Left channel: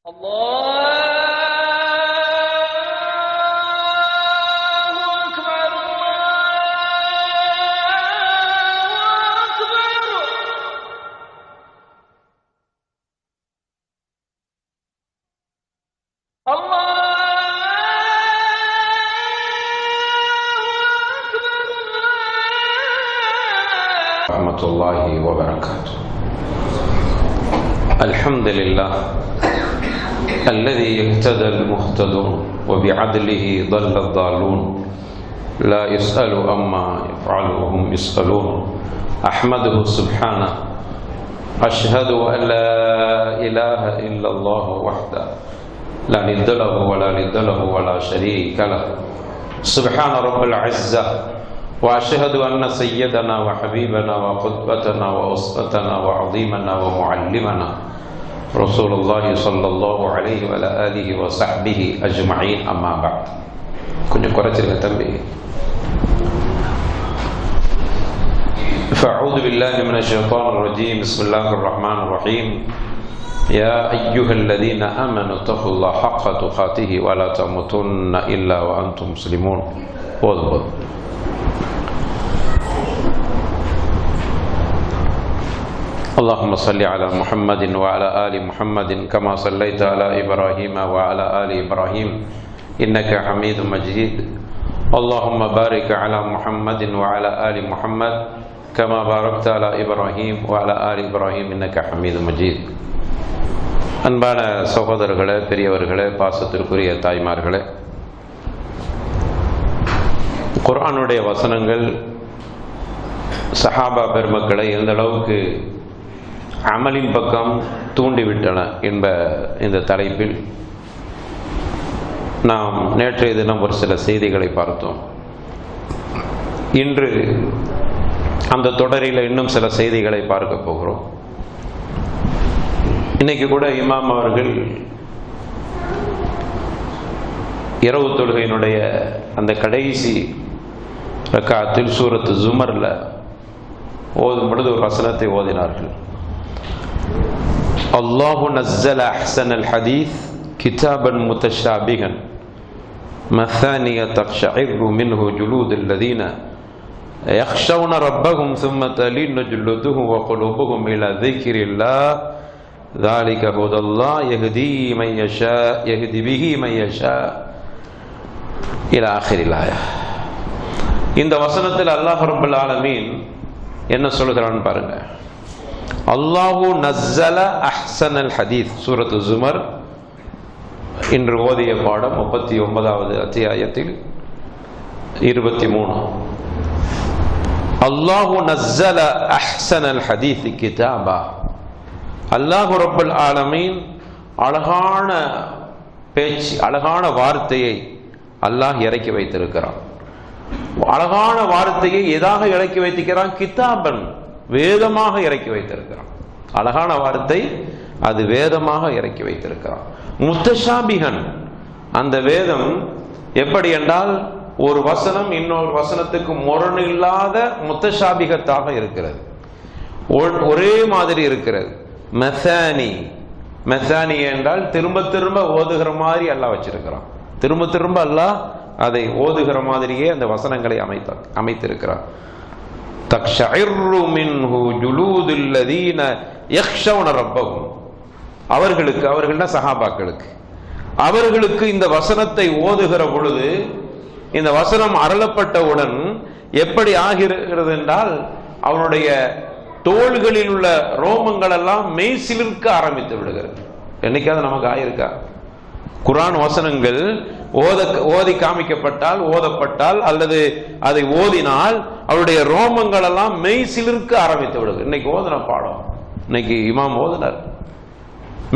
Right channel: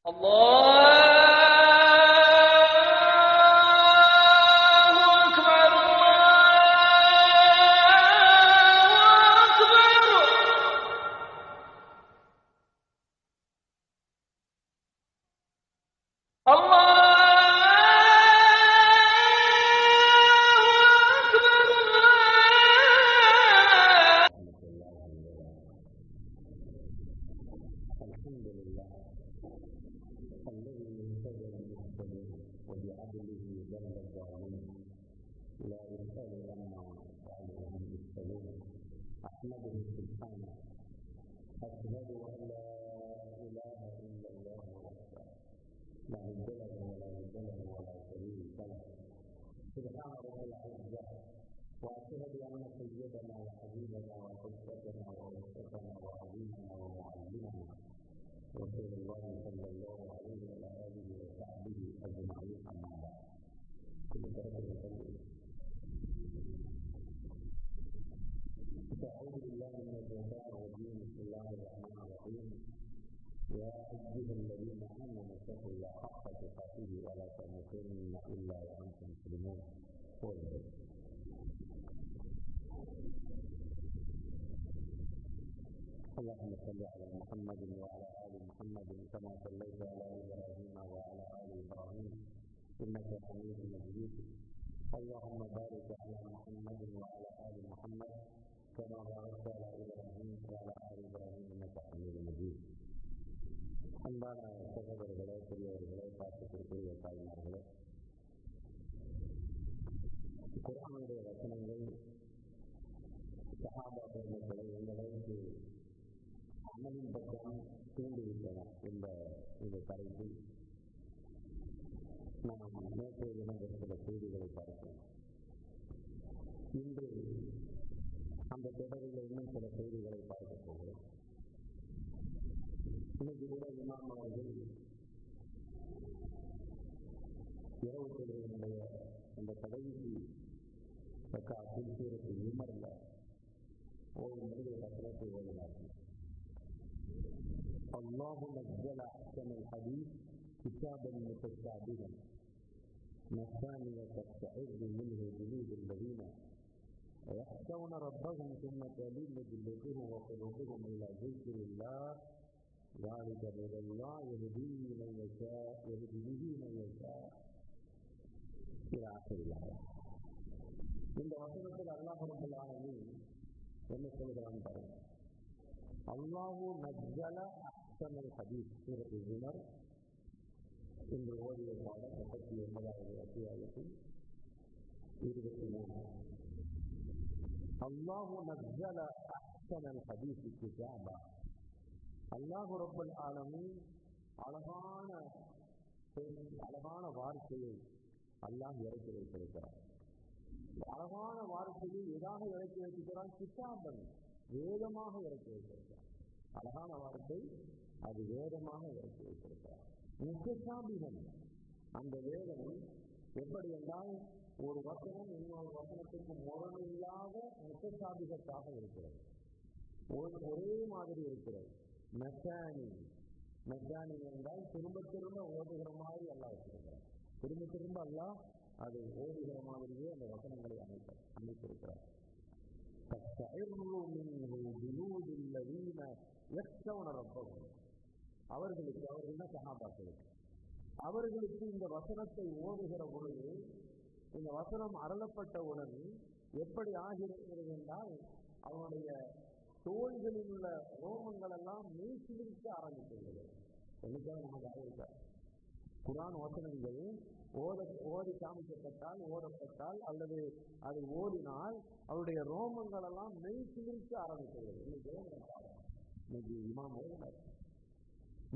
الله وبركاته. الحمد لله الذي اهتدى المهتدون وبعدله ضل الضالون لا يسأل عما يفعل وهم يسألون. أحمده سبحانه أشهد أن لا إله إلا الله وحده لا ند له ولا ند له ولا شريك له سبحان رب العزة. وأشهد أن سيدنا وحبيبنا وقدوتنا وأسوتنا وعظيمنا ومعلمنا رسول الله صلى الله عليه وعلى آله وصحبه أجمعين. أما بعد. கொஞ்சம் குறைச்சிருங்க தம்பி. فأعوذ بالله من الشيطان الرجيم. بسم الله الرحمن الرحيم. يا أيها الذين آمنوا اتقوا الله حق تقاته ولا تموتن إلا وأنتم مسلمون. والله اللهم صل على محمد وعلى آل محمد كما صليت على إبراهيم وعلى آل إبراهيم إنك حميد مجيد. اللهم بارك على محمد وعلى آل محمد كما باركت على إبراهيم وعلى آل إبراهيم إنك حميد مجيد. அன்பான சகோதரர்களே, பெரியவர்களே, பாசத்திற்குரிய தாய்மார்களே, குர்ஆனுடைய வசனங்கள் சஹாபா பெருமக்களை எந்த அளவுக்கு அமலின் பக்கம் தூண்டிவிட்டன என்ப இந்த தலைப்பில் நாம் நேற்றைய தினம் ஒரு சில செய்திகளை பார்த்தோம். இன்று அந்த தொடரில் இன்னும் சில செய்திகளை பார்க்க போகிறோம். இன்னைக்கு கூட இமாம் அவர்கள் இரவு தொழுகையினுடைய அந்த கடைசி ரக்காத்தில் சூரத்து ஜுமர்ல ஓதும் பொழுது ஒரு வசனத்தை ஓதினார்கள். அல்லாஹு நஸ்ஸல அஹ்ஸனல் ஹதீஸ் கிதாபன் முத்தஷாபிஹன் மசானிய தக்ஷஇரு மின்ஹு ஜுலூதுல் லதீன யக்ஷவுன ரப்பஹும் ثم تلين جلودهم وقلوبهم إلى ذكر الله ذلك هدى الله يهدي من يشاء يهدي به من يشاء إلى آخر الآية. இந்த வசனத்தில் அல்லாஹ் ரப்பல் ஆலமீன் என்ன சொல்கிறான்னு பாருங்க. அல்லாஹு நஸ்ஸல அஹ்ஸனல் ஹதீஸ் சூரத்து ஜுமர் இன்று ஓதிய பாடம் 39வது அத்தியாயத்தில் 23. அல்லாஹு நஸ்ஸல அஹ்ஸனல் ஹதீஸ் கிதாபா. அல்லாஹ் ரப்பல் ஆலமீன் அழகான பேச்சு, அழகான வார்த்தையை அல்லாஹ் இறக்கி வைத்திருக்கிறான். அழகான வார்த்தையை எதாக இறக்கி வைத்திருக்கிறான்? கிதாபன், வேதமாக இறக்கி வைத்திருக்கிறான். அழகான வார்த்தை, அது வேதமாக இறக்கி வைத்திருக்கிறான். முத்தஷாபிஹன், அந்த வேதம் எப்படி என்றால் ஒரு வசனம் இன்னொரு வசனத்துக்கு முரண் இல்லாத முத்தஷாபிகத்தாக இருக்கிறது, ஒரே மாதிரி இருக்கிறது. மெசானி, மெசானி என்றால் திரும்ப திரும்ப ஓதுகிற மாதிரி அல்லாஹ் வச்சிருக்கிறான். திரும்ப திரும்ப அல்லாஹ் அதை ஓதுகிற மாதிரியே அந்த வசனங்களை அமைத்திருக்கிறார். தக்ஷஇரு மின்ஹு ஜுலூதுல் லதீன யக்ஷவுன ரப்பஹும். அவர்களுக்கு, அவர்கள்னா சஹாபாக்களுக்கு, அவர்களுக்கு இந்த வசனத்தை ஓதுகிற பொழுது, இந்த வசனம் அருளப்பட்டவுடன் எப்படி ஆகிறது என்றால் அவனுடைய தோள்களில் உள்ள ரோமங்கள் எல்லாம் மெய் சிலிர்க்க ஆரம்பித்து விடுகிறது. என்னைக்காவது நமக்கு ஆயிருக்கா? குர்ஆன் வசனங்கள் ஓதி காமிக்கப்பட்டால், ஓதப்பட்டால் அல்லது அதை ஓதினால் அவருடைய ரோமங்கள் எல்லாம் மெய் சிலிர்க்க ஆரம்பித்து விடுது. இன்னைக்கு ஓதுன பாடம், இன்னைக்கு இமாம் ஓதுனார்,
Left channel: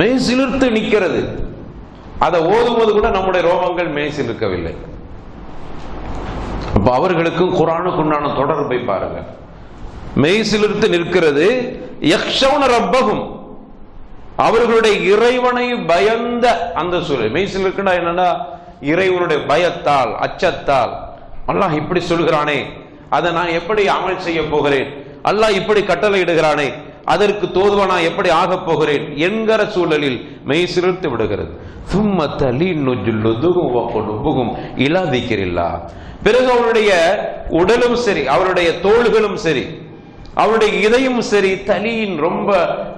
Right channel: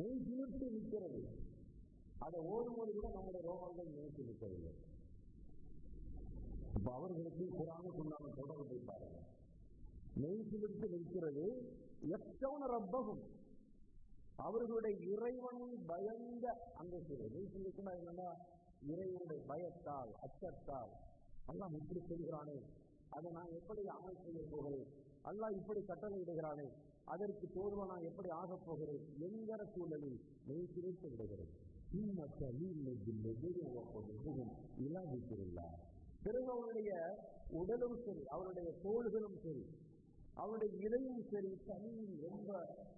மெய் சிலிர்த்து நிற்கிறது. அதை ஓதும்போது கூட நம்முடைய ரோமங்கள் மெய் சிலிர்க்கவில்லை. அப்ப அவர்களுக்கும் குர்ஆனுக்கு உண்டான தொடர்பை பாருங்க. மெய் சிலிர்த்து நிற்கிறது. யக்ஷவுன ரப்பஹும், அவர்களுடைய இறைவனை பயந்த அந்த சூழல். மெய்சில் இருக்குன்னா என்னன்னா, இறைவனுடைய பயத்தால், அச்சத்தால், அல்லாஹ் இப்படி சொல்கிறானே, அதை நான் எப்படி அமல் செய்ய போகிறேன், அல்லாஹ் இப்படி கட்டளை இடுகிறானே, அதற்கு தோதுவனா எப்படி ஆகப் போகிறேன் என்கிற சூழலில் மெய் சிலிர்த்து விடுகிறது. பிறகு அவருடைய உடலும் சரி, அவருடைய தோள்களும் சரி, அவருடைய இதயம் சரி, தலியின் ரொம்ப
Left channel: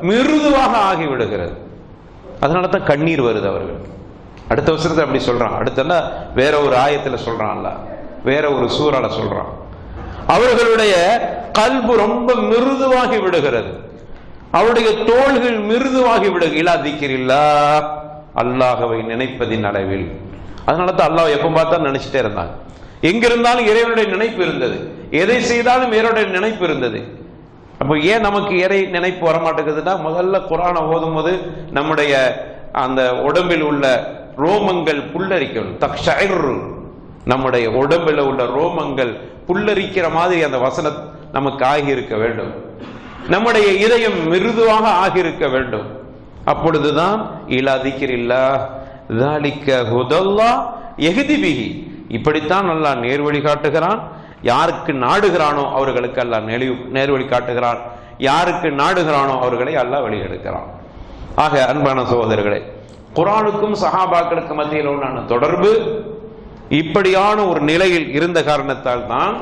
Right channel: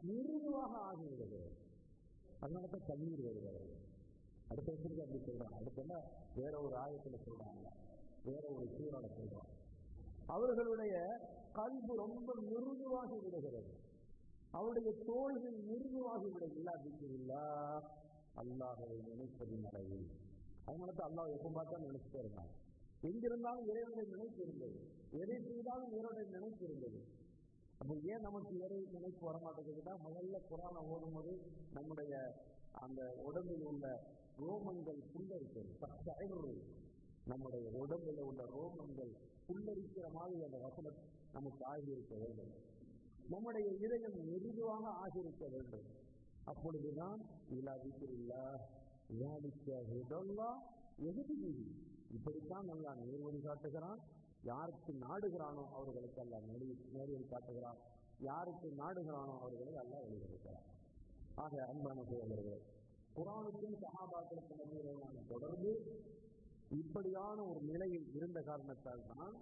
மிருதுவாக ஆகிவிடுகிறது. அதனால தான் கண்ணீர் வருது அவர்கள். அடுத்த வசனத்தை அப்படி சொல்றான். அடுத்த வேற ஒரு ஆயத்துல சொல்றான்ல, வேற ஒரு சூறால சொல்றான். அவர்களுடைய கல்பு ரொம்ப மிருதுவாகி விடுகிறது, அவருடைய தோள்கள் மிருதுவாகி விடுகிறா அல்லாஹ்வை நினைப்பதின் அளவில். அதனால தான் அல்லாஹ் எப்ப பார்த்தா நினைச்சிட்டே இருந்தாங்க. எங்கிருந்தாலும் இறைவனுடைய நினைப்பு இருந்தது, எதை செய்தாலும் இறைவனுடைய நினைப்பு இருந்தது. அப்போ ஏன் நமக்கு இறை நினைப்பு வரமாட்டேங்குதுன்னா, முதல்ல குர்ஆனை ஓதும் போது நம்முடைய அந்த உடம்பில் உள்ள ரோமங்கள் புல்லரிக்கணும். தக்ஷைர், நம்முடைய உடம்பில் உள்ள ரோமங்கள் புல்லரிக்கிற மாதிரி அந்த வசனம் நமக்கு ஆகியிருக்க வேண்டும். நம்முடைய இதயம் மிருதுவாக ஆகியிருக்க வேண்டும். அப்பொழுதுதான் இலா திக்ரில்லாஹ் ذلك هدى الله يهدي به, இப்படித்தான் அல்லாஹ் நேர்வழி காட்டுகிறான். யாருக்கு நாடுகிறானோ அவர்களுக்கு அல்லாஹ் நேர்வழி காட்டுகிறான், யாருக்கு நாடுகிறானோ அவர்களை அல்லாஹ் வழிகெடுக்கிறான். ஆக அன்பான சகோதரர்களே, குர்ஆனுக்கும் சஹாபாக்களுக்கு மத்தியில் உண்டான தொடர்பு இப்படியான ஒரு நிலையில் இருந்த காரணத்தால் தான்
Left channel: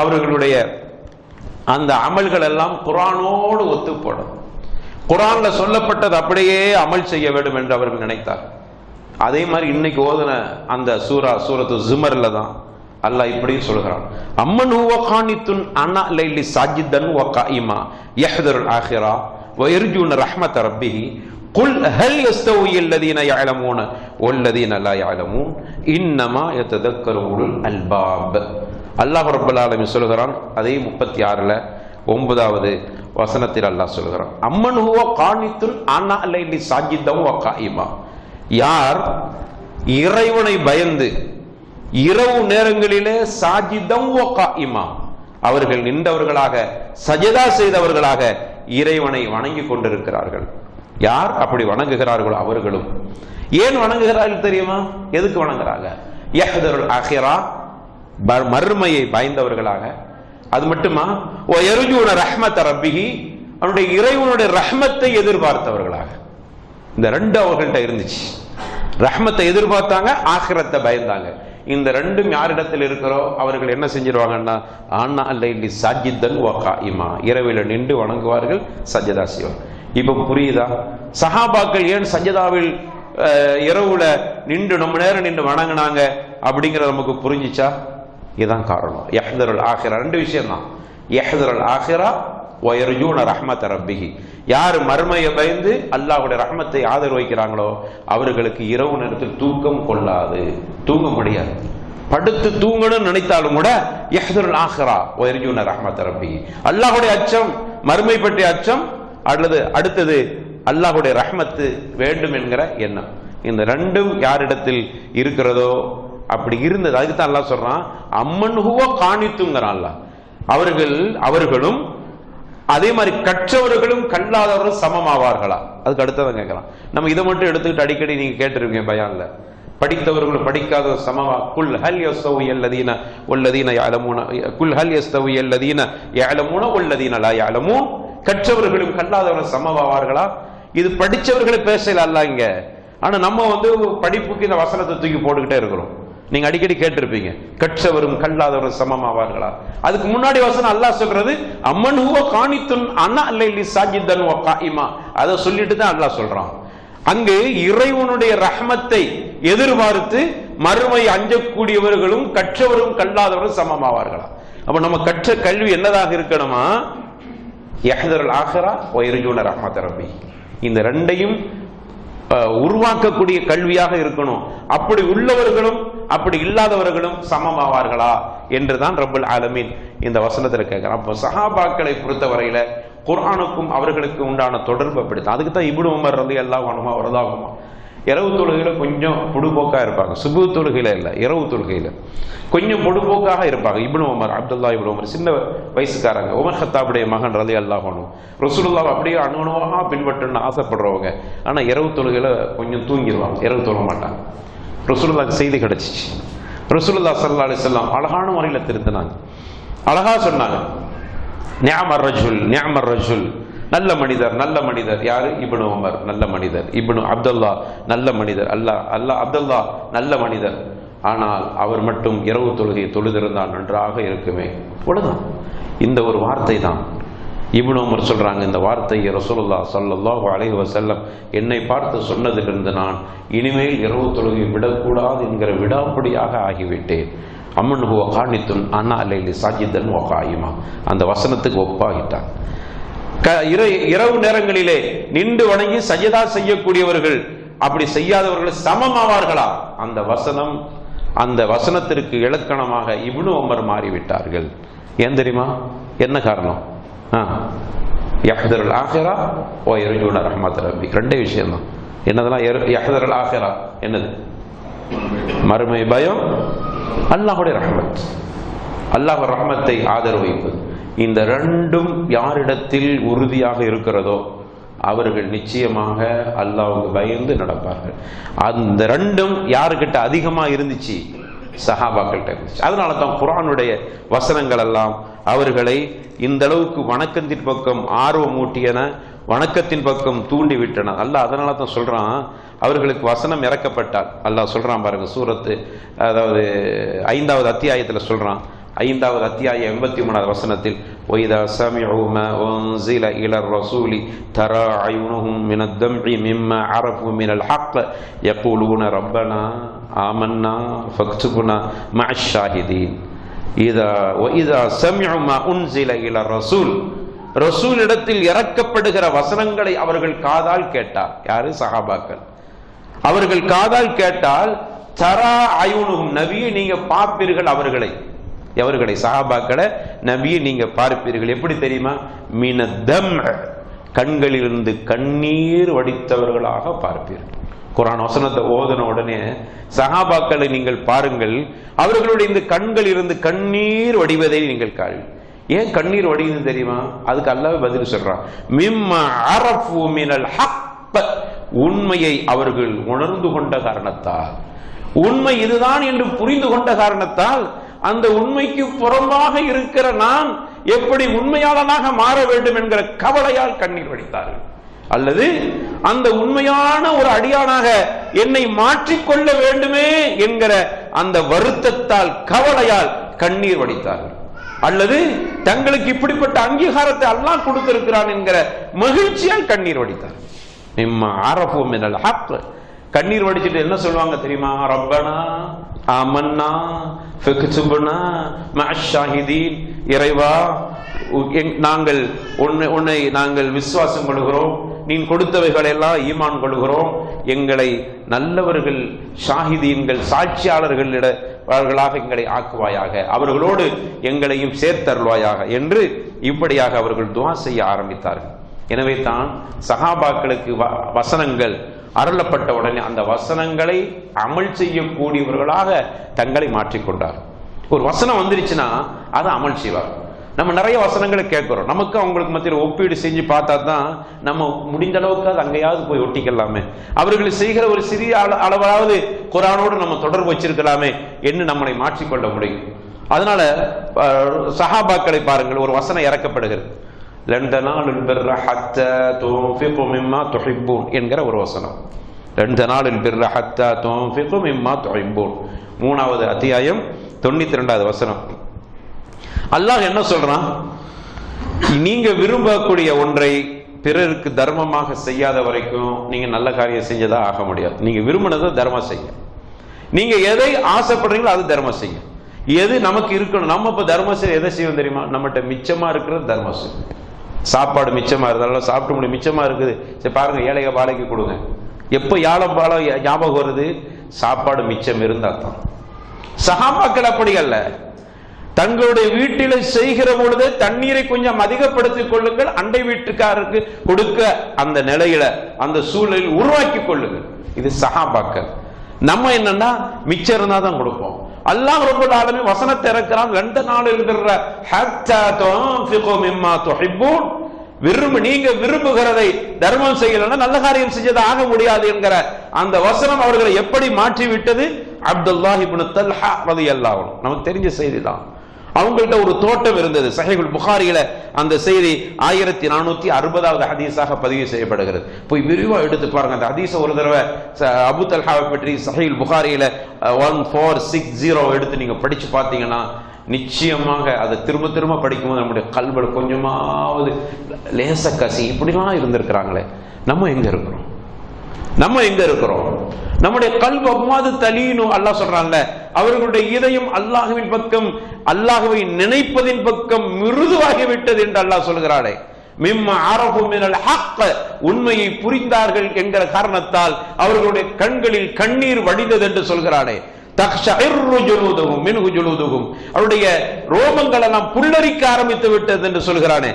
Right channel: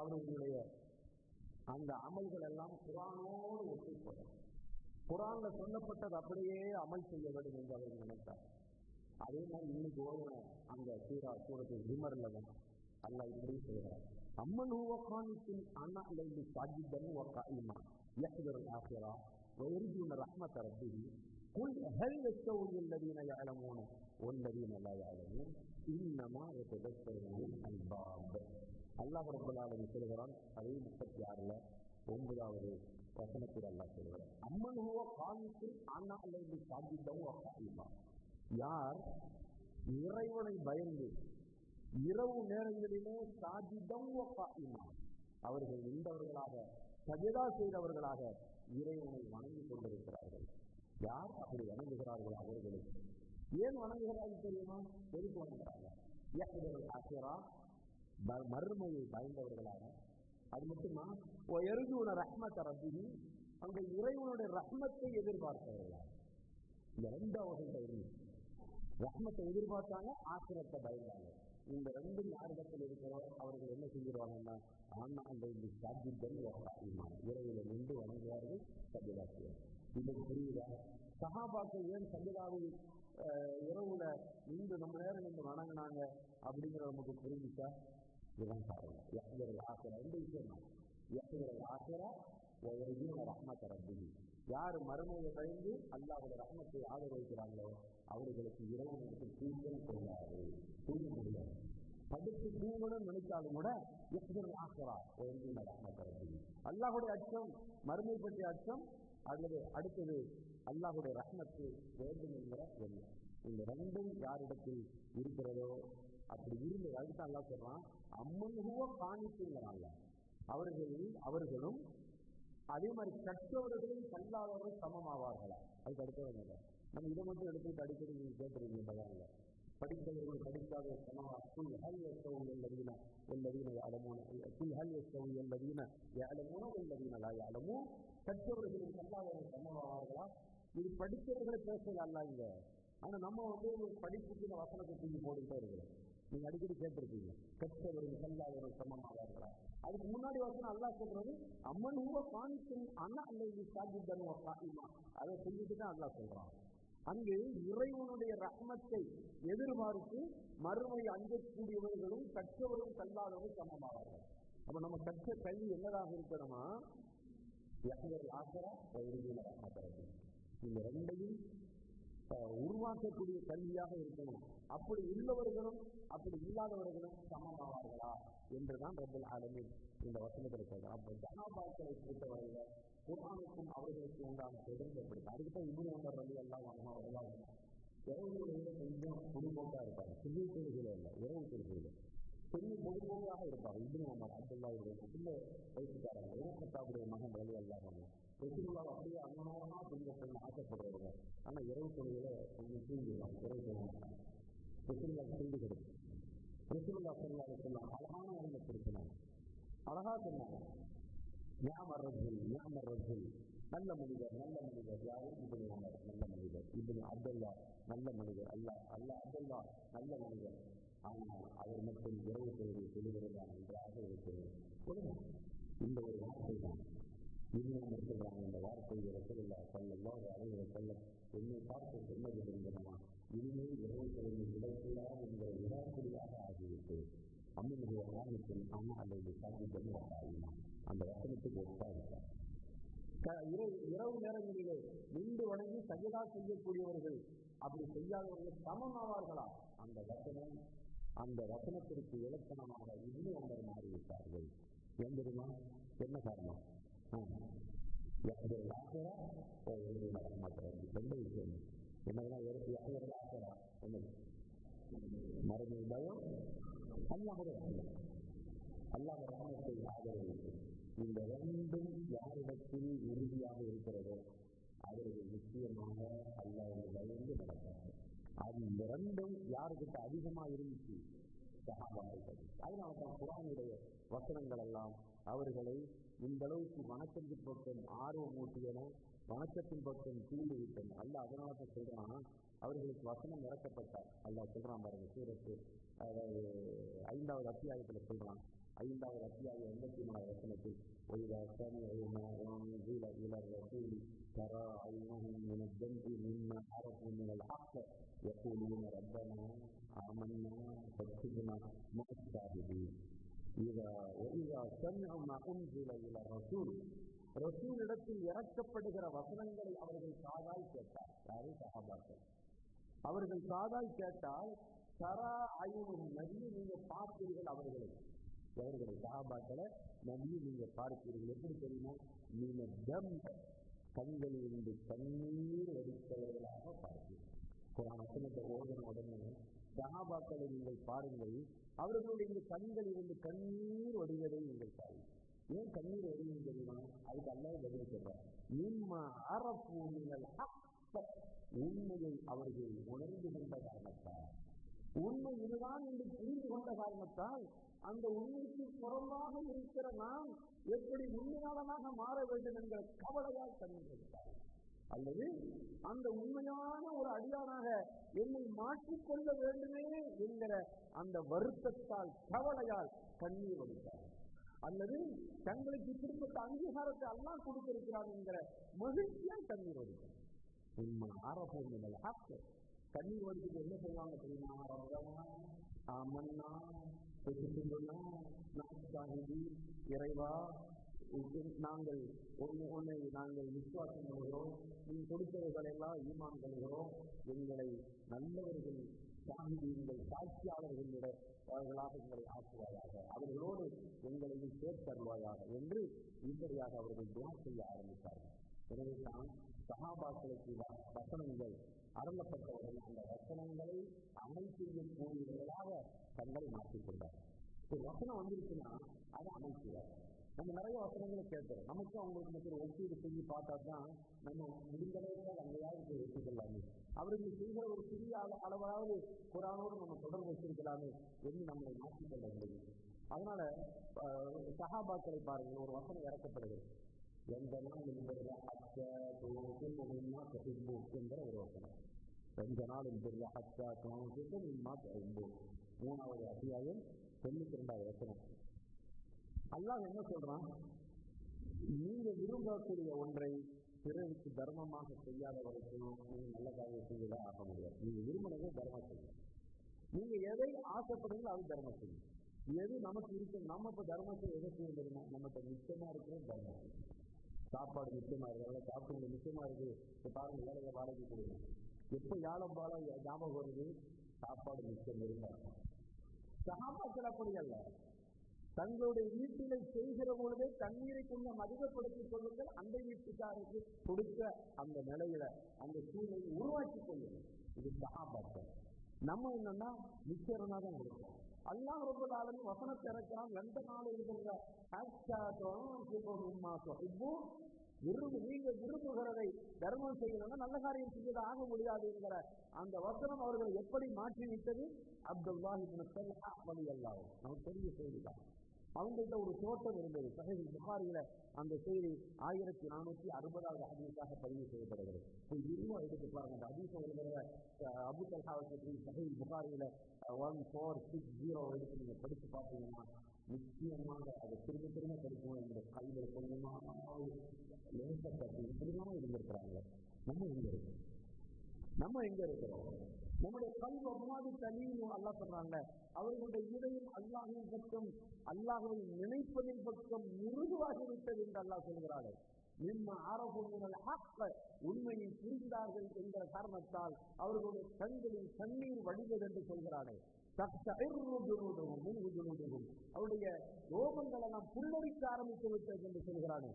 அவர்களுடைய அந்த அமல்கள் எல்லாம் குர்ஆனோடு ஒத்துப்படும். குர்ஆன்ல சொல்லப்பட்டது அப்படியே அமல் செய்ய வேண்டும் என்று அவர்கள் நினைத்தார். அதே மாதிரி இன்னைக்கு ஓதுன அந்த சூரத்து ஜுமர்ல தான் அல்லாஹ் இப்படி சொல்கிறான். அம்மன் ஹுவ கானித்துன் அனா லைலி சாஜிதன் வ காயிமா யஹ்தருல் ஆখিরা வ யர்ஜூன ரஹ்மத ரப்பிஹி குல் ஹல் யஸ்தவி அல்லதீன யஅலமூன வல்லதீன லா யஅலமூன் இன்னமா யததக்கரு உலுல் அல்பாப். அல்லாஹ் ரப்பல் ஆலமீன் சொல்கிறான். அதே 36ல 9வது வசனத்தில் அல்லாஹ் சொல்கிறான், அம்மன் ஹுவ கானித்துன் அனா லைலி சாஜிதன் வ காயிமா, யார் இறைவனை பயந்து இரவு நேரங்களிலே சாஜிதம் வ காயிமா, அவர்கள் நின்றவர்களாக சஜதா செய்தவர்களாக இறைவனை வணங்கி கொண்டிருக்கிறார்கள். யார் அப்படி வணங்குகிறார்களோ அவர்களும். ஏன் வணங்குகிறார்கள் தெரியுமா? எதுக்கு வணங்குறாங்க? யஹ்தருல் ஆখিরা, மறுமையை பயந்தவர்களாக. அது மட்டுமா, வ யர்ஜூன ரஹ்மத ரப்பிஹி, அவருடைய இறைவனுடைய ரஹ்மத்தை எதிர்பார்த்தவர்களாக. இந்த ரெண்டு அவர்கள்ட்ட இருந்துச்சு. ரஹ்மத்தை எதிர்பார்த்தாங்க, ஆখিরাத்தை பயந்தாங்க. இந்த ரெண்டும் யாரிடத்தில் இருக்கிறோ அவர்கள் என்ன செஞ்சிருவாங்கன்னா, ஆனா அல்லைலி சாஜிதன் வ காயிமா, இரவில நின்று வணங்குவார்கள், சஜதா செய்வார். இப்ப புரியுதா? சஹாபாக்கள் ஏன் சஜதாவில் இரவுல நின்று ரொம்ப நேரம் நின்று வணங்கினாங்க அப்படிங்கிறது நமக்கு புரிஞ்சிச்சா? இதுதான் காரணம். யஹ்தருல் ஆখিরা, ரெண்டு விஷயம் தான். யஹ்தருல் ஆখিরা வ யர்ஜூன ரஹ்மத ரப்பிஹி, யார் மறுமையை பயந்து அல்லாஹ்வுடைய ரஹ்மத்தை ஆதரவு வைக்கிறாங்களோ அவர்களுக்கு இரவு நேரத்தில் தூக்கம் கொள்ளாது, தூங்க முடியாது. படுத்து தூங்கணும்னு நினைத்தாலும் கூட யஹ்தருல் ஆখিরা வ யர்ஜூன ரஹ்மத ரப்பிஹி, அல்லாஹ்வுடைய அச்சம், மறுமை பற்றிய அச்சம், அல்லது அடுத்தது அல்லாஹ்வுடைய ரஹ்மத்து வேண்டும் என்கிற எண்ணம். இந்த ரெண்டும் யாரிடத்தில் இருக்கிறதோ அப்படி இருந்தது. அதுக்கு தான் அல்லாஹ் சொல்றான், அம்மன் ஹுவ கானித்துங்கிறான் அல்லாஹ். அவர்களும் அதே மாதிரி கற்றவர்களும் கல்லாதவர்களும் சமமாவார்களா? அதுக்கு அடுத்ததான் கேட்கலாம். நம்ம இதை மட்டும் எடுத்துக்கிட்டு அடிக்கடி நீங்க கேட்டிருக்கீங்க பயான்ல, படித்தவர்களும் படிக்காத சமமா, குல் ஹல் யஸ்தவி அல்லதீன வல்லதீன யஅலமூன, குல் ஹல் யஸ்தவி அல்லதீன யஅலமூன வல்லதீன லா யஅலமூன், கற்றவர்களும் கல்லாதவர்களும் சமமாவார்களா? இது படிச்சவர்களை பேசல அல்லாஹ் இங்க. ஆனா நம்ம படிப்புக்கு இந்த வசனத்தை தூக்கி போட்டுக்கிட்டே இருக்கிறோம். நீங்க அடிக்கடி கேட்டிருப்பீங்க, கற்றவரும் கல்லாதவரும் சமமாவார்களா? அதுக்கு முன்னாடி வசனம் அல்லாஹ் சொல்றது அம்மன் ஹுவ கானித்துன் அனா லைலி சாஜிதன் வ காயிமா, அதை சொல்லிட்டு தான் அல்லாஹ் சொல்றான். அங்கு இறைவனுடைய ரஹ்மத்தை எதிர்பார்த்து மறுமை அஞ்சக்கூடியவர்களும் கற்றவரும் கல்லாதவரும் சமமாவார்களா? அப்ப நம்ம கற்ற கல்வி என்னதாக இருக்கணுமா? யஹ்தருல் ஆখিরা வ யர்ஜூன ரஹ்மத ரப்பி, இந்த ரெண்டையும் உருவாக்கக்கூடிய கல்வியாக இருக்கணும். அப்படி உள்ளவர்களும் அப்படி இல்லாதவர்களும் சமமாவார்களா என்றுதான் ரப்பல் ஆலமீன் இந்த வசனத்தில் கேட்கிறான். அப்போ சஹாபாக்களை பொறுத்தவரையில குர்ஆனுக்கும் அவர்களுக்கு உண்டான தொடர்பு அப்படித்தான். அதுக்கு தான் இப்னு உமர் ரலியல்லாஹு அன்ஹு வரதாகுமா இரவு தொழுகையில கொஞ்சம் பொடுபோக்கா இருப்பாங்க. சுபு தொழுகையில இல்லை, இரவு தொழுகையில கொஞ்சம் பொடுபோக்காக இருப்பாங்க. இப்னு உமர், அப்துல்லா இப்னு உமர், சின்ன வயசுக்காரங்க, உமர் ஹத்தாபுடைய மகன் ரலியல்லாஹு அன்ஹு, ரசூலுல்லாஹ் அப்படியே அணுகுணமாக பின்பற்றணும்னு ஆசைப்படுறவங்க. ஆனா இரவு தொழுகையில கொஞ்சம் தூங்கிடுவாங்க, இரவு தொழ மாட்டாங்க. ரசூலுல்லாஹ்க்கு செய்தி கிடைச்சிச்சு. ரசூலுல்லாஹ் ஸல்லல்லாஹு அலைஹி வஸல்லம் அழகான முறையில் திருத்தினாங்க, அழகா சொன்னாங்க, நிஅமர் ரஜுல் நிஅமர் ரஜுல் நல்ல மனிதர், நல்ல மனிதர். யாரு? இப்னு உமர் நல்ல மனிதர், இப்னு அப்துல்லா நல்ல மனிதர், அப்துல்லா நல்ல மனிதர். ஆனால் அவர் மட்டும் இரவு தொழுகையை தொழுதிருந்தால் நன்றாக இருக்குமே. அவ்வளவுதான். இந்த ஒரு வார்த்தை தான். இப்னு உமர் சொல்றாங்க, இந்த வார்த்தையை ரசூலுல்லாஹ் ஸல்லல்லாஹு அலைஹி வஸல்லம் என்னை பார்த்து சொன்னதிலிருந்து நான் இனிமேல் இரவு தொழுகையை விடக்கூடாது என்கிற விடாப்படியாக ஆகிவிட்டேன். அம்மன் ஹுவ கானித்துன் அன்னா அலைலி சாஜிதன் வ காயிமா. அந்த வசனத்துக்கு ஒப்பாகிட்டான். இரவு நேரங்களிலே நின்று வணங்கி சஜதா செய்யக்கூடியவர்கள் அப்படி செய்யாதவர்கள் சமமாவார்களா? அந்த வசனத்திற்கு இலக்கணமாக இப்னு உமர் மாறிவிட்டார்கள். ஏன் தெரியுமா? என்ன காரணம்? யஹ்தருல் ஆகிரா வ யர்ஜூன ரஹ்மத் ரப்பி. ரெண்டே விஷயம் தான். என்னதெல்லாம்? யஹ்தருல் ஆகிரா என்னது? மறுமை பயம், அல்லாஹ்வுடைய ரஹ்மத், அல்லாஹ் ரஹ்மத்தை ஆதரவு வைப்பது. இந்த ரெண்டும் யாரிடத்தில் உறுதியாக இருக்கிறதோ அவர்கள் நிச்சயமாக அல்லாஹ்வுக்கு பயந்து நடப்பார்கள். அந்த ரெண்டும் யாருக்கிட்ட அதிகமா இருந்துச்சு? சஹாபாக்கள்கிட்ட இருந்துச்சு. அதனால தான் குர்ஆனுடைய வசனங்கள் எல்லாம் அவர்களை இந்த அளவுக்கு வணக்கத்தின் பக்கம் ஆர்வம் ஊட்டியன, வணக்கத்தின் பக்கம் தூண்டி விட்டன. அல்லாஹ் அதனால தான் சொல்றான், அவர்களுக்கு வசனம் இறக்கப்பட்டால் அல்லாஹ் சொல்றான் பாருங்க, சூரத்து அதாவது 5வது அத்தியாயத்தில் சொல்றான். 5வது அத்தியாயம் 83வது வசனத்தில், وَإِذَا سَمِعُوا مَا أُنْزِلَ إِلَى الرَّسُولِ تَرَى أَعْيُنَهُمْ مِنَ الدَّمْعِ مِمَّا عَرَفُوا مِنَ الْحَقِّ يَقُولُونَ رَبَّنَا آمَنَّا فَاكْتُبْنَا مَعَ الشَّاهِدِينَ. وَإِذَا سَمِعُوا مَا أُنْزِلَ إِلَى الرَّسُولِ, ரசூல் இடத்தில் இறக்கப்படுகிற வசனங்களை அவர்கள் காதால் கேட்டார். யாரு? சஹாபாக்கள். அவர்கள் காதால் கேட்டால் தரா அயுனுகும், நபியை நீங்க பார்ப்பீர்கள் அவர்களை சஹாபாக்களை நபியை நீங்க பார்ப்பீர்கள். எப்படி தெரியுமா? மினதம், கண்களிலிருந்து கண்ணீர் வடித்தவர்களாக பார்ப்பீர்கள். குர்ஆன் வசனத்தை ஓதன உடனே சஹாபாக்களை நீங்கள் பாருங்கள், அவர்களுடைய இந்த கண்களில் இருந்து கண்ணீர் வடிவதை நீங்கள் காண்பீர்கள். ஏன் கண்ணீர் வடியுது தெரியுமா? அதுக்கு அல்லாஹ் பதில் சொல்றான், மிம்மா அரஃபு மினல் ஹக், உண்மையை அவர்கள் உணர்ந்து கொண்ட காரணத்தால், உண்மை இதுதான் என்று புரிந்து கொண்ட காரணத்தால், அந்த உண்மைக்கு புறம்பாக இருக்கிற நான் எப்படி உண்மையாளனாக மாற வேண்டும் என்கிற கவலையால் கண்ணீர் வடித்தார்கள். அல்லது அந்த உண்மையான ஒரு அடியானாக என்னை மாற்றிக்கொள்ள வேண்டுமே என்கிற அந்த வருத்தத்தால், கவலையால் கண்ணீர் வடித்தார்கள். அல்லது தங்களுக்கு இப்படிப்பட்ட அங்கீகாரத்தை அல்லாஹ் கொடுத்திருக்கிறான் என்கிற மகிழ்ச்சியால் கண்ணீர் வடித்தார். மிம்மா அரஃபு மினல் ஹக். கண்ணீர் வடிச்சிட்டு என்ன சொல்லுவாங்க தெரியுமா? ரப்பனா ஆமன்னா ஃபக்துப்னா மஅஷ் ஷாஹிதீன். இறைவா, நாங்கள் உன்னை நாங்கள் விசுவாசம் கொள்கிறோம், நீ கொடுத்தவைகளை எல்லாம் ஈமான் கொள்கிறோம், எங்களை நல்லவர்கள், ஷாஹிதீன்கள், சாட்சியாளர்களாக எங்களை ஆக்குவாயாக, அவர்களோடு எங்களையும் சேர்த்தருள்வாயாக என்று இப்படியாக அவர்கள் துஆ செய்ய ஆரம்பித்தார்கள். எனவே தான் சஹாபாக்களுக்கு வசனங்கள் அருளப்பட்ட உடனே அந்த வசனங்களை அமல் செய்யக்கூடியவர்களாக தங்களை மாற்றிக்கொண்டார். ஒரு வசனம் வந்துருச்சுன்னா அதை அமல் செய்வார். நம்ம நிறைய வசனங்களை கேட்கிறோம், நமக்கு அவங்களுக்கு மத்தியில் ஒப்பீடு செஞ்சு பார்த்தா தான் நம்ம முடிந்த அளவுக்கு அது அங்கேயாவது போய் ஒட்டிக்கலாமே, அவர்கள் செய்கிற ஒரு சிறிய அளவாவது குர்ஆனோடு நம்ம தொடர்பு வச்சிருக்கலாமே என்று நம்மளை மாற்றிக்கொள்ள முடியும். அதனால சஹாபாக்களை பாருங்கள், ஒரு வசனம் இறக்கப்படுகிறது, லன் தனாலுல் பிர்ர ஹத்தா துன்ஃபிகு மிம்மா துஹிப்பூன் என்கிற ஒரு வசனம். லன் தனாலுல் பிர்ர ஹத்தா துன்ஃபிகு மிம்மா துஹிப்பூன், 3வது அத்தியாயம் 92வது வசனம். அல்லாஹ் என்ன சொல்றான்? நீங்க விரும்பக்கூடிய ஒன்றை பிறருக்கு தர்மமாக செய்யாத வரைக்கும் நீங்க நல்ல காரியம் செஞ்சதா ஆக முடியாது. நீங்க விரும்பினதை தர்மம் செய்ய, நீங்க எதை ஆசைப்படுறீங்களோ அது தர்மம் செய்ய. எது நமக்கு இருக்கணும், நம்ம இப்ப தர்மம் செய்ய எதை செய்வோம் தெரியுமா? நம்மகிட்ட மிச்சமா இருக்கிறது தர்மம் செய்யும். சாப்பாடு மிச்சமா இருந்தாலும் சாப்பிட்டு முடியும், மிச்சமா இருக்குது, சரி பாருங்க ஏழைக பாலைக்கு கொடுங்க. எப்ப யாழம் பாலம் ஞாபகம் வருது? சாப்பாடு மிச்சம் இருந்தா தான். சஹாபாக்கள் அப்படி அல்ல, தங்களுடைய வீட்டில செய்கிற பொழுது தண்ணீரை கொஞ்சம் அதிகப்படுத்திக் கொள்ளுங்கள், அண்டை வீட்டுக்காரருக்கு கொடுக்க அந்த நிலையில அந்த சூழலில் உருவாக்கி கொள்ளுங்கள். இது சஹாபாக்கள். நம்ம என்னன்னா மிச்சம் இருந்தா தான் கொடுப்போம். அல்லாஹ் ரப்பல் ஆலமீன் வசனத்தை இறக்குறான், லண்ட நாளில் பிர்ர ஹத்தா துன்ஃபிகு மிம்மா துஹிப்பூன், நீங்க விரும்புகிறதை தர்மம் செய்யலன்னா நல்ல காரியம் செஞ்சது ஆக முடியாது என்கிற அந்த வசனம் அவர்களை எப்படி மாற்றி விட்டது? அப்துல்லாஹ் இப்னு தல்ஹா ரலியல்லாஹு அன்ஹு, நமக்கு தெரிஞ்ச செய்தி தான். அவங்கள்ட்ட ஒரு தோட்டம் இருந்தது. சஹீஹுல் புகாரியில அந்த செய்தி 1460வது ஹதீஸாக பதிவு செய்யப்படுகிறது. போய் விரிவா எடுத்து பாருங்க அந்த ஹதீஸை. ஒரு தடவை அபூ தல்ஹாவை பற்றி சஹீஹுல் புகாரியில 1460 எடுத்து நீங்க படிச்சு பார்த்தீங்கன்னா நிச்சயமாக அதை திரும்ப திரும்ப படிக்கும்போது நம்முடைய கல்வில கொஞ்சமாவது லேச கசி இப்படிலாம் இருந்திருக்கிறாங்களே, நம்ம எங்க இருக்கிறோம்? நம்ம எங்க இருக்கிறோம்? நம்முடைய கல்வி அவ்வாது தலீனு அல்லாஹ் சொல்றான்ல, அவர்களுடைய இதயம் அல்லாஹ்வின் பக்கம், அல்லாஹ்வை நினைப்பதின் பக்கம் மிருதுவாகிவிட்டது என்று அல்லாஹ் சொல்கிறாரே. மிம்ம அரஃபு மினல் ஹக், உண்மையை புரிந்தார்கள் என்கிற காரணத்தால் அவர்களுடைய கண்களில் கண்ணீர் வடிந்தது என்று சொல்கிறாரே. தக்ஷஇர்ரு ஜுலூதுஹும் மின்ஹு ஜுலூதுஹும், அவருடைய ரோமங்கள் எல்லாம் புல்லரிக்க ஆரம்பித்து விட்டது என்று சொல்கிறானே.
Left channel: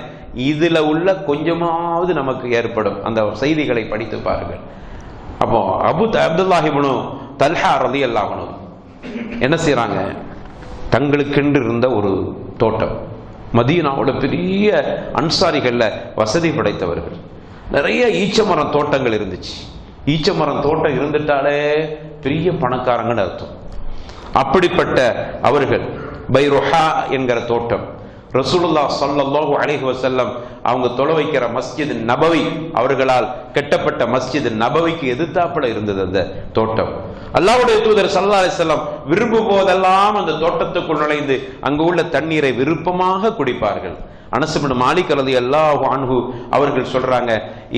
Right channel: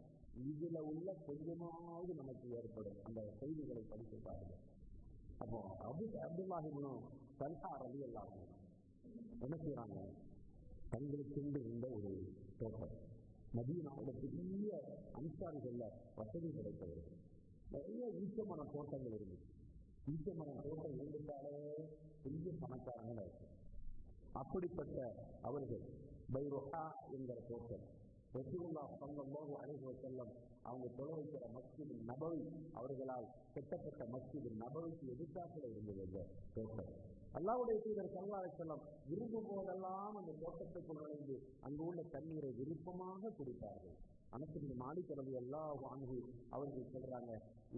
இதுல உள்ள கொஞ்சமாவது நமக்கு ஏற்படும். அந்த செய்திகளை படித்து பாருங்கள். அப்போ அப்துல்லாஹ் இப்னு தல்ஹா ரலியல்லாஹு அன்ஹு என்ன செய்யறாங்க? தங்களுக்கென்று இருந்த ஒரு தோட்டம், மதீனாவோட பெரிய அன்சாரிகள்ல வசதி படைத்தவர்கள், நிறைய ஈச்சமரம் தோட்டங்கள் இருந்துச்சு. ஈச்சமரம் தோட்டம் இருந்துட்டாலே பெரிய பணக்காரங்கன்னு அர்த்தம். அப்படிப்பட்ட அவர்கள் பைருஹா என்கிற தோட்டம், ரசூலுல்லாஹ் ஸல்லல்லாஹு அலைஹி வஸல்லம் அவங்க தொலை வைக்கிற மஸ்ஜித் நபவி, அவர்களால் கட்டப்பட்ட மஸ்ஜித் நபவிக்கு எதிர்த்தாப்புல இருந்தது அந்த தோட்டம். அல்லாஹ்வுடைய தூதர் ஸல்லல்லாஹு அலைஹி வஸல்லம் விரும்பும் போதெல்லாம் அந்த தோட்டத்துக்குள் நுழைந்து அங்கு உள்ள தண்ணீரை விருப்பமாக குடிப்பார்கள். அனஸ் இப்னு மாலிக் ரலியல்லாஹு அன்ஹு அவர்கள் சொல்றாங்க,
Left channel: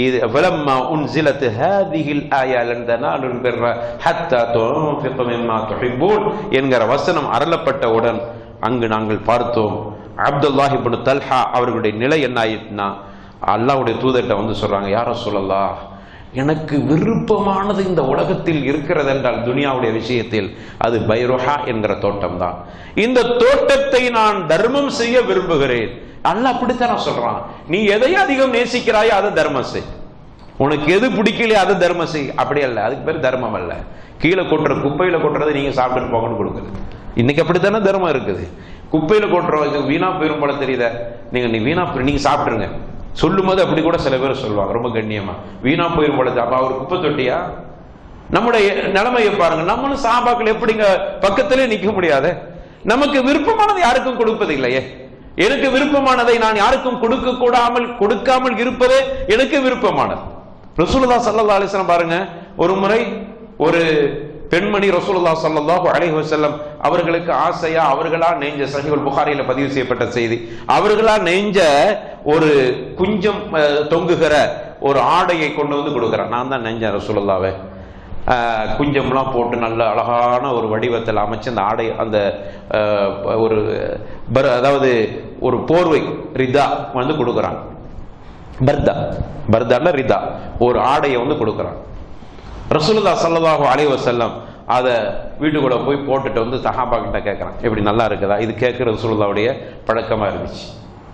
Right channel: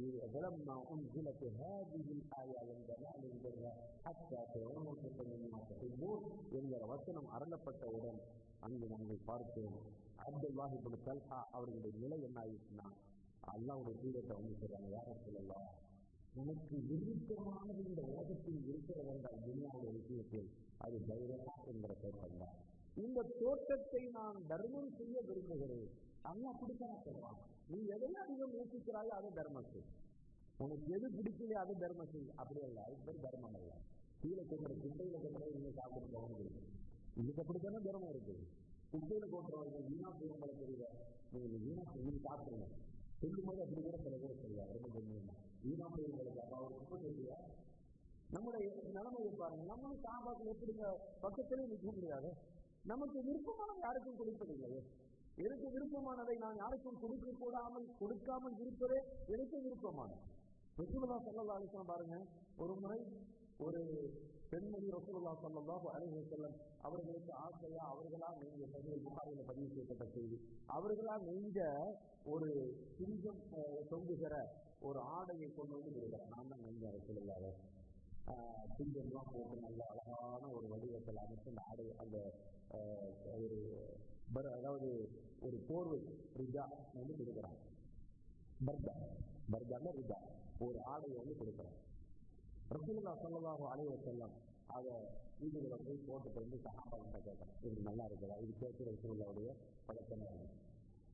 இது ஃபலம்மா உன்ஸிலத் ஹாதிஹில் ஆயா லன் தனாலுல் பிர்ர ஹத்தா துன்ஃபிகு மிம்மா துஹிப்பூன் என்கிற வசனம் அருளப்பட்டவுடன் அங்கு நாங்கள் பார்த்தோம் அப்துல்லாஹ் இப்னு தல்ஹா அவர்களுடைய நிலை என்ன ஆயிட்டுனா, அல்லாஹ்வுடைய தூதர்கிட்ட வந்து சொல்றாங்க, யா ரசூலல்லாஹ், எனக்கு விருப்பமானது இந்த உலகத்தில் இருக்கிறது என்றால் துனியாவுடைய விஷயத்தில் அது பைருஹா என்கிற தோட்டம் தான். இந்த தோட்டத்தை நான் தர்மம் செய்ய விரும்புகிறேன். அல்லாஹ் அப்படித்தான் சொல்றான், நீ எதை அதிகம் நேசிக்கிறாயோ அதை தர்மம் செய், உனக்கு எது பிடிக்கலையோ அதை தர்மம் செய். அப்படி அல்ல, அதுக்கு பேர் தர்மம் அல்ல. கீழே கொட்டுற குப்பையில கொட்டுறதை நீங்க சாப்பிட்டு போகணும்னு கொடுக்குது. இன்னைக்கு அப்படித்தானே தர்மம் இருக்குது. குப்பையில கொட்டுற வீணா போயிரும் போல தெரியுத, நீ வீணா நீங்க சாப்பிட்டுருங்க சொல்லும் போது அப்படி கூட சில பேர் சொல்லுவாங்க ரொம்ப கண்ணியமா, வீணா போயிரும் போல. அப்ப அவர் குப்பை தொட்டியா? நம்முடைய நிலைமையை பாருங்க. நம்மளும் சாபாக்கள் எப்படிங்க பக்கத்திலே நிக்க முடியாது? நமக்கு விருப்பமானதை யாருக்கும் கொடுப்பது இல்லையே. எனக்கு விருப்பமானதை நான் யாருக்கும் கொடுக்காமல் இருப்பதே எனக்கு விருப்பமானது. ரசூலுல்லாஹ் ஸல்லல்லாஹு அலைஹி வஸல்லம் பாருங்க, ஒரு முறை ஒரு பெண்மணி ரசூலுல்லாஹ் ஸல்லல்லாஹு அலைஹி வஸல்லம் அவர்களுக்கு ஆசையா அவர்களா நெஞ்ச, சஹீஹுல் புகாரியில பதிவு செய்யப்பட்ட செய்தி, அவர்களா நெஞ்ச ஒரு குஞ்சம் தொங்குகிற ஒரு ஆடையை கொண்டு வந்து கொடுக்குறான். நான் தான் நெஞ்ச ரசூலுல்லாஹ்வே, குஞ்சம்லாம் போட்டு நல்ல அழகான ஒரு வடிவத்தில் அமைச்சு அந்த ஆடை, அந்த ஒரு அதாவது ஒரு போர்வை ரிதா வந்து கொடுக்குறான். பர்தால ரிதா ஒரு ஆடையை வந்து கொடுக்குறான். ரசூலுல்லாஹ் ஸல்லல்லாஹு அலைஹி வஸல்லம் அதை வீட்டுக்குள்ள போய் போட்டுட்டு வந்து சஹாபா கிட்ட கேட்கறான், எப்படி நல்லா இருக்குதா? இது கேட்கிற ரசூலுல்லாஹ்வுடைய பழக்கமா இருந்துச்சு.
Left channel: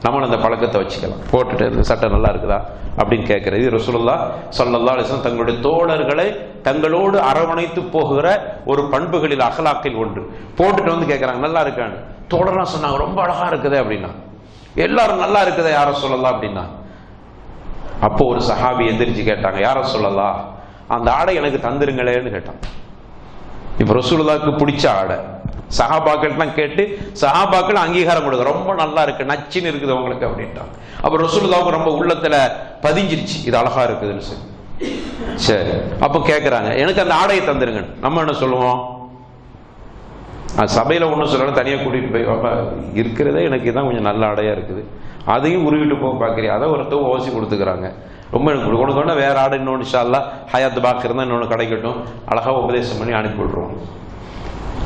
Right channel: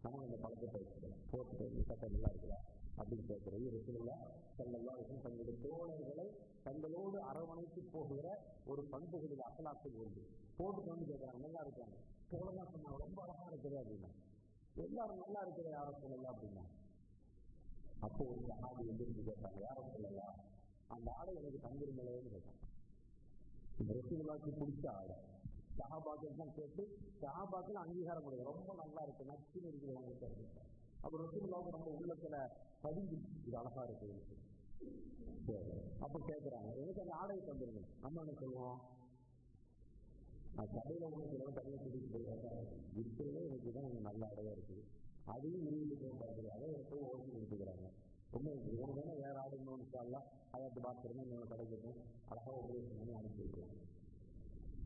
நம்மளும் அந்த பழக்கத்தை வச்சுக்கலாம். போட்டுட்டு இந்த சட்டை நல்லா இருக்குதா அப்படின்னு கேட்கிறது ரசூலுல்லாஹ் ஸல்லல்லாஹு அலைஹி வஸல்லம் தங்களுடைய தோழர்களை தங்களோடு அரவணைத்து போகிற ஒரு பண்புகளில் அகலாக்கில் ஒன்று. போட்டுட்டு வந்து கேட்கறாங்க, நல்லா இருக்கான்னு. தோழர்லாம் சொன்னாங்க, ரொம்ப அழகா இருக்குது அப்படின்னா. எல்லாரும் நல்லா இருக்குதா யார சொல்லலாம் அப்படின்னா. அப்போ ஒரு சஹாபி எந்திரிச்சு கேட்டாங்க, யார சொல்லலாம், அந்த ஆடை எனக்கு தந்துருங்களேன்னு கேட்டான். இப்ப ரசூலுல்லாஹ்க்கு பிடிச்ச ஆடை சஹாபாக்கள்லாம் கேட்டு சஹாபாக்கள் அங்கீகாரம் கொடுக்க, ரொம்ப நல்லா இருக்கு, நச்சின்னு இருக்குது உங்களுக்கு அப்படின்ட்டாங்க. அப்ப ரசூலுல்லாஹ்வுக்கு ரொம்ப உள்ளத்துல பதிஞ்சிருச்சு, இது அழகா இருக்குதுன்னு சொல்லி. சரி, அப்ப கேட்கறாங்க, எனக்கு அந்த ஆடையை தந்துருங்க. நம்ம என்ன சொல்லுவோம்? சபையில ஒன்றும் சொல்லணும், தனியாக கூட்டிட்டு போய் இருக்கிறதே எனக்கு தான் கொஞ்சம் நல்ல ஆடையா இருக்குது, அதையும் உருவிட்டு போக பார்க்குறீங்க, அதை ஒருத்தவங்க ஓசி கொடுத்துக்கிறாங்க. ரொம்ப எனக்கு கொடுக்கணும்னா வேற ஆடு இன்னொன்று இன்ஷா அல்லாஹ் ஹயாத் பாக்கு இருந்தால் இன்னொன்று கிடைக்கட்டும், அழகா உபதேசம் பண்ணி அனுப்பி விட்ருவோம்.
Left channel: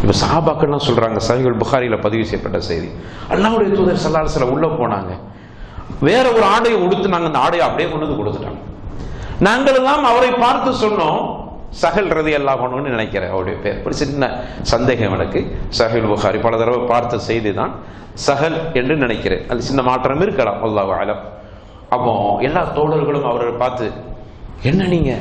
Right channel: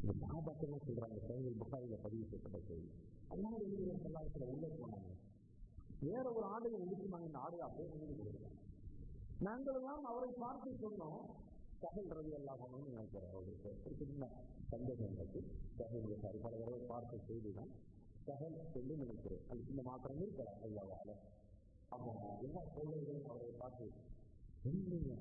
இப்போ சஹாபாக்கள்லாம் சொல்றாங்க, சஹீஹுல் புகாரியில பதிவு செய்யப்பட்ட செய்தி, அல்லாஹ்வுடைய தூதர் ஸல்லல்லாஹு அலைஹி வஸல்லம் உள்ள போனாங்க, வேற ஒரு ஆடையை உடுத்து நாங்கள் அந்த ஆடையை அப்படியே கொண்டு வந்து கொடுத்துட்டாங்க. நாங்கள் எல்லாம் அவரை பார்த்து சொன்னோம், சஹல் ரலியல்லாஹு அன்ஹுன்னு நினைக்கிறேன் அவருடைய பேர், ஒரு சின்ன சந்தேகம் எனக்கு. சஹீஹுல் புகாரி பல தடவை பார்த்த செய்தி தான், சஹல் என்று நினைக்கிறேன், அது சின்ன மாற்றம் இருக்கலாம், அல்லாஹு அலம். அப்போ எல்லா தோழர்களும் அவரை பார்த்து, என்ன நீங்க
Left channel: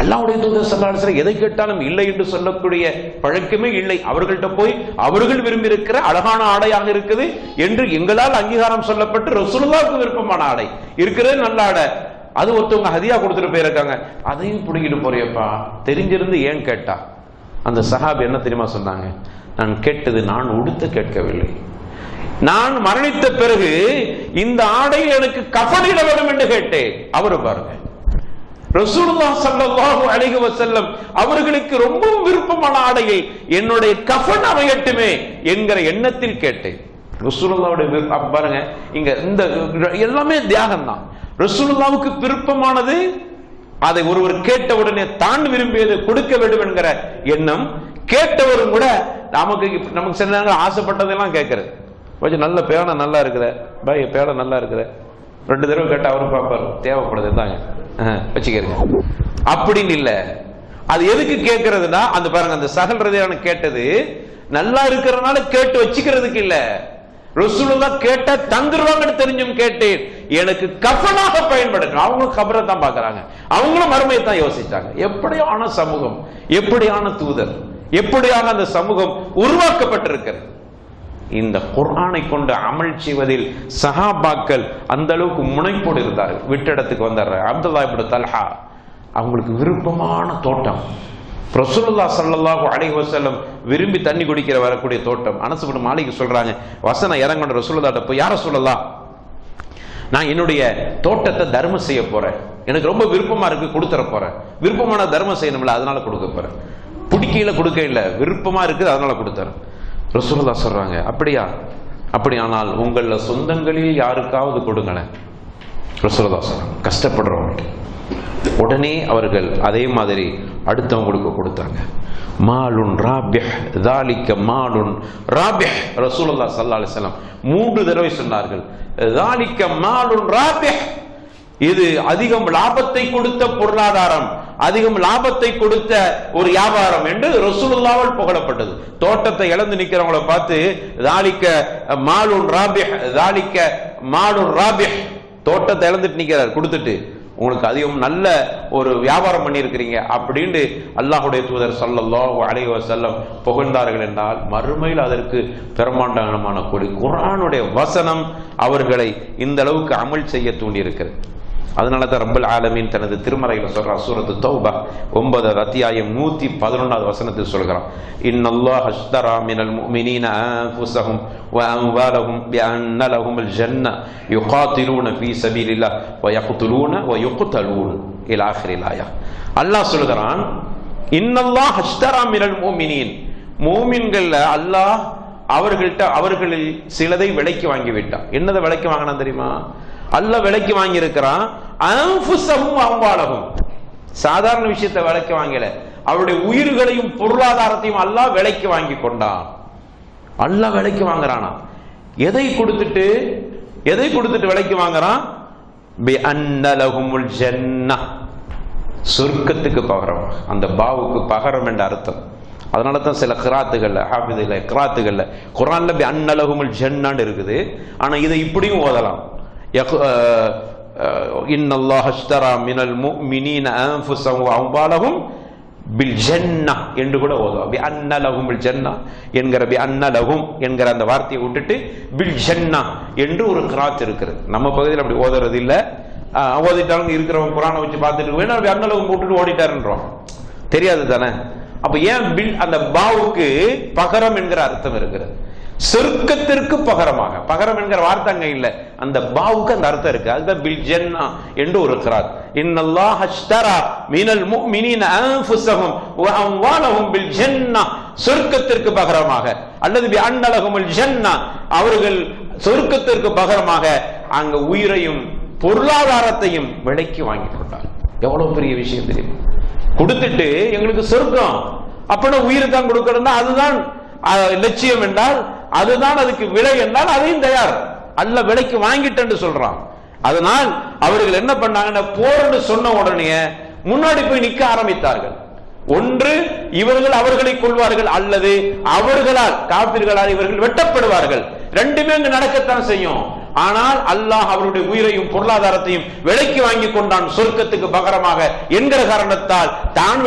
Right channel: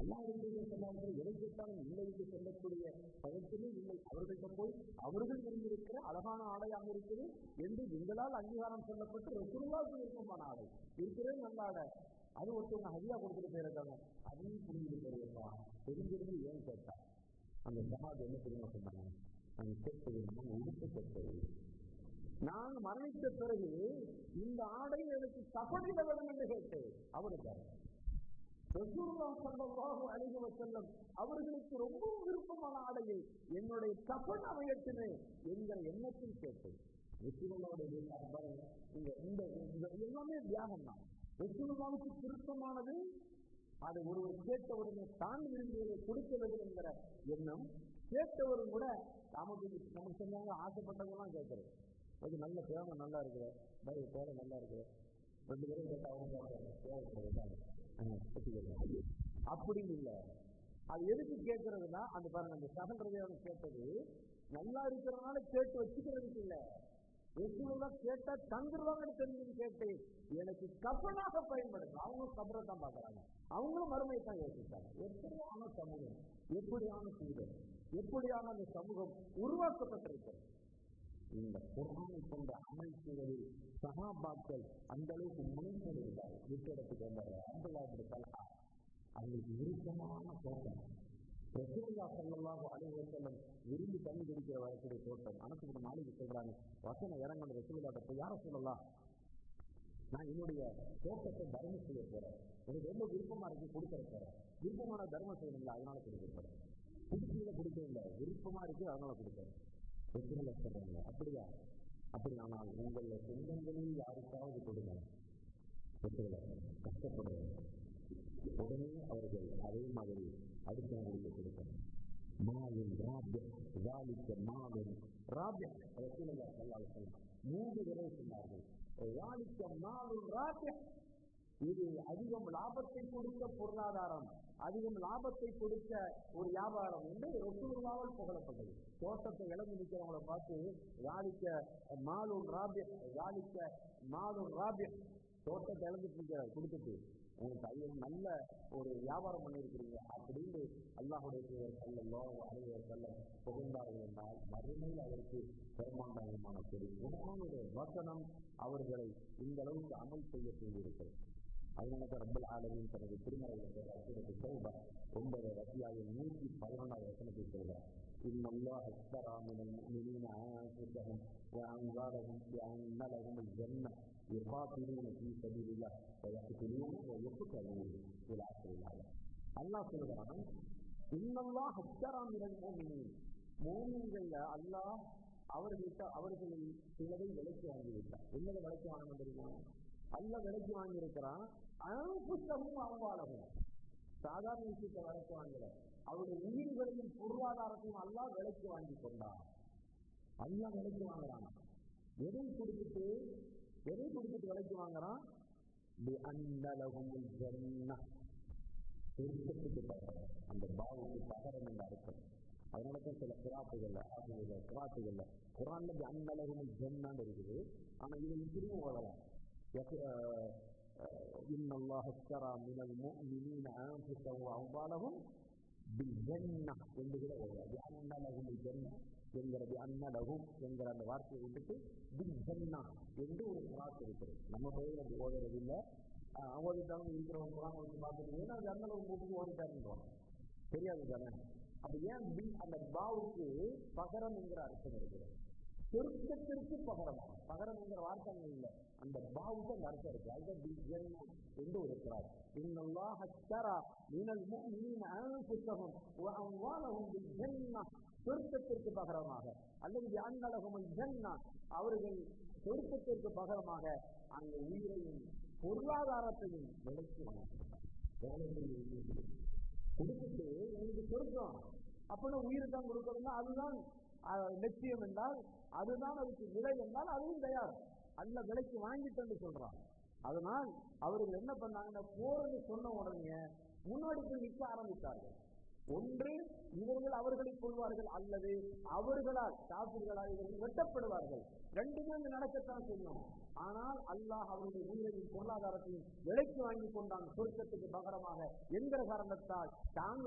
அல்லாஹ்வுடைய தூதர் ஸல்லல்லாஹு அலைஹி வஸல்லம் எதை கேட்டாலும் இல்லை என்று சொல்லக்கூடிய பழக்கமே இல்லை, அவர்கள்ட்ட போய் அவர்கள் விரும்பி இருக்கிற அழகான ஆடையாக இருக்குது என்று எங்களால் அங்கீகாரம் சொல்லப்பட்டு ரசூலுல்லாஹ்வுக்கு விருப்பமான ஆடை இருக்கிறது, நல்ல ஆடை, அது ஒருத்தவங்க ஹதியா கொடுத்துட்டு போயிருக்காங்க, அதையும் பிடிக்கிட்டு போறியப்பா, தெரிஞ்சிருந்து ஏன் கேட்டா? அந்த சஹாபி என்ன தெரியுமா சொன்னாங்க, நான் கேட்டது நான் உடுத்த கேட்கவில்லை, நான் மரணித்த பிறகு இந்த ஆடையில் எனக்கு கஃனிட வேண்டும் என்று கேட்டேன். அவரு பாருங்க, ரசூலுல்லாஹ் ஸல்லல்லாஹு அலைஹி வஸல்லம் அவர்களுக்கு ரொம்ப விருப்பமான ஆடையை என்னுடைய கஃன் அமையட்டுமே என்கிற எண்ணத்தில் கேட்டேன். ரசூலுல்லாஹ்வுடைய பாருங்க, இங்க இந்த எல்லாமே தியாகம் தான். ரசூலுல்லாஹ்வுக்கு விருப்பமானது அதை ஒருவர் கேட்ட உடனே தான் விரும்பியதை கொடுக்க வேண்டும் என்கிற எண்ணம். கேட்டவரும் கூட நமக்கு சில நேரங்கள் ஆசைப்பட்டதெல்லாம் கேட்கறது. கொஞ்சம் நல்ல பேனை நல்லா இருக்கிற பாய், பேனை நல்லா இருக்கிற 2 தடவை கேட்ட அவரும் பார்ப்பாரு, தேவைப்படுது தாங்க வச்சுக்கிறீங்க அப்படின்னு இல்ல. அது எதுக்கு கேட்கறதுனா, அந்த பாருங்க, அந்த சகல் ரதியான கேட்டது நல்லா இருக்கிறதுனால கேட்டு வச்சுக்கிறதுக்கு இல்ல. ரசூலுல்லாஹ் கேட்ட தந்துருவாங்கன்னு தெரிஞ்சும் கேட்டேன், எனக்கு கஃனாக பயன்படுத்த. அவங்களும் கபரை தான் பாக்குறாங்க, அவங்களும் மறுமையை தான் யோசிச்சாங்க. எப்படியான சமூகம், எப்படியான தூதர், எப்படியான அந்த சமூகம் உருவாக்கப்பட்டிருக்கிறது. இந்த குர்ஆனை கொண்டு அமல் செய்வதில் சஹாபாக்கள் அந்த அளவுக்கு முனைப்போடு இருந்தார்கள். விட்டிடத்துக்கு வந்தார் அப்துல்லாஹ் இப்னு தல்ஹா, அவங்களுக்கு விருப்பமான தோட்டம். ரசூலுல்லாஹ் ஸல்லல்லாஹு அலைஹி வஸல்லம் விரும்பி தண்ணி குடிக்கிற வரக்கூடிய தோட்டம். அனஸ் இப்னு மாலிக் சொல்றாங்க, வசனம் இறங்கன ரசூலுல்லாஹ்ட்ட போய், யா ரசூலல்லாஹ், நான் என்னுடைய தோட்டத்தை தர்மம் செய்ய போறேன், எனக்கு ரொம்ப விருப்பமா இருக்கு, கொடுத்துற போறேன். விருப்பமான தர்மம் செய்யணும்ல, அதனால கொடுக்க போறேன். பிடிக்கையில கொடுக்க இல்ல, விருப்பமா இருக்குது, அதனால கொடுத்துறேன். ரசூலுல்லாஹ் சொல்றாங்க, அப்படியா? அப்படியானால் உங்கள சொந்தங்களில் யாருக்காவது கொடுங்களேன். ரசூலுல்லாஹ் சொல்றாங்க, கஷ்டப்படுறவங்க. உடனே அவர்கள் அதே மாதிரி அடுத்தவங்களுக்கு கொடுத்தாங்க. மாலுன் ராபிஹ், ذلك மாலுன் ராபிஹ். ரசூலுல்லாஹ் ஸல்லல்லாஹு அலைஹி வஸல்லம் 3 தடவை சொன்னார்கள், ذلك மாலுன் ராபிஹ், இது அதிகம் லாபத்தை கொடுத்த பொருளாதாரம், அதிகம் லாபத்தை கொடுத்த ஒரு வியாபாரம் என்று ரசூலுல்லாஹ்வால் புகழப்பட்டது. தோட்டத்தை இழந்து நிக்கிறவங்களை பார்த்து ذلك மாலுன் ராபிஹ், ذلك மாலுன் ராபிஹ், தோட்டத்தை இழந்துட்டு நிக்கிறார், கொடுத்துட்டு உங்களுக்கு அதிகம் நல்ல ஒரு வியாபாரம் பண்ணியிருக்கிறீங்க அப்படின்னு அல்லாஹ்வுடைய தூதர் ஸல்லல்லாஹு அலைஹி வஸல்லம் புகழ்ந்தார்கள் என்றால், மறுமையில் அதற்கு பெருமாண்டமான கூலி. குர்ஆனுடைய வசனம் அவர்களை இந்த அளவுக்கு அமல் செய்ய தூண்டி இருக்கிறது. அதனால தான் ரப்பல் ஆலமீன் தனது திருமறையில் சொல்றார், சூரத்து தௌபா 9வது அத்தியாயம் 111வது வசனத்தில் சொல்கிறான், இன்னல்லாஹ அஷ்தரா மினல் முஃமினீன அன்ஃபுஸஹும் வ அம்வாலஹும் பிஅன்ன லஹுமுல் ஜன்னah யுகாத்திலூன ஃபீ ஸபீலில்லாஹ் வ யக்துலூன வ யுக்தலூன் இலா ஆখিরিல் ஆயா. அல்லாஹ் சொல்கிறான், இன்னல்லாஹ அஷ்தரா மினல் முஃமினீன், மூமின்கள் அல்லாஹ் அவர்களில் சிலதை விலைக்கு வாங்கி விட்டான். என்னதை விலைக்கு வாங்கினான் தெரியுமா? அல்லாஹ் விலைக்கு வாங்கி இருக்கிறான். அன்ஃபுஸஹும் அம்வாலஹும், சாதாரண விஷயத்தை விலைக்கு வாங்கல, அவருடைய உயிர்களையும் பொருளாதாரத்தையும் அல்லாஹ் விலைக்கு வாங்கி கொண்டான். அல்லாஹ் விலைக்கு வாங்குறானா? எதை கொடுத்துட்டு விலைக்கு வாங்குறான்? பிஅன்ன லஹுமுல் ஜன்னah, சொர்க்கத்துக்கு பகரம். அந்த பாவுக்கு பகரம் என்ற அர்த்தம். அதனால தான் சில கிராத்துகள்ல, ஹாஃபிதுல கிராத்துகள்ல குர்ஆன்ல பிஅன்ன லஹுமுல் ஜன்னah இருக்குது. ஆனா இதை இப்படியும் ஓதலாம், இன்னல்லாஹ அஷ்தரா மினல் முஃமினீன அன்ஃபுஸஹும் வ அம்வாலஹும் பில் ஜன்னah என்று கூட ஓதுவோம். பிஅன்ன லஹுமுல் ஜன்னah என்கிற பிஅன்ன லஹும் என்கிற அந்த வார்த்தையை விட்டுட்டு பில் ஜன்னah என்று ஒரு கிராத் இருக்கிறது. நம்ம பகுதியில் அப்படி ஓதுறது இல்ல. ஓதிட்டாலும் இருக்கிறவங்க குர்ஆனை வச்சு பார்த்துட்டு வேணா பிஅன்ன லஹும் போட்டுட்டு ஓடிட்டாருன்றோம், தெரியாது தானே. அப்ப ஏன் பில், அந்த பாவுக்கு பகரம் என்கிற அர்த்தம் இருக்கிறது. சொர்க்கத்திற்கு பகரமாக, பகரம் என்கிற வார்த்தை அங்க இல்ல, அந்த பாவுக்கு அந்த அர்த்தம் இருக்கு. அதுதான் பில் ஜன்னah என்று ஒரு கிராத். இன்னல்லாஹ அஷ்தரா மினல் முஃமினீன அன்ஃபுஸஹும் வ அம்வாலஹும் பில் ஜன்னah, சொர்க்கத்திற்கு பகரமாக, அல்லது பிஅன்ன லஹுமுல் ஜன்னah, அவர்கள் சொர்க்கத்திற்கு பகரமாக அங்க உயிரையும் பொருளாதாரத்தையும் விலைக்கு வாங்கி கொண்டார். எவ்வளவு பெரிய விஷயம் தெரியுமா? கொடுத்துட்டு எங்களுக்கு சொர்க்கம், அப்படின்னா உயிரை தான் கொடுக்கணும்னா அதுதான் லட்சியம் என்றால், அதுதான் அதுக்கு விலை என்றால் அதையும் தயார். அல்ல விலைக்கு வாங்கிட்டு சொல்றான். அதனால் அவர்கள் என்ன பண்ணாங்கன்னா, போர்னு சொன்ன உடனே முன்னாடி போய் நிக்க ஆரம்பித்தார்கள். ஒன்று இவர்கள் அவர்களை கொள்வார்கள், அல்லது அவர்களால் காபிர்களால் இவர்கள் வெட்டப்படுவார்கள். ரெண்டுமே அங்கு நடக்கத்தான் செய்யும். ஆனால் அல்லாஹ் அவருடைய உயிரையும் பொருளாதாரத்தையும் விலைக்கு வாங்கி கொண்டான் சொர்க்கத்துக்கு பகரமாக என்கிற காரணத்தால், தான்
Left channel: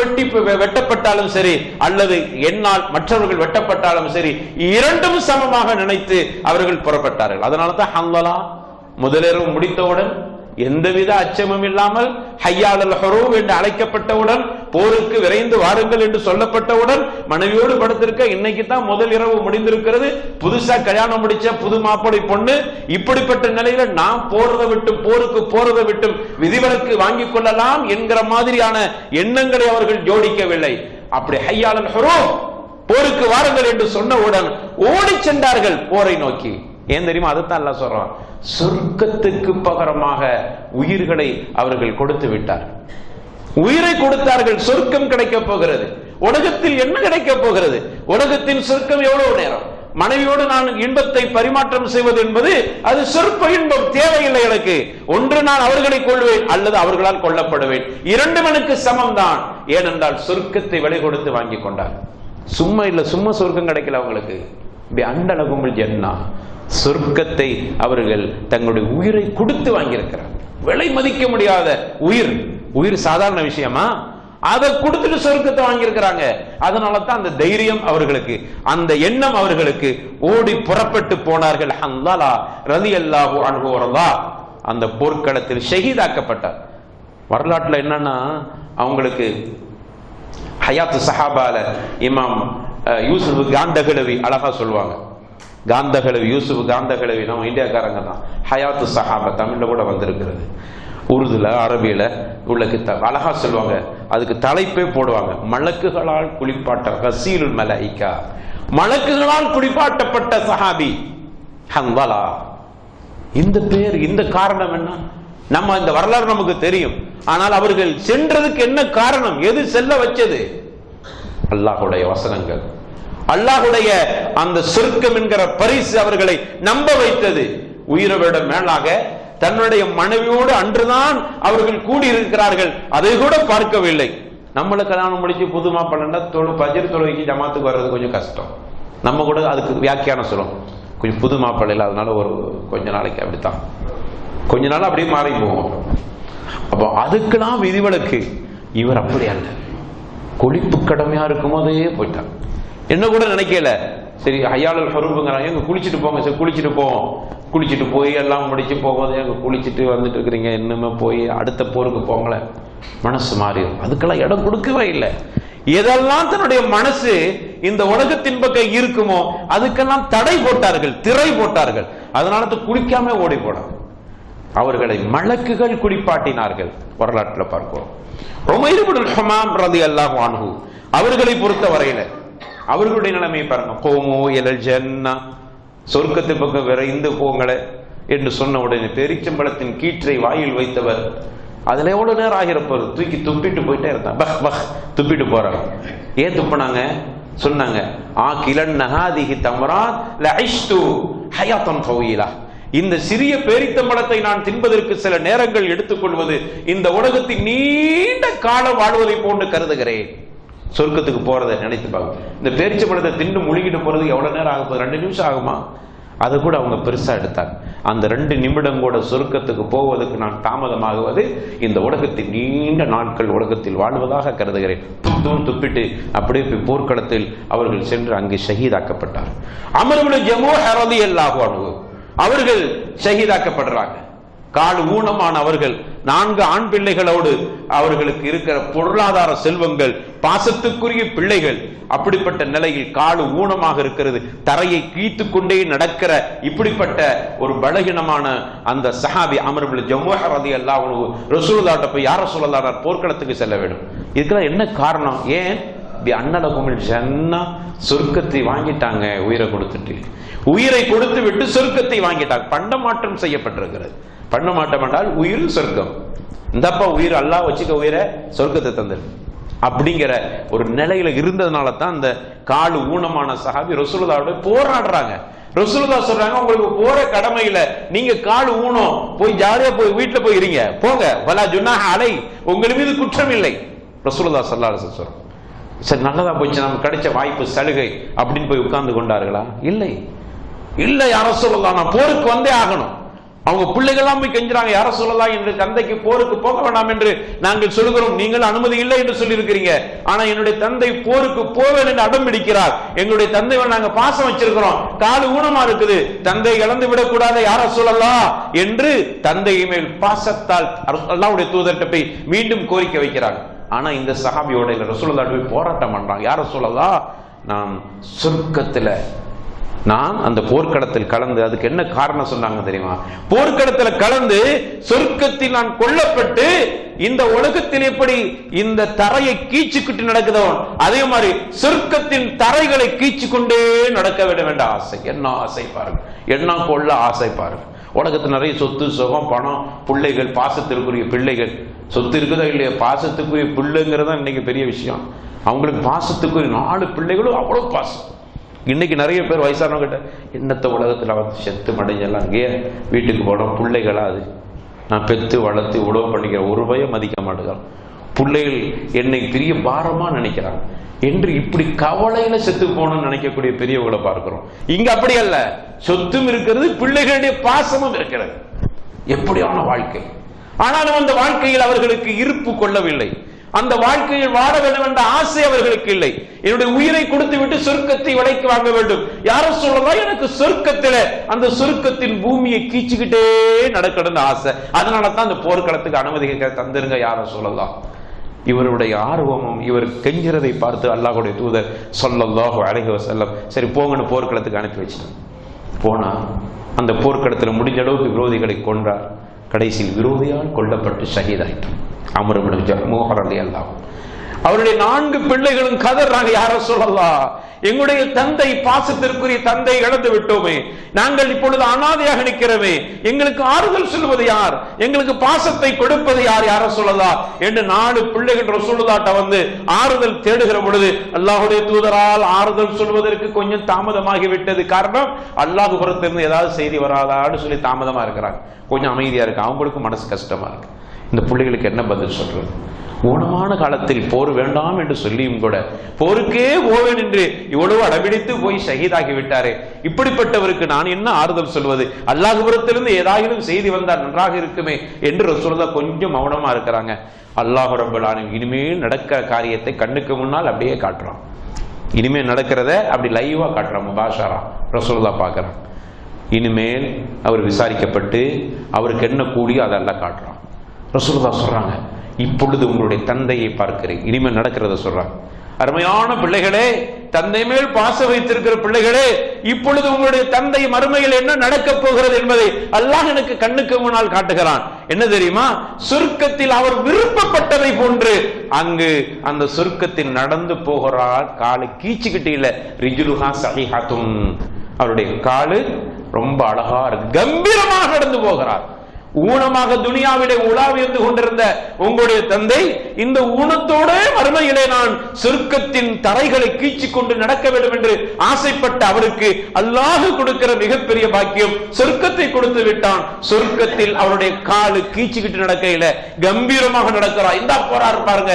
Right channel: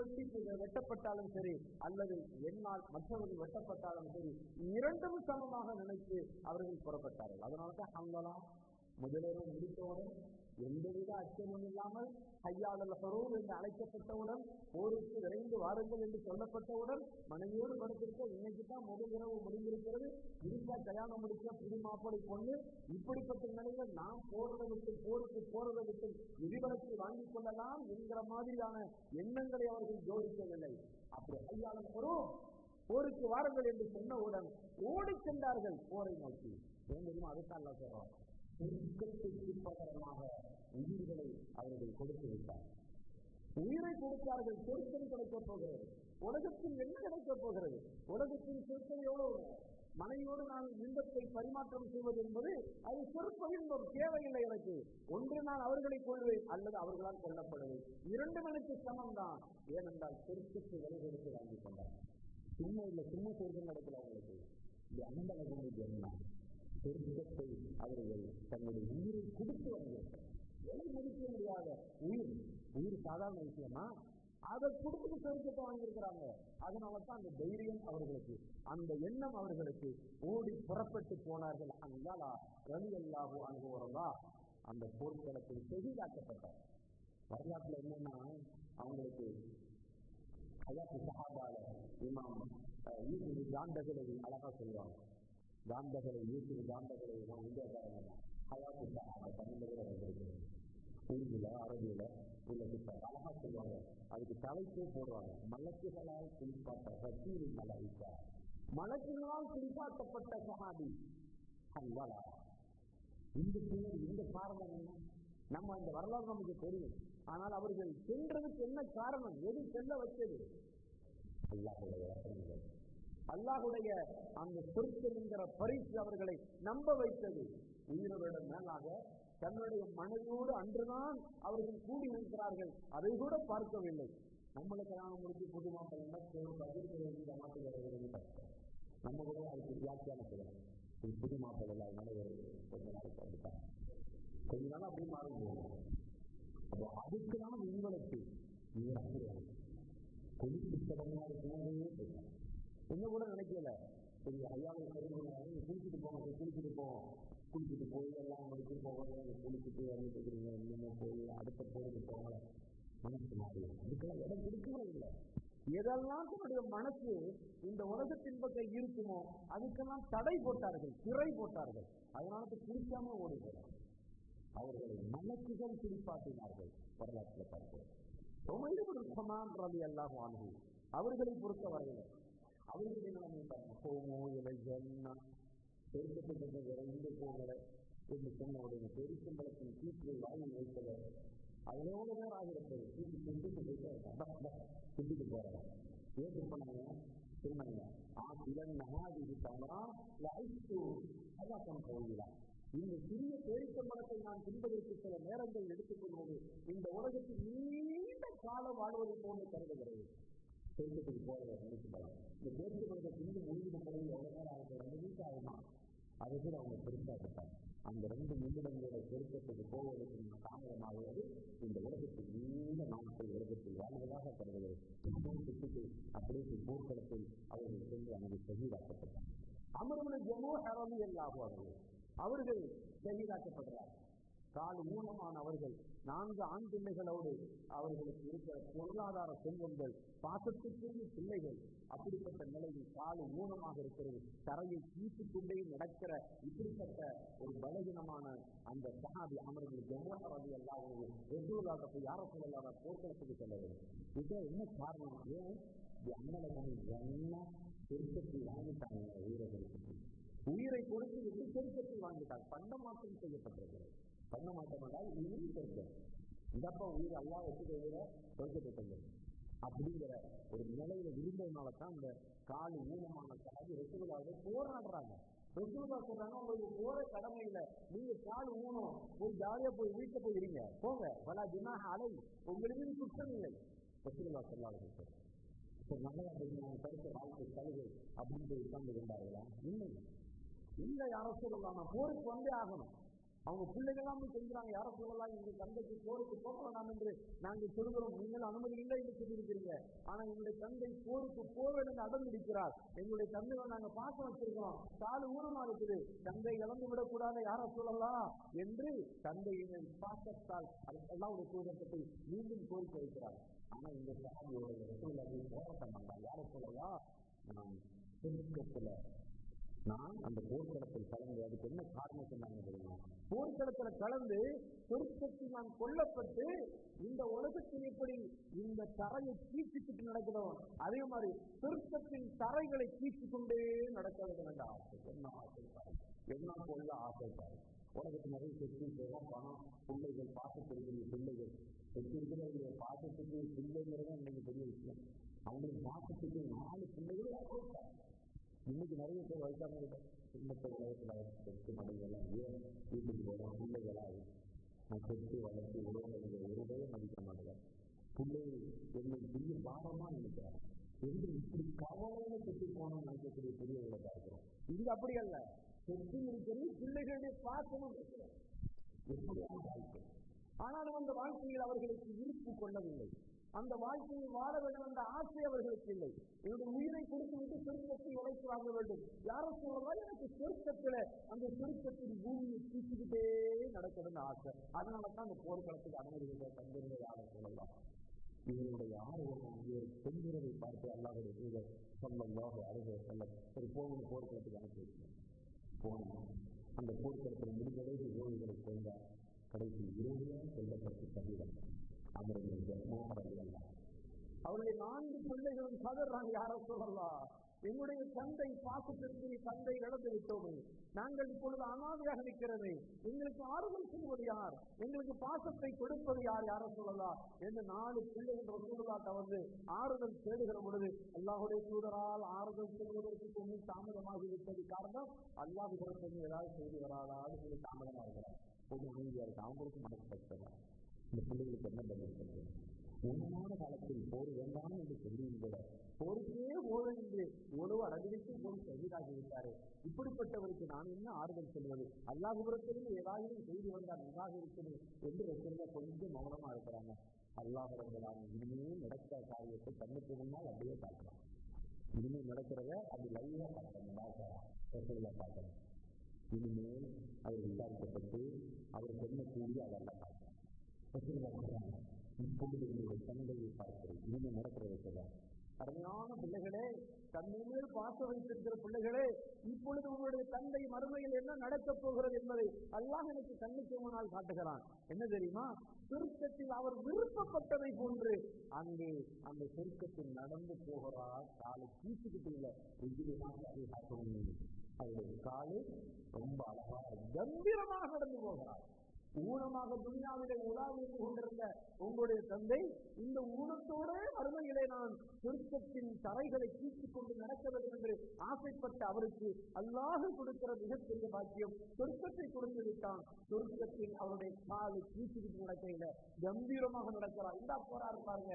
வெட்டப்பட்டாலும் சரி அல்லது என்னால் மற்றவர்கள் வெட்டப்பட்டாலும் சரி, இரண்டும் சமமாக நினைத்து அவர்கள் புறப்பட்டார்கள். அதனால தான் ஹன்லலா முதலிரவு முடித்தவுடன் எந்தவித அச்சமும் இல்லாமல் ஹய்யா அலல் ஹுரூப் என்று அழைக்கப்பட்டவுடன் போருக்கு விரைந்து வாருங்கள் என்று சொல்லப்பட்டவுடன் மனைவியோடு படுத்திருக்க, இன்னைக்கு தான் முதல் இரவு முடிந்திருக்கிறது, புதுசா கல்யாணம் முடிச்ச புது மாப்பிளை பொண்ணு, இப்படிப்பட்ட நிலையில நாம் போருக்கு போறதை விட்டும் விதிவிலக்கு வாங்கிக் கொள்ளலாம் என்கிற மாதிரியான எண்ணங்களை அவர்கள் ஜோடிக்கவில்லை. அப்படி ஹய்யாலல் ஹுரூப், போருக்கு வாருங்கள் என்று சொன்னவுடன் ஓடி சென்றார்கள் போரை நோக்கி. ஏன் தெரியுமா? அதுதான் அல்லாஹ் சொல்றான், சொர்க்கத்துக்கு பகரமாக உயிர்களை அவர்கள் கொடுத்து விட்டார். உயிரை கொடுத்தார்கள், சொர்க்கம் கிடைக்க போகிறது. உலகத்தில் என்ன கிடைக்க போகிறது? உலகத்தின் சொர்க்கம் எவ்வளவு நேரம்? மனைவியோடு நான் இன்பத்தை பரிமாற்றம் செய்வது என்பது அது சொற்ப இன்பம், தேவையில்லை எனக்கு. ஒன்று நான் அவர்களை கொள்வேன் அல்லது அவர்களால் கொல்லப்படுவேன், இரண்டும் எனக்கு சமம் தான். ஏனென்றால் சொர்க்கத்தை விலை கொடுத்து வாங்கி கொண்டார். சும்மா இல்ல, சும்மா சொர்க்கம் கிடைக்கல அவங்களுக்கு. அண்டலகுமல் ஜன்னா, சொர்க்கத்தை அவர்கள் தங்களுடைய உயிரை கொடுத்து வாங்கியிருக்கிறார். விலை மதிக்க முடியாத உயிர். உயிர் சாதாரண விஷயமா? அதை கொடுத்துட்டு சொர்க்கத்தை வாங்கியிருக்கிறாங்க. அதனால தான் அந்த தைரியம் அவர்களுக்கு, அந்த எண்ணம் அவர்களுக்கு. ஓடி புறப்பட்டு போனார்கள். ஹன்ஸலா ரலியல்லாஹு அன்ஹு வரலாஹ் அந்த போர்க்களத்தில் ஷஹீதாக்கப்பட்டார். வரலாற்றுல என்னன்னா, அவங்களுக்கு ஹயாத்து சஹாபால இமாம் யூசுப் காந்தகலவி அழகா சொல்லுவாங்க. காந்தகலவி, யூசுப் காந்தகலவி நம்ம இந்தியாக்காரங்க தான். ஹயாத்து சஹாபா தமிழ்ல கூட வந்திருக்கிறது, உருதுல அரபியில உள்ள கிதாப். அழகா சொல்லுவாங்க, அதுக்கு தலைப்பே போடுவாங்க, மலக்குகளால் குளிப்பாட்ட கசீலுல் மலாயிகா, மலக்குகளால் குளிப்பாட்டப்பட்ட சஹாபி ஹன்ஸலா. இந்த பேர், இந்த காரணம் என்ன? நம்ம இந்த வரலாறு நமக்கு தெரியும். ஆனால் அவர்கள் சென்றதுக்கு என்ன காரணம்? எது செல்ல வச்சது? அல்லாஹ்வுடைய வசனங்கள், அல்லாஹ்வுடைய அந்த சொர்க்கம் என்கிற பரிசு அவர்களை நம்ப வைத்தது. உயிரை விட மேலாக தன்னுடைய மனைவியோடு அன்றுதான் அவர்கள் கூடியிருக்கிறார்கள், அதை கூட பார்க்கவில்லை. நம்மள கல்யாணம் முடிச்சு புது மாப்பிள்ளை பஜர் தொழுகைக்கு ஜமாத்துக்கு வர்றது கொஞ்சம் கஷ்டம். நம்ம கூட அதுக்கு வியாக்கியானம் சொல்லும், கொஞ்சம் புது மாப்பிள்ளை இல்லை, அதனால ஒரு கொஞ்ச நாளைக்கு அப்படித்தான், கொஞ்ச நாள் அப்படியே மாறி போவோம். அப்போ அதுக்கெல்லாம் விதிவிலக்கு. இவர் அப்படி அல்ல, கொழிப்பு கடமையா இருக்கும் போதே போயிட்டார். என்ன கூட நினைக்கல, சரி ஹய்யாலுல் ஹுரூப்ங்கறாங்க, எங்க குளிச்சுட்டு போங்க, சரி குளிச்சுட்டு போவோம். குளிச்சுட்டு போய் எல்லாம் முடிச்சு போகும்போது எங்க குளிச்சுட்டு வந்துட்டு இருக்கிறீங்க, இன்னுமே போய் அடுத்த போருக்கு போங்கள, மனசு மாறிடும். அதுக்கெல்லாம் இடம் கொடுக்கவே இல்லை. எதெல்லாம் தன்னுடைய மனசு இந்த உலகத்தின் பக்கம் இருக்குமோ அதுக்கெல்லாம் தடை போட்டார்கள், திரை போட்டார்கள். அதனால குளிக்காம ஓடி போனாங்க. அவர்களை மலக்குகள் குளிப்பாட்டினார்கள். வரலாற்றில் பார்க்கிறோம். உமைர் இப்னுல் ஹமாம் ரலியல்லாஹு அன்ஹு அவர்களை பொறுத்த வரையில அவர்களுடைய நிலைமை பாருங்க. கோமோ இலல் ஜன்னா, சொர்க்கத்து பக்கம் விரைந்து போங்களே என்று சொன்ன உடனே பேரிச்சம்பழத்தின் கீற்றை வாயில் வைத்தவர், அதுல எவ்வளவு நேரம் ஆகிறப்போது தூக்கி துப்பிட்டு போயிட்டே இருந்தான். பஹ் பஹ் துப்பிட்டு போறாங்க. ஏன் துப்பினாங்க? சொன்னாங்க, ஆ கிலன் நஹாதிஹி தம்ராத் லஇஷ்து ஹயாத்தன் தவீலா, இந்த சிறிய பேரித்தம்பழத்தை நான் தின்பதற்கு சில நேரங்கள் எடுத்துக்கொள்வது இந்த உலகத்தில் நீண்ட காலம் வாழ்வதை போன்று கருதுகிறேன். சொர்க்கத்துக்கு போறதை நினைத்து பார்க்க, இந்த பேரிச்சம்பழத்தை தின்னு முழுகிட்டு போறது எவ்வளவு நேரம் ஆக போகுது? 2 நிமிஷம் ஆகுமா? அதை கூட அவங்க பெருசா எடுத்தாங்க. அந்த 2 நிமிடம் கூட சொர்க்கத்துக்கு போவதற்கு நான் தாமதமாகுவது இந்த உலகத்தில் நீண்ட நாட்கள் உலகத்தில் வாழ்வதாக கருதுகிறேன். துப்பிட்டு அப்படியே போர்க்களத்தில் அவர்கள் சென்று அங்கு ஷஹீதாக்கப்பட்டார். அம்ர் இப்னு ஜமூஹ் ரலியல்லாஹு அன்ஹு அவர்கள் ஷஹீதாக்கப்படுறாங்க. கால் ஊனமான அவர்கள், 4 ஆண் பிள்ளைகளோடு அவர்களுக்கு இருக்கிற பொருளாதார செல்வங்கள், பாசத்துக்குரிய பிள்ளைகள், அப்படிப்பட்ட நிலையில் கால் ஊனமாக இருக்கிறது, தரையை கீழ்த்து கொண்டே நடக்கிற இப்படிப்பட்ட ஒரு பலகீனமான அந்த சஹாபி அம்ர் இப்னு ஜமூஹ் ரலியல்லாஹு அன்ஹு ரசூலுல்லாஹ்ட்ட போய், யா ரசூலல்லாஹ் போர்க்களத்துக்கு செல்ல வேண்டும். இதுக்கெல்லாம் என்ன காரணம்? ஏன்? அன்னலகுமில் ஜன்னா, சொர்க்கத்தை வாங்கிட்டாங்க. உயிரை கொடுத்துட்டு, உயிரை கொடுத்து விட்டு சொர்க்கத்தை வாங்கிட்டாங்க. பண்டமாற்றம் செய்யப்பட்டிருக்கிறது. பண்டமாற்றம் என்றால் உயிர் சொர்க்கம். இந்தப்பா உயிர், அல்லாஹ் வச்சுக்க உயிரை, சொர்க்கத்தை தந்துரு அப்படிங்கிற ஒரு நிலையில இருந்ததுனால தான் அந்த கால் ஊனமான சஹாபி ரசூலுல்லாஹ்வோட போராடுறாங்க. ரசூலுல்லாஹ் சொல்றாங்க, உங்களுக்கு போற கடமையில நீங்க கால் ஊனம், போய் ஜாலியா போய் வீட்டுல போய் இருங்க, போங்க, வலா ஜுனாஹ அலை, உங்கள் மீது குற்றம் இல்லை. ரசூலுல்லாஹ் ஸல்லல்லாஹு அலைஹி வஸல்லம் சரி நல்லதா போச்சு, நமக்கு கிடைச்ச வாய்ப்பு, சலுகை அப்படின்னு போய் உட்கார்ந்து கொண்டார்களா? இல்லை. இல்ல யா ரசூலுல்லாஹ், நான் போருக்கு வந்தே ஆகணும். அவங்க பிள்ளைகள்லாம் போய் கெஞ்சுறாங்க, யா ரசூலுல்லாஹ் என்று தந்தைக்கு போருக்கு போக வேண்டாம் என்று நாங்கள் சொல்கிறோம், நீங்கள் அனுமதி இல்லை என்று சொல்லி இருக்கிறீங்க. ஆனா என்னுடைய தந்தை போருக்கு போவேன் என்று அடம் பிடிக்கிறார். எங்களுடைய தந்தை நாங்க பாசம் வச்சிருக்கிறோம், கால் ஊனமா இருக்குது, தந்தை இழந்து விடக்கூடாது யா ரசூலுல்லாஹ் என்று தந்தை மேல் பாசத்தால் அல்லாஹ்வுடைய தூதர்கிட்ட போய் மீண்டும் கோரிக்கை வைக்கிறாங்க. ஆனா இந்த சஹாபியோட ரசூலுல்லாஹ் போய் போராட்டம் பண்றாங்க. யார் ரசூலுல்லாஹ், நான் சொர்க்கத்துல நான் அந்த போர்க்களத்தில் கலந்து, அதுக்கு என்ன காரணம் சொன்னாங்க தெரியுமா? போர்க்களத்தில் கலந்து சொர்க்கத்தில் நான் கொல்லப்பட்டு இந்த உலகத்தில் எப்படி இந்த தரையை கீச்சுக்கிட்டு நடக்குதோ அதே மாதிரி சொர்க்கத்தின் தரைகளை கீச்சு கொண்டே நடக்க விட வேண்ட ஆசை. என்ன ஆசை பாருங்க, என்ன கொள்ள ஆசை பாருங்க. உலகத்தில் நிறைய சொத்து சுகம் பணம் பிள்ளைகள், பாசத்திற்குரிய பிள்ளைகள். சொத்து இருக்குதா இல்லையா, பாசத்துக்குரிய பிள்ளைங்கிறதா இன்னைக்கு பெரிய விஷயம். அவங்களுக்கு பாசத்துக்குரிய 4 பிள்ளைகளும் அவ்வளவு பாசம். இன்னைக்கு நிறைய பேர் வயசானவங்க கிட்ட என்னத்த உலகத்தில் வந்து செத்து மடைஞ்செல்லாம் அங்கேயே வீட்டுக்கு போனோம், பிள்ளைகளா அது நான் பெற்று வளர்த்து உழவு பண்ணிக்கிற ஒரு பயம் மதிக்க மாட்டேங்கிறான். பிள்ளைகள் என்னை பெரிய பாரமா நினைக்கிறாங்க என்று இப்படி கவலையில செத்து போகணும்னு நினைக்கக்கூடிய பெரியவங்களை பார்க்கிறோம். இங்க அப்படி அல்ல, சொத்தும் இருக்கிறது, பிள்ளைகளுடைய பாசமும் இருக்கிறது. எப்படியான வாழ்க்கை! ஆனாலும் அந்த வாழ்க்கையில் அவர்களுக்கு இருப்பு கொள்ளவில்லை. அந்த வாழ்க்கையில் வாழ வேண்டும் என்ற ஆசை அவர்களுக்கு இல்லை. என்னுடைய உயிரை கொடுத்து விட்டு சொர்க்கத்தை விலைக்கு வாங்க வேண்டும். யாரும் சொல்லலாம், எனக்கு சொர்க்கத்துல அந்த சொர்க்கத்தின் பூமியை கீச்சுக்கிட்டே நடக்கணும்னு ஆசை. அதனால தான் அந்த போர்க்களத்துக்கு அனுமதி தந்துருங்க யாரும் சொல்லலாம். இவருடைய ஆர்வமும் இவர் கெஞ்சிறதை பார்த்து அல்லாஹ்வுடைய தூதர் ஸல்லல்லாஹு அலைஹி வஸல்லம் சரி போங்கன்னு போர்க்களத்துக்கு அனுப்பி வச்சிட்டார். போனா அந்த போர்க்களத்தில் முடிஞ்ச அளவுக்கு விரோதிகளை கொன்றார். கடைசியில் விரோதியால் கொல்லப்பட்டு ஷஹீதாயிட்டார். அம்ர் இப்னு ஜமூஹ் ரலியல்லாஹு அன்ஹு. அவருடைய 4 பிள்ளைகளும் கதறாங்க, யார சொல்லலாம், எங்களுடைய தந்தை, பாசத்திற்குரிய தந்தை இழந்து விட்டோமே, நாங்கள் இப்பொழுது அனாதையாக நிற்கிறோமே, எங்களுக்கு ஆறுதல் சொல்வது யார், எங்களுக்கு பாசத்தை கொடுப்பது யார், யார சொல்லலாம் என்று 4 பிள்ளைகள் ரசூலுல்லாஹ்ட்ட வந்து ஆறுதல் தேடுகிற பொழுது அல்லாஹ்வுடைய தூதரால் ஆறுதல் சொல்வதற்கு கொஞ்சம் தாமதமாகி விட்டது. காரணம், அல்லாஹ் புறத்திலிருந்து ஏதாவது செய்தி வராதான்னு சொல்லி தாமதமா இருக்கிறாங்க. கொஞ்சம் அமைதியா இருக்கு, அவங்களுக்கு மனசு கஷ்டமா இருக்கு. இந்த பிள்ளைகளுக்கு என்ன பதில் சொல்றது? ஊனமான காலத்தில் போர் வேண்டாம் என்று சொல்லியும் கூட போருக்கே போவேன் என்று இவ்வளவு அடம்பிடித்து போய் ஷஹீதாகி விட்டாரே, இப்படிப்பட்டவருக்கு நான் என்ன ஆறுதல் சொல்வது? அல்லாஹ்விடத்திலிருந்து ஏதாயிலும் செய்தி வந்தால் நன்றாக இருக்குமே என்று ரசூலுல்லாஹ் கொஞ்சம் மௌனமா இருக்கிறாங்க. அல்லாஹ் ரப்பல் ஆலமீன் இனிமேல் நடக்கிற காரியத்தை கண்ணுக்கு முன்னால் அப்படியே காட்டுறான். இனிமேல் நடக்கிறத அப்படி லைவா காட்டுறான், முபாஷரா ரசூலுல்லாஹ் பார்க்கறான். இனிமேல் அவர் விசாரிக்கப்பட்டு அவருக்கு என்ன கூடியோ அதெல்லாம் காட்டுறான். ரசூலுல்லாஹ் சொல்றாங்க, இப்பொழுது உங்களுடைய தந்தையை பார்க்கிறேன். இனிமேல் நடக்கிறத சொல்றாங்க. அருமையான பிள்ளைகளே, தந்தை மேல் பாசம் வைத்திருக்கிற பிள்ளைகளே, இப்பொழுது உங்களுடைய தந்தை மறுமையில் என்ன நடக்க போகிறது என்பதை அல்லாஹ் எனக்கு கண்ணுக்கு முன்னால் காட்டுகிறான். என்ன தெரியுமா? சொர்க்கத்தில் அவர் விருப்பப்பட்டதை போன்று அங்கு அந்த சொர்க்கத்தில் நடந்து போகிறார். காலு கீச்சுக்கிட்டு இல்ல, ரிஜுலுஹா ஸஹீஹத்துன், அவருடைய காலு ரொம்ப அழகா கம்பீரமாக நடந்து போகிறார். ஊனமாக துனியாவிலே உலாவிருந்து கொண்டிருந்த உங்களுடைய தந்தை இந்த ஊனத்தோட மறுமையிலே நான் சொர்க்கத்தின் தரைகளை கீச்சிக் கொண்டு நடக்க வேண்டும் என்று ஆசைப்பட்ட அவருக்கு அல்லாஹ் கொடுக்கிற மிகப்பெரிய பாக்கியம் சொர்க்கத்தை கொடுத்து விட்டான். சொர்க்கத்தில் அவருடைய காலு கீச்சிக்கிட்டு நடக்கையில கம்பீரமாக நடக்கிறார். இந்த போறார் பாருங்க,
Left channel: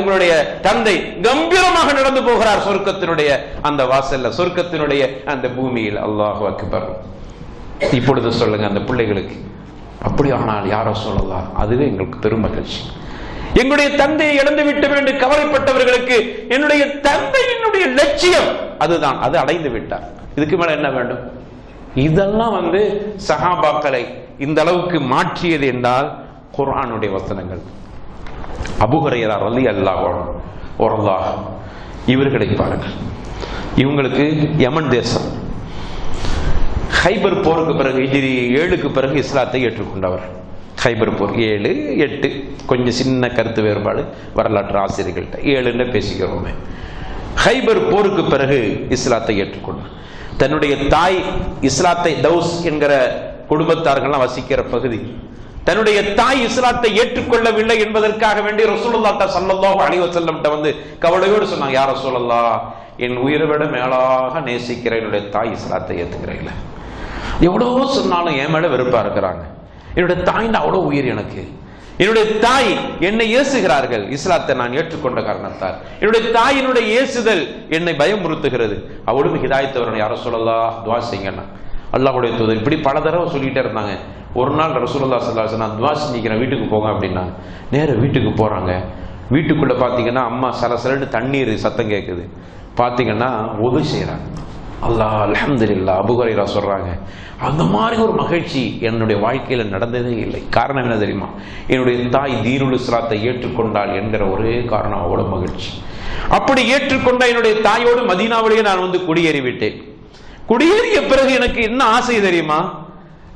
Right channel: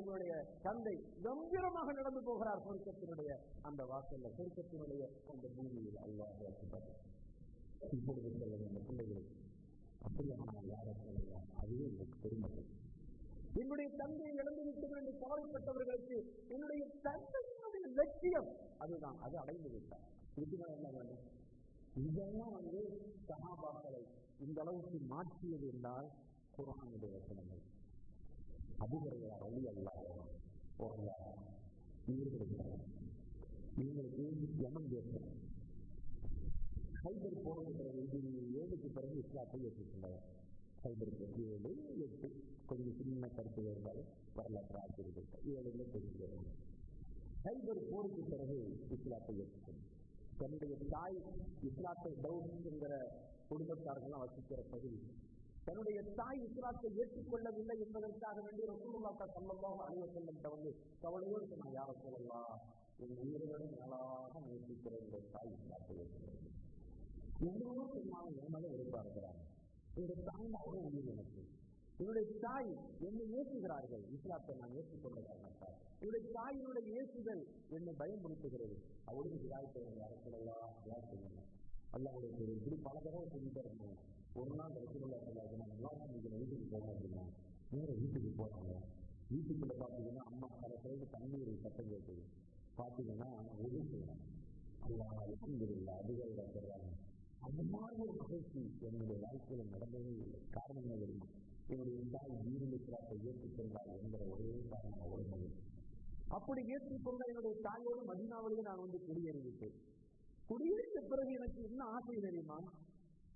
உங்களுடைய தந்தை கம்பீரமாக நடந்து போகிறார் சொர்க்கத்தினுடைய அந்த வாசல்ல, சொர்க்கத்தினுடைய அந்த பூமியில். அல்லாஹு அக்பர். இப்பொழுது சொல்லுங்க அந்த பிள்ளைகளுக்கு, அப்படி ஆனால் யாரோ சொல்லலாம், அதுவே எங்களுக்கு பெரும் மகிழ்ச்சி. எங்களுடைய தந்தையை இழந்து விட்டு என்று கவலைப்பட்டவர்களுக்கு என்னுடைய தந்தையினுடைய லட்சியம் அதுதான், அது அடைந்து விட்டார். இதுக்கு மேல என்ன வேண்டும்? இதெல்லாம் சஹாபாக்களை இந்த அளவுக்கு மாற்றியது என்றால் குர்ஆனுடைய வசனங்கள். அபூ ஹுரைரா ரலியல்லாஹு அன்ஹு இவர்களை பாருங்கள். இவங்களுக்கு யமன் தேசம், ஹைபர் போருக்கு பிறகு ஹிஜ்ரி 7க்கு பிறகு இஸ்லாத்தை ஏற்றுக்கொண்டவர். ஹைபர் போர் 7, 8 கொஞ்சம் சின்ன கருத்து வேறுபாடு வரலாற்று ஆசிரியர்கள்ட்ட, 7ன்னு பேசிக்கிறோமே. ஹைபர் போருக்கு பிறகு இஸ்லாத்தை ஏற்றுக்கொண்டார். தன்னுடைய தாய் இஸ்லாத்தை, தௌஸ் என்கிற குடும்பத்தார்கள்லாம் வசிக்கிற பகுதி, தன்னுடைய தாய் இஸ்லாத்தை ஏற்றுக்கொள்ளவில்லை என்பதற்காக வேண்டி ரசூலுல்லாஹ் ஸல்லல்லாஹு அலைஹி வஸல்லம் கவலையோடு சொன்னாங்க, யா ரசூலல்லாஹ், என் உயிரை விட மேலாக நேசிக்கிற என்னுடைய தாய் இஸ்லாத்தை ஏற்றுக்கிறேன். எவ்வளவோ சொன்னாலும் என் மேல வெறுப்பா இருக்கிறாங்க. என்னுடைய தாய்னா அவ்வளோ உயிர் எனக்கு. என்னுடைய தாய் என்னை ஏசுகிறார்கள், இஸ்லாத்தை நான் ஏற்றுக்கொண்ட காரணத்தால் என்னுடைய தாயினுடைய ஏசுதல் என்னை பயமுறுத்துகிறது. அவளும் ஹிதாயத் வரணும், யார சொல்லலாம், துவா செய்யுங்கன்னா. அல்லாஹ்வுடைய தூதர் இப்படி பல தடவை சொல்லிட்டே இருந்தாங்க. ஒரு நாள் ரசூலுல்லாஹ் ஸல்லல்லாஹு அலைஹி வஸல்லம், நான் துவா செஞ்சுக்கிறேன், வீட்டுக்கு போங்க அப்படின்னாங்க. நேர வீட்டுக்கு போறாங்க. வீட்டுக்குள்ள பாத்தீங்கன்னா அம்மா சலசலன்னு தண்ணீர் சத்தம் கேட்குது. பாத்தீங்கன்னா ஒது செய்யறாங்க. அல்லாஹ் அல்ஹம்துலில்லாஹ். அபூ ஹுரைரா சொல்றாங்க, அந்த மாதிரி ஒரு மகிழ்ச்சி என்னுடைய வாழ்க்கையில் நடந்ததே இல்லை. காரணம் என்ன தெரியுமா? என்னுடைய தாய் தீனுல் இஸ்லாத்தை ஏற்றுக்கொண்டாள் என்கிற ஒரே காரணம், அவ்வளவு மகிழ்ச்சி. அப்படி ஏற்றுக்கொண்ட என்னுடைய தாயோடு மதீனாவிலேயே நான் குடியேறி விட்டேன். குடியேறிய பிறகு எனக்கு என்ன ஆசை தெரியுமா?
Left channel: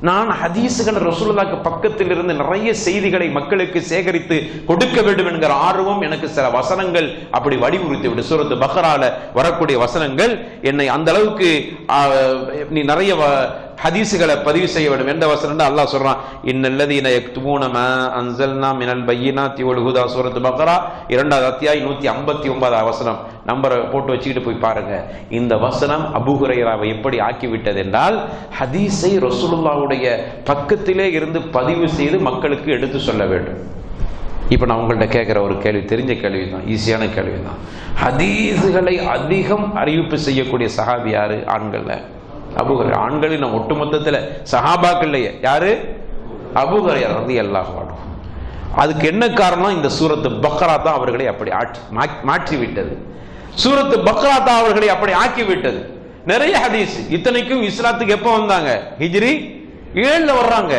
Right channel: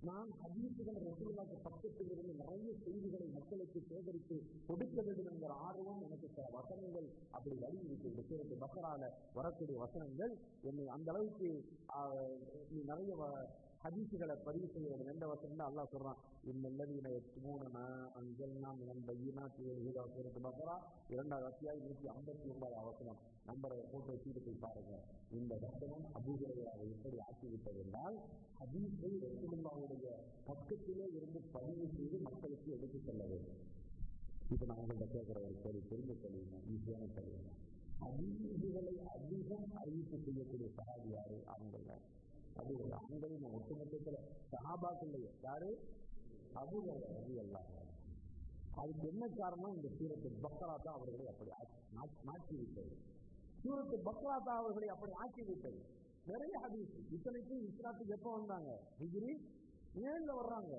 நான் ஹதீஸுகள் ரசூலுல்லாஹ்க்கு பக்கத்தில் இருந்து நிறைய செய்திகளை மக்களுக்கு சேகரித்து கொடுக்க வேண்டும் என்கிற ஆர்வம் எனக்கு சில வசனங்கள் அப்படி வலியுறுத்தி விட்டு, சூரத்து பக்ரால வரக்கூடிய வசனங்கள் என்னை அந்த அளவுக்கு நீ நிறைய ஹதீஸுகளை பதிவு செய்ய வேண்டும். எந்த வசனம்? அல்லாஹ் சொல்றான், இன்னல்லதீன யக்துமூன மா அன்ஸல்னா மினல் பையினாத்தி வல் ஹுதா, சூரத்து பக்ரா 2வது அத்தியாயம் 159வது வசனம். நம்பரை போட்டு வச்சுக்கிட்டு போய் பாருங்க. இந்த வசனம் அபூ ஹுரைராவை எப்படி ஆக்கிவிட்டது என்றால், ஹதீஸை ரசூலுல்லாஹ்வுடைய பக்கத்திலே இருந்து பதிவு செய்து மக்களுக்கு எடுத்து சொல்ல வேண்டும். இப்ப நான் உங்கள்கிட்ட கேட்கிற ஒரு கேள்வி, தெரிஞ்ச கேள்வி தான், ஈஸியான கேள்வி தான். ஹதீஸுகளை அதிகம் அறிவிப்பு செய்யக்கூடிய சஹாபி யாரு? ஆண்கள்ல அபூ ஹுரைரா. ஆண்களின் ஒட்டுமொத்தத்தில் சஹாபாக்கள்லையே யாரு? அபூ ஹுரைரா ரலியல்லாஹு அன்ஹு. அதுக்கு என்ன காரணம்? இந்த சூரத்து பக்ரா தான் அவர்களை அப்படி மாற்றி விட்டது. சூரத்து பக்ரா தான் அவர்களை அப்படி ஆக்கி விட்டது. நிறைய ஹதீஸ். இத்தனைக்கும் இஸ்லாத்துக்கு எப்ப வந்தாங்க? ஹிஜ்ரி 7ல வர்றாங்க.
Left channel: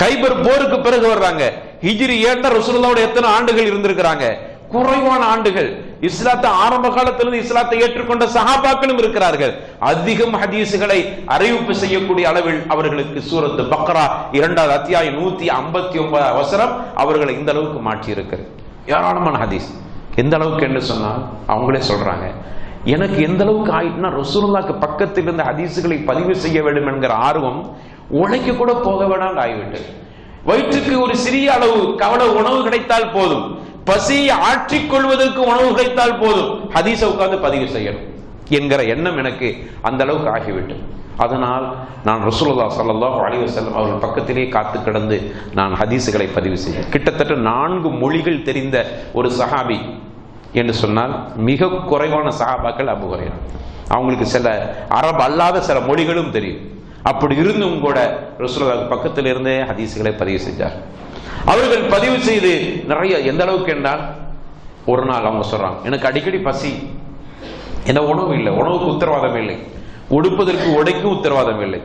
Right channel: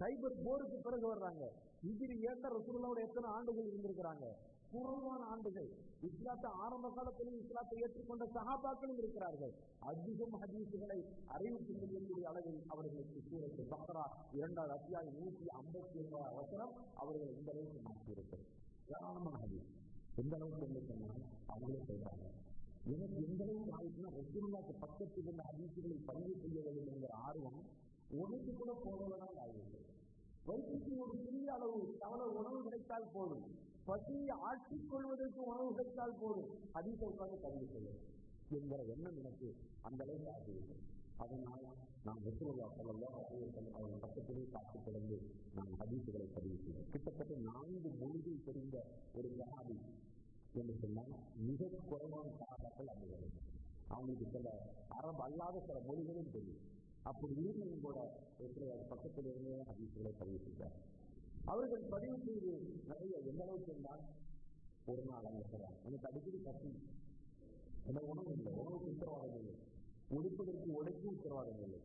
கைபர் போருக்கு பிறகு வர்றாங்க. ஹிஜ்ரி 7ல ரசூலுல்லாஹ்வோட எத்தனை ஆண்டுகள் இருந்திருக்கிறாங்க? குறைவான ஆண்டுகள். இஸ்லாத்தை ஆரம்ப காலத்திலிருந்து இஸ்லாத்தை ஏற்றுக்கொண்ட சஹாபாக்களும் இருக்கிறார்கள். அதிகம் ஹதீஸுகளை அறிவிப்பு செய்யக்கூடிய அளவில் அவர்களுக்கு சூரத்து பக்ரா 2வது அத்தியாயம் 159 வசனம் அவர்களை இந்த அளவுக்கு மாற்றி இருக்கிறது. ஏராளமான ஹதீஸ். எந்த அளவுக்கு என்று சொன்னால் அவங்களே சொல்றாங்க, எனக்கு எந்த அளவுக்கு ஆயிட்டுனா ரசூலுல்லாஹ்க்கு பக்கத்தில் இருந்த ஹதீஸுகளை பதிவு செய்ய வேண்டும் என்கிற ஆர்வம் உழைக்க கூட போக வேண்டாம் ஆகிவிட்டது. வயிற்றுக்கு ஒரு சிறிய அளவு கவலை உணவு கிடைத்தால் போதும், பசியை ஆற்றிக் கொள்வதற்கு உணவு கிடைத்தால் போதும், ஹதீஸை உட்கார்ந்து பதிவு செய்யணும் என்கிற எண்ணம் எனக்கு அந்த அளவுக்கு ஆகிவிட்டது. அதனால் நான் ரசூலுல்லாஹ் ஸல்லல்லாஹு அலைஹி வஸல்லம் அவர்கள் பக்கத்திலே காத்து கிடந்து நான் ஹதீஸுகளை பதிவு செய்ய, கிட்டத்தட்ட 4 மொழிகள் தெரிந்த ஒரு சஹாபி என்று சொன்னால் மிக குறைவான சஹாபாக்கள் அபூ ஹுரைரா. அவங்களுக்கு சில அரபு அல்லாத சில மொழிகளும் தெரியும். அப்படி இருந்தும் கூட ரசூலுல்லாஹ் பக்கத்தில் இருந்தே ஹதீஸுகளை பதிவு செஞ்சார். அவர்கள் பதிவு செய்து நிறைய, எந்த அளவுக்கு என்றால், ஒரு நாள் அவங்க சொல்றாங்க, எனக்கு அடிக்கடி பசி, என்ன உணவு இல்லை, உணவுக்கு உத்தரவாதம் இல்லை, உடுப்பதற்கு உடைக்கும் உத்தரவாதம் இல்லை,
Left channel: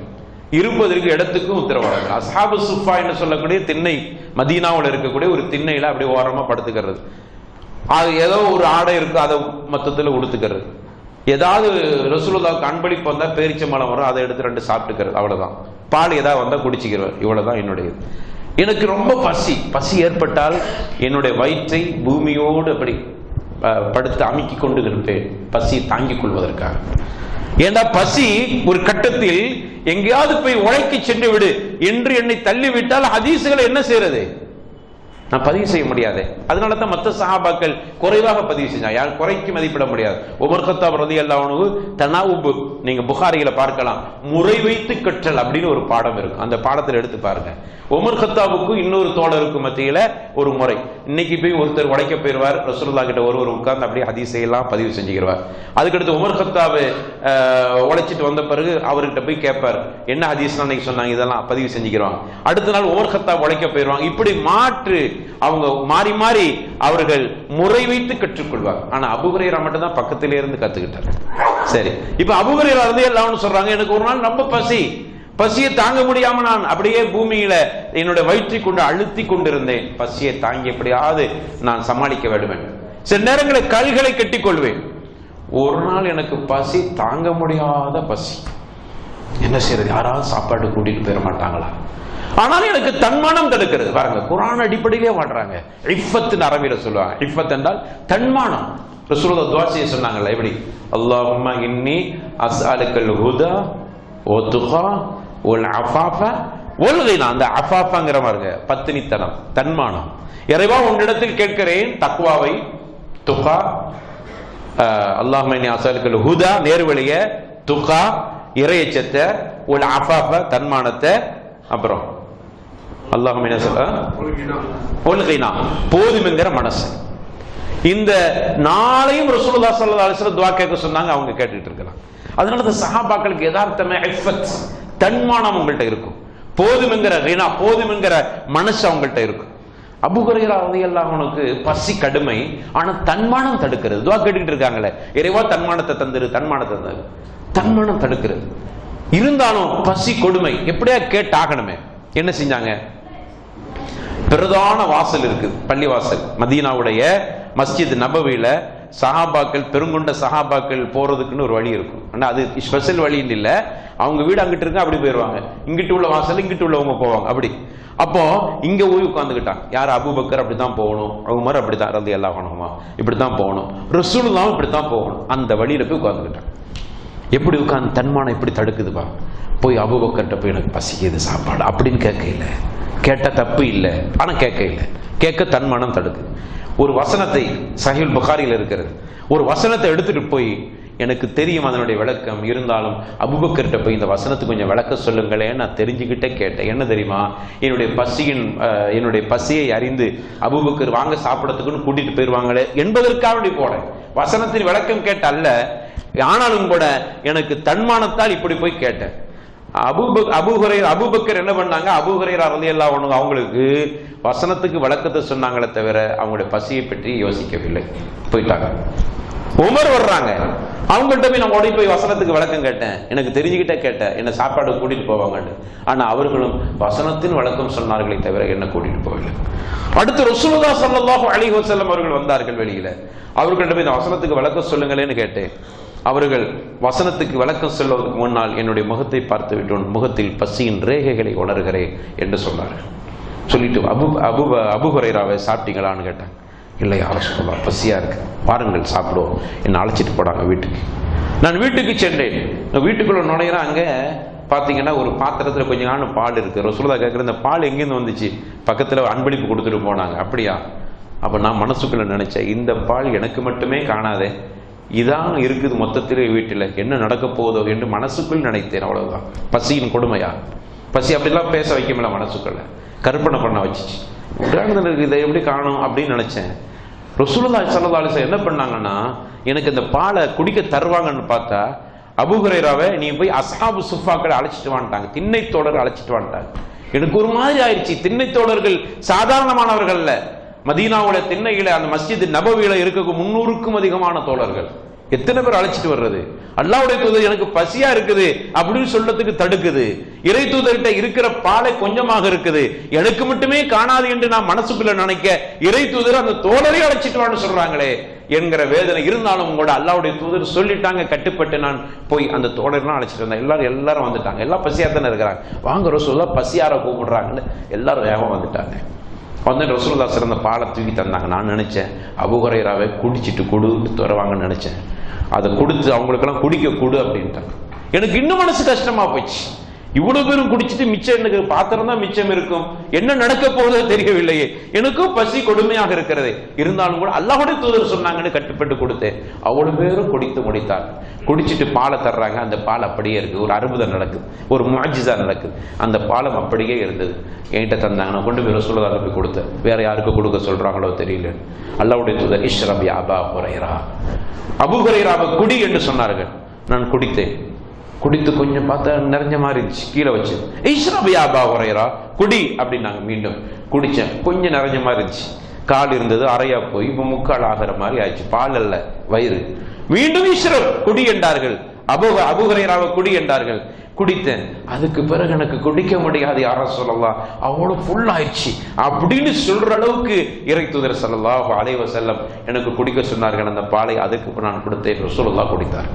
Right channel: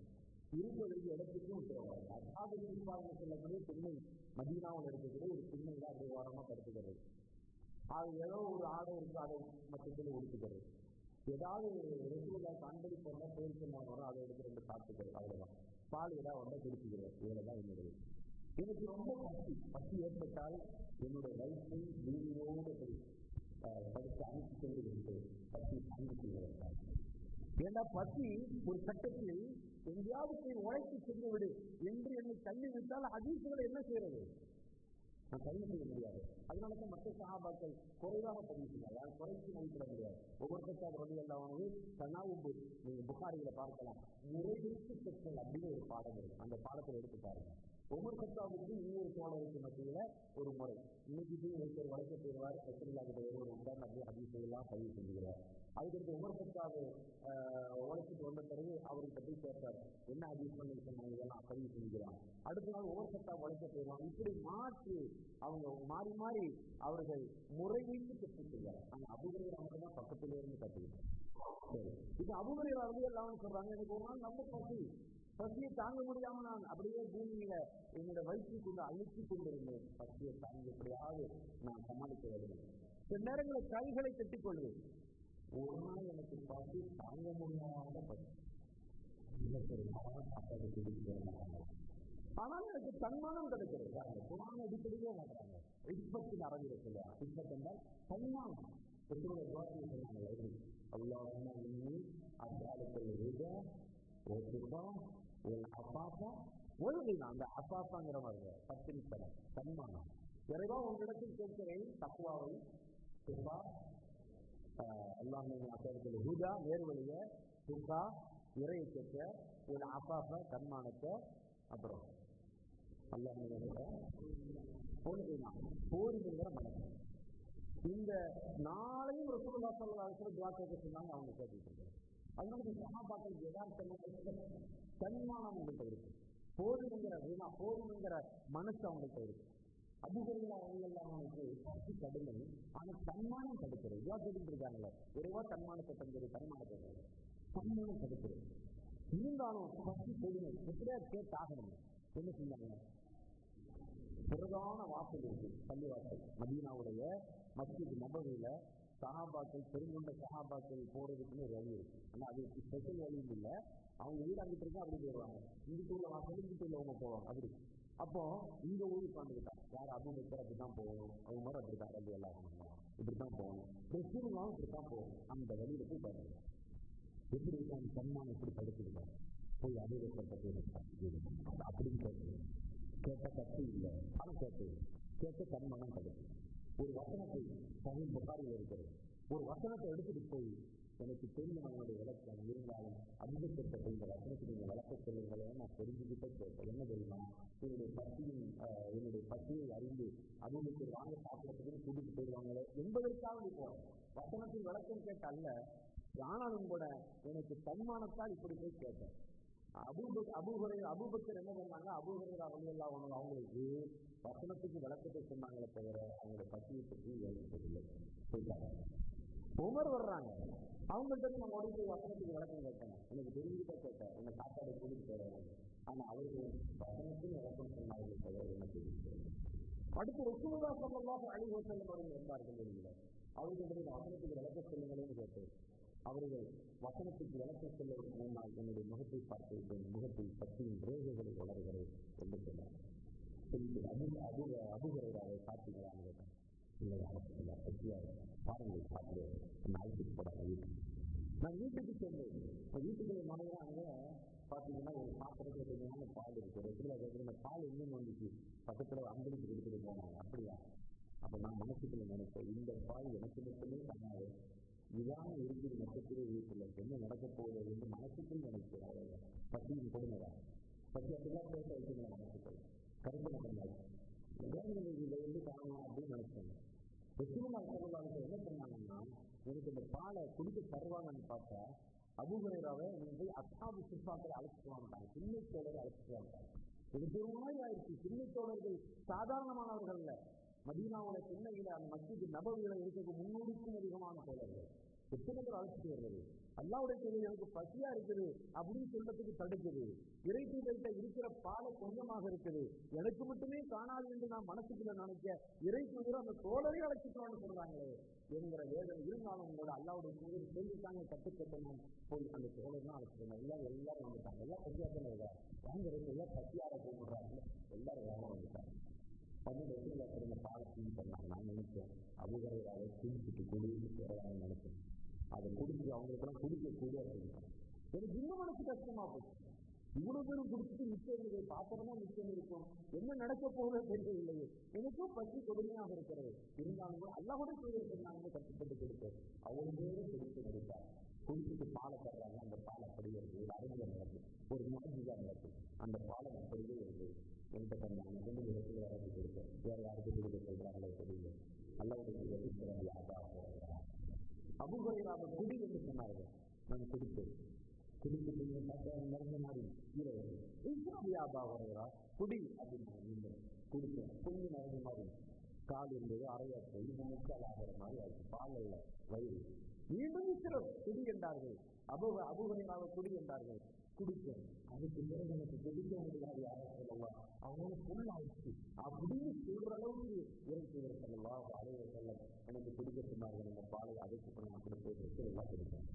இருப்பதற்கு இடத்துக்கும் உத்தரவாதம் இல்லை. அஸ்ஹாபு சுஃபா என்று சொல்லக்கூடிய திண்ணை, மதீனாவில் இருக்கக்கூடிய ஒரு திண்ணையில அப்படி ஓரமா படுத்துக்கிறது. அது ஏதோ ஒரு ஆடை இருக்கு, அதை மொத்தத்தில் உடுத்துக்கிறது. ஏதாவது ரசூலுல்லாஹ்வுக்கு அன்பளிப்பு வந்தா பேரிச்சம்பழம் வரும், அதை எடுத்து 2 சாப்பிட்டுக்கிறது, அவ்வளவுதான். பால் ஏதாவது வந்தா குடிச்சுக்கிறது, இவ்வளவுதான் என்னுடையது. எனக்கு ரொம்ப பசி ஏற்பட்டால் என்னுடைய வயிற்றை பூமியோடு அப்படி படுத்து அமுக்கி கொண்டு இருப்பேன், பசியை தாங்கிக் கொள்வதற்காக. ஏன்னா பசி ஒரு கட்டத்தில் எங்கேயாவது போய் உழைக்க சென்று விடு என்று என்னை தள்ளிவிட்டால் ஹதீஸுகளை என்ன செய்யறது? நான் பதிவு செய்ய முடியாது. அதனால தான் மற்ற சஹாபாக்கள் குறைவாக பதிவு செஞ்சாங்க. யார் குறைக்கு மதிப்பிட முடியாது. உமர் கத்தாப் ரலியல்லாஹு அன்ஹு தனாவுப், நீங்க புகாரியில பார்க்கலாம், முறை வைத்து கற்றல் அப்படின்னு ஒரு பாடம் இருக்கும். அந்த பாடத்தில் எடுத்து பாருங்க. உமர் கத்தாவுக்கும் இன்னொரு தோழருக்கும் மத்தியில ஒரு முறை. இன்னைக்கு போய் ஒருத்தர் உழைக்க போயிருவார், ரசூலுல்லாஹ் கிட்ட ஒருவர் உட்கார்ந்து அப்படியே ஹதீஸை எல்லாம் பதிவு செஞ்சுக்கிறார். அதுக்கடுத்து உமர் கத்தாப் உழைச்சிட்டு வந்த பிறகு அவர்கிட்ட போய் கேட்பார், என்ன ஹதீஸ் அன்னைக்கு சொன்னாங்க, இதெல்லாம் பதிவு செஞ்சுக்கிறாங்க. அடுத்த நாள் உமர் கத்தாப் உழைக்க போயிருவாங்க. இப்படி மாற்று அவங்க மாறி மாறி அவர்கள் முறை வைத்து கற்றுக்கொள்வார். ஆனா அபூ ஹுரைரா மட்டும் தான் பக்கத்திலே இருந்து கத்துக்கிட்டார். சரி, இப்ப அபூ ஹுரைரா ரலியல்லாஹு சொல்றாங்க, எனக்கு ஒரு நாள் ரொம்ப பசியை தாங்க முடியாம நான் அப்படியே பூமியில என்னுடைய வயிற்றை கொண்டு அழுத்தி கொண்டிருந்தேன். பசியை தாங்கி எப்படியாவது நான் சமாளிக்க வேண்டும். சில நேரங்களில் கல்களை கட்டிக் கொள்வேன். ஒரு நாள் எனக்கு பசி தாங்க முடியாத பசி. என்ன செய்யறது? யாராவது சாப்பாடு கூட்டிட்டு போயிட மாட்டாங்களா? ஆனால் எனக்கு தன்மானம் தடுக்கிறது. பாருங்க, குர்ஆன் அடிப்படையிலே வாழ்றாங்க. இஃபத்னு அரபியில சொல்லுவாங்க. இஃபத் என்றால் தன்மானம். ரசூலுல்லாஹ் துஆ செய்ய சொன்னாங்கல்ல, எப்படி? அல்லாஹும்ம இன்னி அஸ்அலுக்கல் ஹுதா வ துகா வல் அஃபாஃப வல் கினா. அந்த அஃபாஃபங்கற பாருங்க, பத்தினித்தனம், தன்மானம். இறைவா உன்னிடத்தில் கேட்கிறேன் தக்வாவை, துகா, அல்லாஹும்ம இன்னி அஸ்அலுக்கல் ஹுதா நேர்வழிய, துகா இறையச்சத்தை, வல் அஃபாஃப தன்மானத்தை, அப்புறம் அல்லாஹும்ம போதுமென்கிற மனசு. இந்த நாளையும் ரசூலுல்லாஹ் ஸல்லல்லாஹு அலைஹி வஸல்லம் துஆ கேட்க சொன்னாங்க. அவங்க கேட்டுட்டு இருக்காங்க. அதனால தான் சஹாபாக்களுக்கு யதார்த்தமே இஃபத், தன்மானம் அவங்கள்ட்ட இருக்கும். போதுமென்கிற கினா, போதுமென்கிற மனசு அவங்கள்ட்ட இருக்கும். அபூ ஹுரைரா ரலியல்லாஹு அன்ஹுக்கு பசி கடுமை, ஆனா தன்மானம் தடுக்கிறது. துஆ கேட்டுட்டு இருக்காங்களே, இறைவா தன்மானத்தை தந்துரு, தன்மானத்தை தந்துரு. தன்மானம் தடுக்கிறது. இருந்தாலும் பசி கொடுமை எப்படியா கேட்டாகணுமே. என்ன செஞ்சாங்க? பிரதான வாசல் இருக்கு, பள்ளி வாசல். மதீனாவுடைய மஸ்ஜித் நபவியில சஹாபாக்கள், பெருங்கொண்ட சஹாபாக்கள் போறதுக்குன்னு ஒரு வழி இருக்கும். ஆனா அது ஸ்பெஷல் வழின்னு இல்லை, அவங்க வீடு அங்கிட்டு இருக்கு, அப்படி போயிடுவாங்க. இங்கிட்டு உள்ள வாசல் இங்கிட்டு உள்ளவங்க போவாங்க அப்படி. அப்போ இங்க போய் உட்காந்துக்கிட்டாங்க. யார்? அபூபக்கர் அப்படித்தான் போகணும், உமர் அப்படித்தான், ரலியல்லாஹு அன்ஹுமா இப்படித்தான் போகணும், ரசூலுல்லாஹ் இப்படித்தான் போகணும். அந்த வழியில போய் உட்காந்துக்கிட்டாங்க. எப்படி உட்காந்து தன்மானம் எப்படி தடுக்குதுப்பா? போய் அபூபக்கர்கிட்ட போய் எனக்கு பசிக்குது சாப்பாடு அப்படின்னு கேட்க இல்லை. கேட்ட தப்பு இல்லை, ஆனா கேட்க இல்லை. கேட்க தன்மானம் தடுக்குது. ஒரு வசனத்தை, சஹீஹ் புகாரியில் இருக்கிறது, ஒரு வசனத்தை எடுத்துட்டு போய் எனக்கு தெரியும் அதனுடைய விளக்கம், இருந்தாலும் அபூபக்கர்கிட்ட போய் இந்த வசனத்துக்கு கொஞ்சம் விளக்க சொல்லுங்களேன், நான் தெரிஞ்சுக்கிட்டே கேட்டேன். என்ன தெரியுமா? என்னுடைய பசியை அறிந்து அபூபக்கர் வாங்க சாப்பிடறதுக்குன்னு கூட்டிட்டு போயிருவாங்களே என்பதற்காக போனேன். வசனத்தின் விளக்கம் கேட்ட அல்ல, ஆனாலும் கூட எனக்கு தன்மானத்தால் இப்படி போய் கேட்டேன். அபூபக்கர் என்ன பண்ணாங்க? அபூ ஹுரைரா ரலியல்லாஹு அன்ஹு அவங்களுக்கு வசனத்துக்கு விளக்கத்தை சொன்னாங்களே தவிர அவங்களுடைய பசியை பற்றி யோசிக்கவில்லை, போயிட்டாங்க. உமர் வர்றாங்க, அவங்கள்ட்ட போய் நான் ஓடி போய் வசனத்துக்கு விளக்கம் கேட்டேன், எனக்கு தெரிஞ்சுக்கிட்டே கேட்டேன், என்ன சாப்பாடு கூட்டிட்டு போவாங்கன்னு. ஆனா அவர்களும் வசனத்தின் விளக்கம் சொன்னார்களே தவிர என்ன கூட்டிட்டு போகவில்லை. அடுத்து ரசூலுல்லாஹி ஸல்லல்லாஹு அலைஹி வஸல்லம் அவர்கள் வந்தார்கள் வெளியில. அவர்கள்ட்ட போய் இந்த வசனத்துக்கு விளக்கம் சொல்லுங்களேன்னு கேட்டேன். அவர்கள் வசனத்துக்கு விளக்கம் சொல்வதற்கு முன்னால் என்னுடைய முகத்தை பார்த்து விட்டு முகத்தில் பசியின் ரேகைகளை உணர்கிறேன் என்று சொன்னார்கள். சொல்லிட்டு அபூ ஹுரைராவை சாப்பிட்டீங்களான்னு கேட்டாங்க. இல்லை யார சொல்லலாம், பசியா இருக்கு, பாருங்கள் சாப்பிடுவோம். என்னை அழைச்சிட்டு போனாங்க வீட்டுக்கு. நான் வீட்டுக்கு சென்றேன். வீட்டுக்குள்ள நுழையிறேன். அங்கே பார்த்தீங்கன்னா ஒரு பாத்திரத்தில் கொஞ்சம் நாள் பால் இருக்கு. ரசூலுல்லாஹ் கேட்குற, இந்த பால் எங்கேருந்து வந்துச்சு? பக்கத்தில் அன்பளிப்பு கொடுத்துட்டு போனாங்க. அப்படியா? அப்போ நான் மனசுக்குள்ள நினைச்சேன், இந்த பால் எனக்கு மட்டுமே காணாதே, இதான் இருக்குது மொத்தத்திலே வீட்டில், என்ன நடக்க போதோ என்று மனசுக்குள் நினைத்தேன். அவ்வளவுதான். பசியின் கொடுமையா? பசி அப்படிலாம் பேச வைக்கல, மனசுக்குள்ள கற்பனை பண்ண வச்சிச்சு. இதை எப்படி காணும் அப்படின்னு நினைச்சேன். ரசூலுல்லாஹி ஸல்லல்லாஹு அலைஹி வஸல்லம் என்ன பண்ணாங்கன்னா, எனக்கு இந்த பாலை குடிக்க தருவாங்கன்னு பார்த்தா அபூ ஹுரைராவை நீ போய் அஸ்ஹாபு சுஃபாக்களை அழைச்சிட்டு வந்துட்டாங்க, திண்ணை தோழர்கள் அழைச்சிட்டு வந்துட்டாங்க. எனக்கு ஒரு மாதிரி ஆயிடுச்சு. திண்ணை தோழர்கள் சாதாரணமானவர்கள் அல்ல. மதீனாவுடைய திண்ணையில அந்த மஸ்ஜித் நபவியில இருக்க 300க்கும் அதிகமான தோழர்கள். எத்தனை பேர் அழைச்சிட்டு வர்றது? அல்லாஹ்வுடைய தூதர் எனக்கு பசியா இருக்குது அப்படின்னு சொல்றதுக்கு தடுக்குது. இறை தூதர்கிட்ட இருக்கிற பாலை கொஞ்சமாக இருக்குது, எனக்கு மட்டுமே காணாது என்று நான் மனசுக்குள்ள நினைக்க, இறை தூதர் அந்த தோழரை அழைச்சிட்டு வான்னு சொல்றாங்களே என்கிற வேதனை. இருந்தாலும் கூட அல்லாஹ்வுடைய தூதர் சொல்லிட்டாங்க, கட்டுப்பட்டு நான் போய் அந்த தோழர்லாம் அழைச்சிட்டு வந்தேன். எல்லாரும் வந்துட்டாங்க. எல்லாம் பசியா தானே இருக்கிறாங்க. வாங்க ரசூலுல்லாஹ் பசியார கூப்பிடுறாங்கன்னு எல்லாரும் வேகமா வந்துட்டாங்க. வந்து ரசூலுல்லாஹ் சிறந்த பாலை தூக்கி தந்தாங்க. நான் நினைச்சேன் அபூ ஹுரைராவை குடிச்சிட்டு கொடுன்னு தருவாங்கன்னு நினைச்சேன். அதை கொடுத்து அவங்களுக்கெல்லாம் குடிக்க கொடு அப்படின்ட்டாங்க. எனக்கு இன்னும் மனசு கஷ்டமா போச்சு. இவ்வளவு பேரும் குடிச்சிட்டு மிச்சம் எனக்கு பாத்திரம் தான் மிச்சம் இருக்கும், என்ன நடக்க போதோ தெரியவில்லையே, எனக்கும் பசி கொடுமையாக இருக்கிறது. இருந்தாலும் கூட அல்லாஹ்வுடைய தூதர் சொன்னாங்கன்னு கட்டுப்பட்டு கொடுத்தேன். அவ்வளவு பேரும் குடித்து முடித்தாங்க. குடிச்சிட்டு பாலை தர்றாங்க. அந்த பால் அப்படியே இருக்கு. ஒரு அற்புதம் நடக்குது, ஒரு முஅஜிஸா நடக்குது. அந்த பாலம் அப்படியே இருந்தது. என்கிட்ட தந்தாங்க. நான் கொண்டு போய் ரசூலுல்லாஹ் போய் கொடுத்தேன். வேற யாருக்கு கொடுக்க சொல்றாங்களோ தெரியல. அல்லாஹ்வுடைய தூதர் இஷ்ரப் யா அபா ஹுரைரா, அபூ ஹுரைராவை குடி என்று சொன்னார்கள். நான் குடித்தேன். குடித்து கொஞ்சம் பார்த்தா நிறைஞ்ச மாதிரி இருந்துச்சு. கீழே வச்சு இஷ்ரப் யா அபா ஹுரைரா, குடி அப்படின்னாங்க. மீண்டும் குடிச்சேன். கொஞ்சம் நிறைஞ்ச மாதிரி இருந்துச்சு. கால் இருந்தது அறையா போய் இப்ப முக்கால் ஆகிற மாதிரி ஆயிடுச்சு. பால் அல்ல, வயிறு. மீண்டும் இஷ்ரப், குடி என்றார்கள். அபூ ஹுரைராவை குடி என்றார்கள். குடித்தேன். அதுக்கு பிறகு எனக்கு குடிக்க முடியாது யா ரசூலல்லாஹ், அவ்வளவு ஃபுல் ஆயிடுச்சு அப்படின்னு சொல்ற அளவுக்கு இறை தூதர் ஸல்லல்லாஹு அலைஹி வஸல்லம் எனக்கு குடிக்க சொன்னார்கள் அந்த பாலை. அதுக்கு நான் கொடுத்தேன். ரசூலுல்லாஹ் குடித்தார்.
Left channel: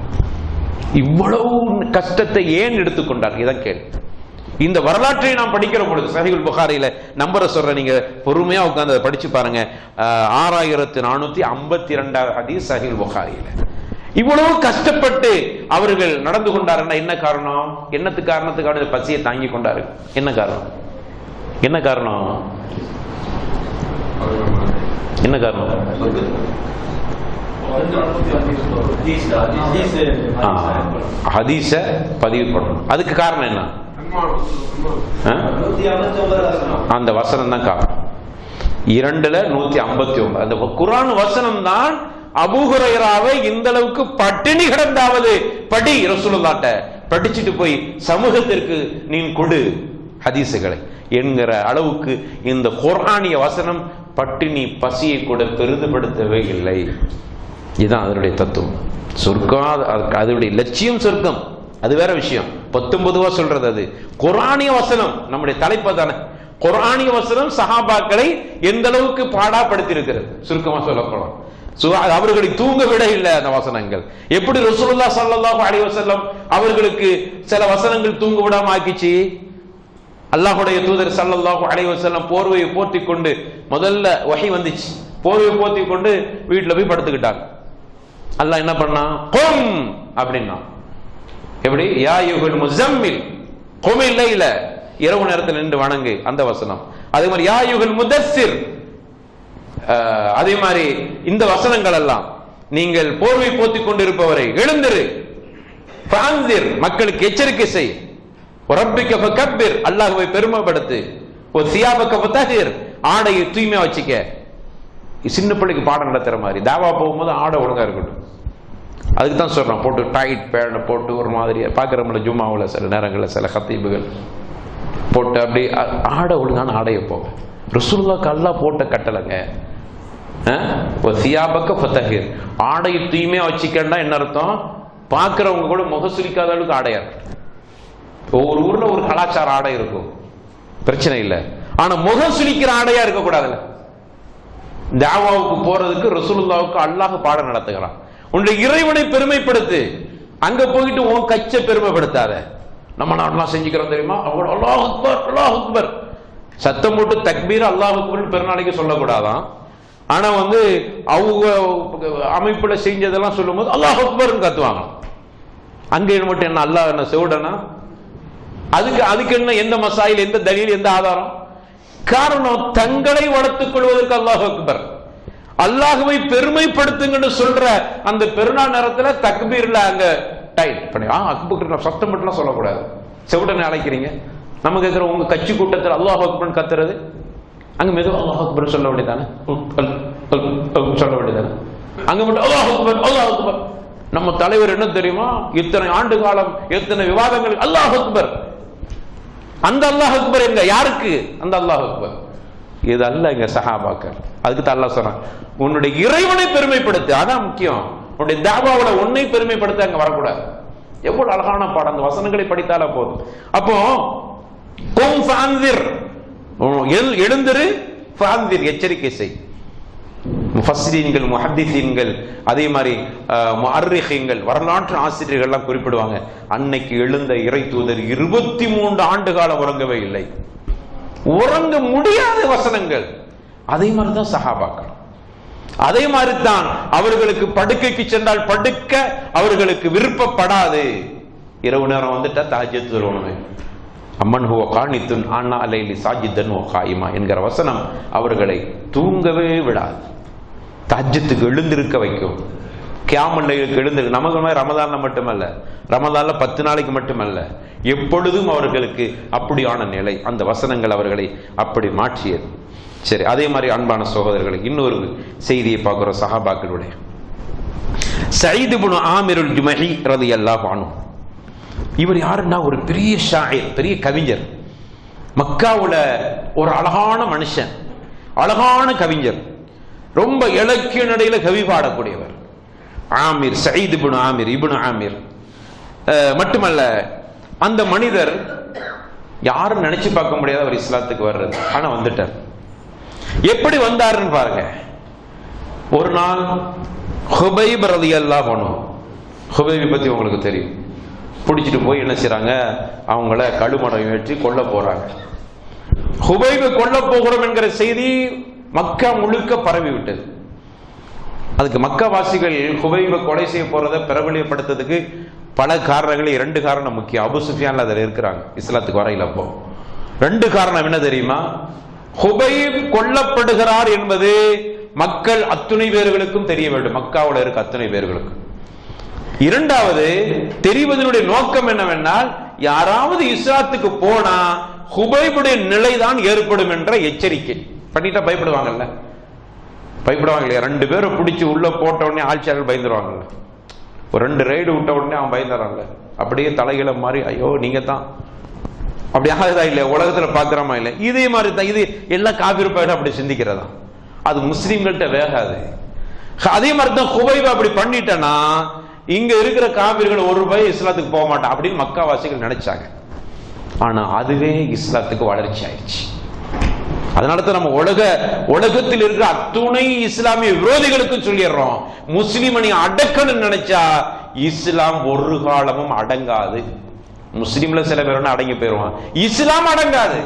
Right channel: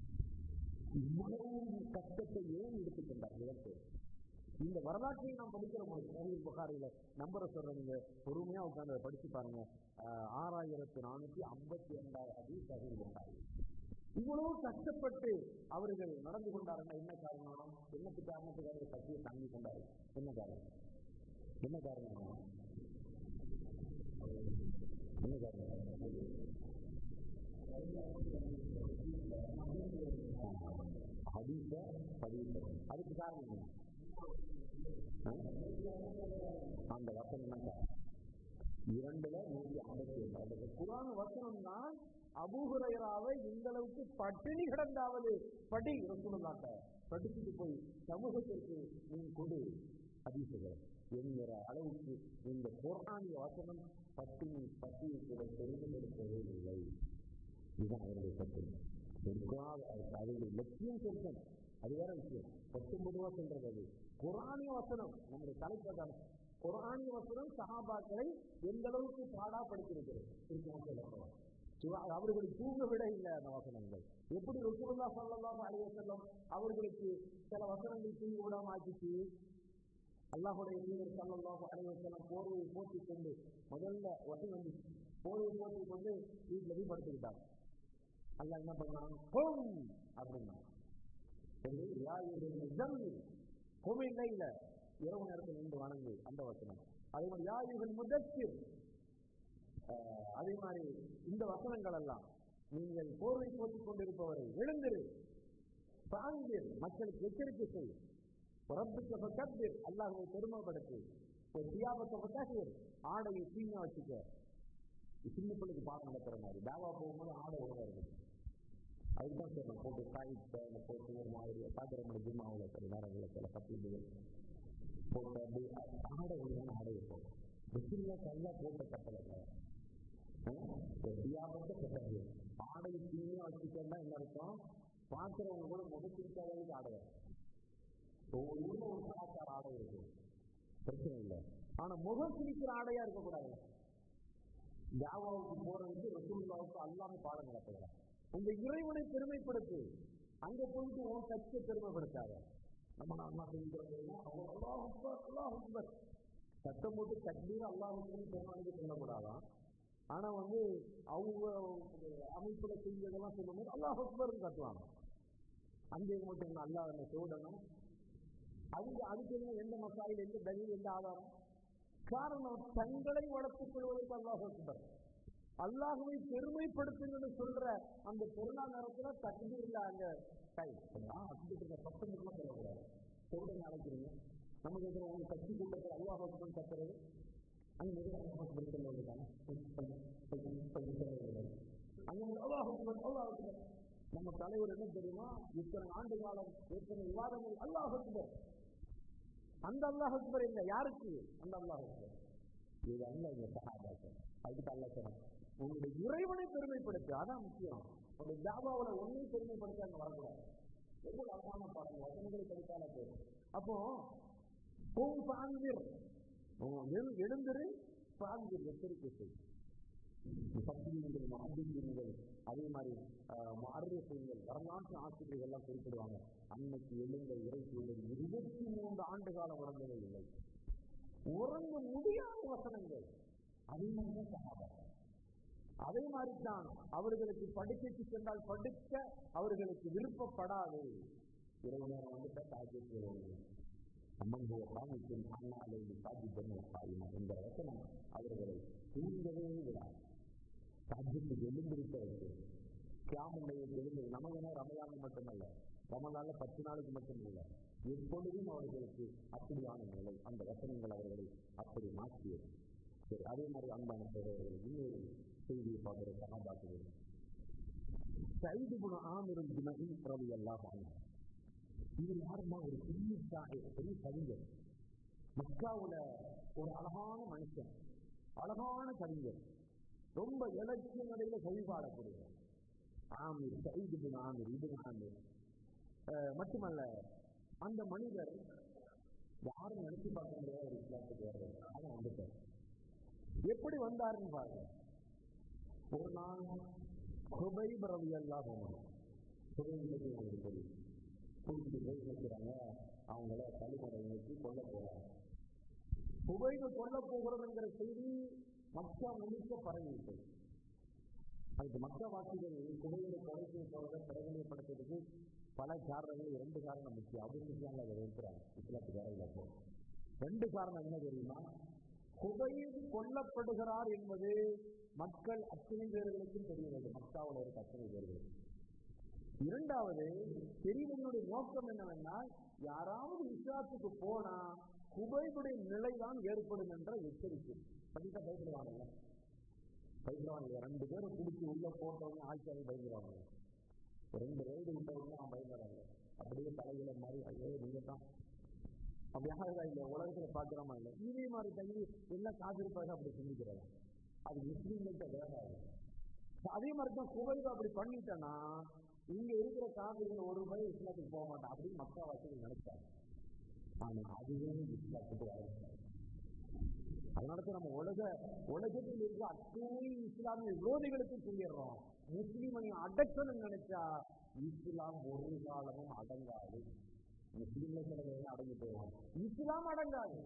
இவ்வளவு கஷ்டத்தை ஏன் எடுத்துக்கொண்டார்? இதான் கேள்வி. இந்த வரலாற்றை நாம் படிக்கிற பொழுது சஹீஹுல் புகாரியில நம்பரை சொல்ற, நீங்க பொறுமையா உட்கார்ந்து அதை படிச்சு பாருங்க. 6452 ஹதீஸ் சஹீஹுல் புகாரியில. இவ்வளவு கஷ்டப்பட்டு அவர்கள் நடந்து கொண்டாருன்னா என்ன காரணம்? காரணத்துக்காக பசியை தாங்கி கொண்டாரு. என்ன காரணம்? என்ன காரணம்? என்ன காரணம்? ஹதீஸ பதிவு பண்ணணும். அதுக்கு காரணம் என்ன? அந்த வசனம் தான் காரணம். 2:159 அந்த குர்ஆன் வசனம் தான் அபூ ஹுரைராவை இந்த அளவுக்கு பட்டினி கிடந்தாவது படி, ரசூலுல்லாஹ்ட்ட படிச்சுட்டு போய் சமூகத்திற்கு நீ கொடு ஹதீசுகளை என்கிற அளவுக்கு இந்த குர்ஆனிய வசனம் பட்டினி பசியை கூட பெரிதுபடுத்தவே இல்லை. இதுதான் அதனுடைய தத்துவம். சொர்க்கம் அதனுடைய லட்சியம் சொர்க்கம், அது வேற விஷயம். 19 சொல்றது அது குர்ஆனிய வசனம். நம்முடைய தலைப்பு தானே குர்ஆனிய வசனம். சஹாபாக்களை எந்த அளவுக்கு பாடாப்படுத்தி இருக்கிறது சுருக்கமா சொல்லப்படும். அவர்களை தூங்க விட இல்லை அந்த வசனங்கள். எப்படி ரசூலுல்லாஹ் ஸல்லல்லாஹு அலைஹி வஸல்லம் அவர்களுக்கு சில வசனங்கள் தூங்க விடாம ஆக்கிச்சு. அல்லாஹ்வுடைய தூதர் ஸல்லல்லாஹு அலைஹி வஸல்லம் போர்வையை போர்த்தி கொண்டு, முதல்ல வஹி வந்துச்சு, போர்வையை போர்த்தி கொண்டு வீட்டுல போய் படுத்துக்கிட்டாங்க. அல்லாஹ் என்ன பண்ணா, கும் அப்படின்னா, எப்படி யா அய்யுஹல் முஸம்மில் குமில் லைல, இரவு நேரத்தில் நின்று வணங்கு, அந்த வசனம். அதே மாதிரி யா அய்யுஹல் முதஸ்ஸிர், அதே மாதிரி இந்த வசனங்கள் எல்லாம், நீங்கள் போர்வை போத்திக் கொண்டிருப்பவரை எழுந்திரு, ஃபஅன்திர் மக்களுக்கு எச்சரிக்கை செய், ரப்பிக ஃபகப்பிர் அல்லாஹ்வை பெருமைப்படுத்து, வசியாபக ஃபதஹிர் ஆடையை தூய்மையா வச்சுக்க. சின்ன பிள்ளைக்கு பாடம் நடத்துற மாதிரி தாவா போகும்போது ஆடை ஒழுங்கா இருக்கட்டும். அதுக்கு தான் சொல்றான், போட்டு டைட் பேண்ட் போட்டு ஒரு மாதிரி பார்க்குறோம்ல ஜும்மாவில் சில நேரங்களில் சில கத்தீபுகள் போட்டு அப்படி ஆடை ஒழுங்கான ஆடையை போக. ரசூலுல்லாஹ் அல்லாஹ் போட்ட கட்டளைங்க. வசியாபக ஃபதஹிர் ஆடையை தூய்மையா வச்சுக்கன்னா என்ன அர்த்தம்? பார்க்கிறவங்க கூட முகசுலிக்காத அளவுக்கு ஆடையா இருக்கு. ஒவ்வொரு ஊர்ல ஒரு கலாச்சார ஆடை இருக்கும், பிரச்சனை இல்லை. ஆனா முகம் சுலிக்கிற ஆடையா இருக்கக்கூடாதுல்ல. தாவாவுக்கு போறதுக்கு ரசூலுல்லாஹ்வுக்கு அல்லாஹ் பாடம் நடத்துகிறான். உன்னுடைய இறைவனை பெருமைப்படுத்து, அங்க போயிட்டு உன் கச்ச பெருமைப்படுத்தாத. நம்ம நாட்டெல்லாம் செஞ்சுக்கிறோம் தெரியுமா, அவங்க அல்லாஹ் அக்பர் அல்லாஹ் அக்பர் சத்தம் போட்டு தக்பீர் அல்லாஹ் அக்பர் பெருநாளைக்கு சொல்லக்கூடாதான். ஆனா அவங்க அமைப்புல செஞ்சதெல்லாம் சொல்லும் போது அல்லாஹ் அக்பர்னு கத்துவாங்க. அங்க மட்டும் என்ன அல்லாஹ் என்ன செவிடனா? அதுக்கு என்ன, எந்த மசாயில், எந்த தலீல், எந்த ஆதாரம்? காரணம், தங்களை வளர்த்துக் கொள்வதற்கு அல்லாஹ் அக்பர், அல்லாஹ்வை பெருமைப்படுத்துங்கன்னு சொல்ற அந்த பெருநாள் நேரத்துல தக்பீர்ல அங்க டைட் பண்ணி அக்பர் சத்தம் மட்டும் சொல்லக்கூடாது. செவிடனை அழைக்கிறீங்க, நம்ம கேட்கிற உங்க கட்சி கூட்டத்தில் அல்லாஹ் அக்பர் கத்துறது, அங்க மெதுவா அல்லாஹ் அக்பர் சொல்ல வேண்டியதானே, சொல்ல வேண்டியதானே. அங்க மட்டும் அல்லாஹ் அக்பர் அல்லாஹ் அக்பர். நம்ம தலைவர் என்ன தெரியுமா, இத்தனை ஆண்டு காலம் எத்தனை விவாதங்கள் அல்லாஹ் அக்பர். அந்த அல்லாஹ் அக்பர் எங்க, யாருக்கு? அந்த அல்லாஹ் அக்பர் இது அல்ல இங்க சஹாபாக்கள். அதுக்கு தான் அல்லாஹ் சொல்றான், உன்னுடைய இறைவனை பெருமைப்படுத்து, அதான் முக்கியம். உன்னுடைய தாவாவோட உன்னை பெருமைப்படுத்த அங்க வரக்கூடாது. எவ்வளவு அழகான பாடம், அந்த வசனங்களை படித்தால போதும். அப்போ கும் ஃபஅன்திர், எழுந்திரு, ஃபஅன்திர் எச்சரிக்கை செய். முஃபஸ்ஸிரீன்கள், முஹத்திஸீன்கள், அதே மாதிரி முஅர்ரிஹீன்கள், வரலாற்று ஆசிரியர்கள் எல்லாம் குறிப்பிடுவாங்க, அன்னைக்கு எழுந்த இறை தூதர் 23 ஆண்டு காலம் உறங்கவே இல்லை. உறங்க முடியாத வசனங்கள். அதே மாதிரிதான் சஹாபாக்கள். அதே மாதிரி தான் அவர்களுக்கு படுக்கைக்கு சென்றால் படுக்க அவர்களுக்கு விருப்பப்படாது. இரவு நேரம் வந்துட்டா தஹஜ்ஜுத் தொழுவணுமே. அம்மன் ஹுவ கானித்துன் ஆனா அலைலி சாஜிதன் வ காயிமா என்கிற வசனம் அவர்களை தூங்கவே விடாது, தஹஜ்ஜுத்துக்கு எழுந்திருக்க வைக்கும். கியாமுல் லைலுக்கு எழுந்திரு. நமக்கு ரமதான்ல மட்டுமல்ல, ரமதான்ல 10 நாளைக்கு மட்டுமல்ல, எப்பொழுதும் அவர்களுக்கு அப்படியான நிலை. அந்த வசனங்கள் அவர்களை அப்படி மாற்றியது. சரி, அதே மாதிரி அன்பான சகோதரர்களை இன்னொரு செய்தியை பார்க்கிறோம். சஹாபாக்களுடைய சயீத் இப்னு ஆமிருல் ஜுமஹி ரலியல்லாஹு அன்ஹு, இவர் யாருன்னா ஒரு பெரிய ஷாயிர், பெரிய கவிஞர். மக்காவுல ஒரு அழகான மனுஷன், அழகான கவிஞர், ரொம்ப இலக்கிய நடையில கவி பாடக்கூடியவர். ஆமிர், சயீத் இப்னு ஆமிர், இப்னு ஆமிர் மட்டுமல்ல, அந்த மனிதர் யாரும் நினைச்சு பார்க்க முடியாத அவர் இஸ்லாத்துக்கு வர்றது. ஆனா வந்துட்டார். எப்படி வந்தாருன்னு பாருங்க. ஒரு நாள் ஹுபைப் ரலியல்லாஹு அன்ஹு, ஹுபைபை பத்தி உங்களுக்கு தெரியும், பிடிச்சிட்டு போய் என்ன செய்றாங்க, அவங்கள கழுமடம் ஏற்றி கொல்ல போறாங்க. ஹுபைபை கொல்ல போகிறோம் என்கிற செய்தி மக்கா முழுக்க பரவி விட்டது. அதுக்கு மக்கா வாசிகள் ஹுபைபை கொலை செய்ய போறதை பிரபலியப்படுத்துறதுக்கு பல காரணங்கள், 2 காரணம் முக்கியம். அபு சுஃபியான்ல அதில் இருக்கிறாங்க இஸ்லாத்துக்கு வரையில். அப்போ 2 காரணம் என்ன தெரியுமா? ஹுபைப் கொல்லப்படுகிறார் என்பது மக்கள் அத்துணை பேர்களுக்கும் தெரிய வேண்டும், மக்காவோட இருக்க அத்துணை பேர்களுக்கும். 2வது தெரிவதனுடைய நோக்கம் என்னவென்றால், யாராவது இஸ்லாத்துக்கு போனா ஹுபைபுடைய நிலைதான் ஏற்படும் என்ற எச்சரிக்கை பண்ணிட்டா பயப்படுவாங்கல்ல, பயப்படுவாங்க இல்லையா? 2 பேரை பிடிச்சி உள்ள போட்ட உடனே ஆட்சியாளர்கள் பயந்துருவாங்கல்ல. ஒரு 2 ரைடு விட்ட உடனே அவன் பயந்துறாங்க. அப்படியே தலைகளை மாறி, ஐயோ நீங்க தான், அப்படி ஆகுதா இல்லையா? உலகத்துல பாக்குறமா இல்லை? இதே மாதிரி தான் இது எல்லாம் காபிர் பயிர் அப்படி சிந்திக்கிறதா. அது முஸ்லீம்கள்ட்ட வேகாது. அதே மாதிரி தான் ஹுபைப் அப்படி பண்ணிட்டேன்னா இங்க இருக்கிற காபிர்கள் ஒரு ரூபாய் இஸ்லாத்துக்கு போக மாட்டான் அப்படின்னு மக்காவாசிகள் நினைச்சாங்க. ஆனா அதுவே இஸ்லாத்துக்கு வளர்ச்சி ஆயிடுச்சு. அதனால தான் நம்ம உலகத்தில் இருக்கிற அத்துணை இஸ்லாமிய விரோதிகளுக்கும் சொல்லிடுறோம், முஸ்லிமனை அடக்கணும்னு நினைச்சா இஸ்லாம் ஒரு காலமும் அடங்காது. முஸ்லிம்ல சில பேர் அடங்கி போயிருவான், இஸ்லாம் அடங்காது,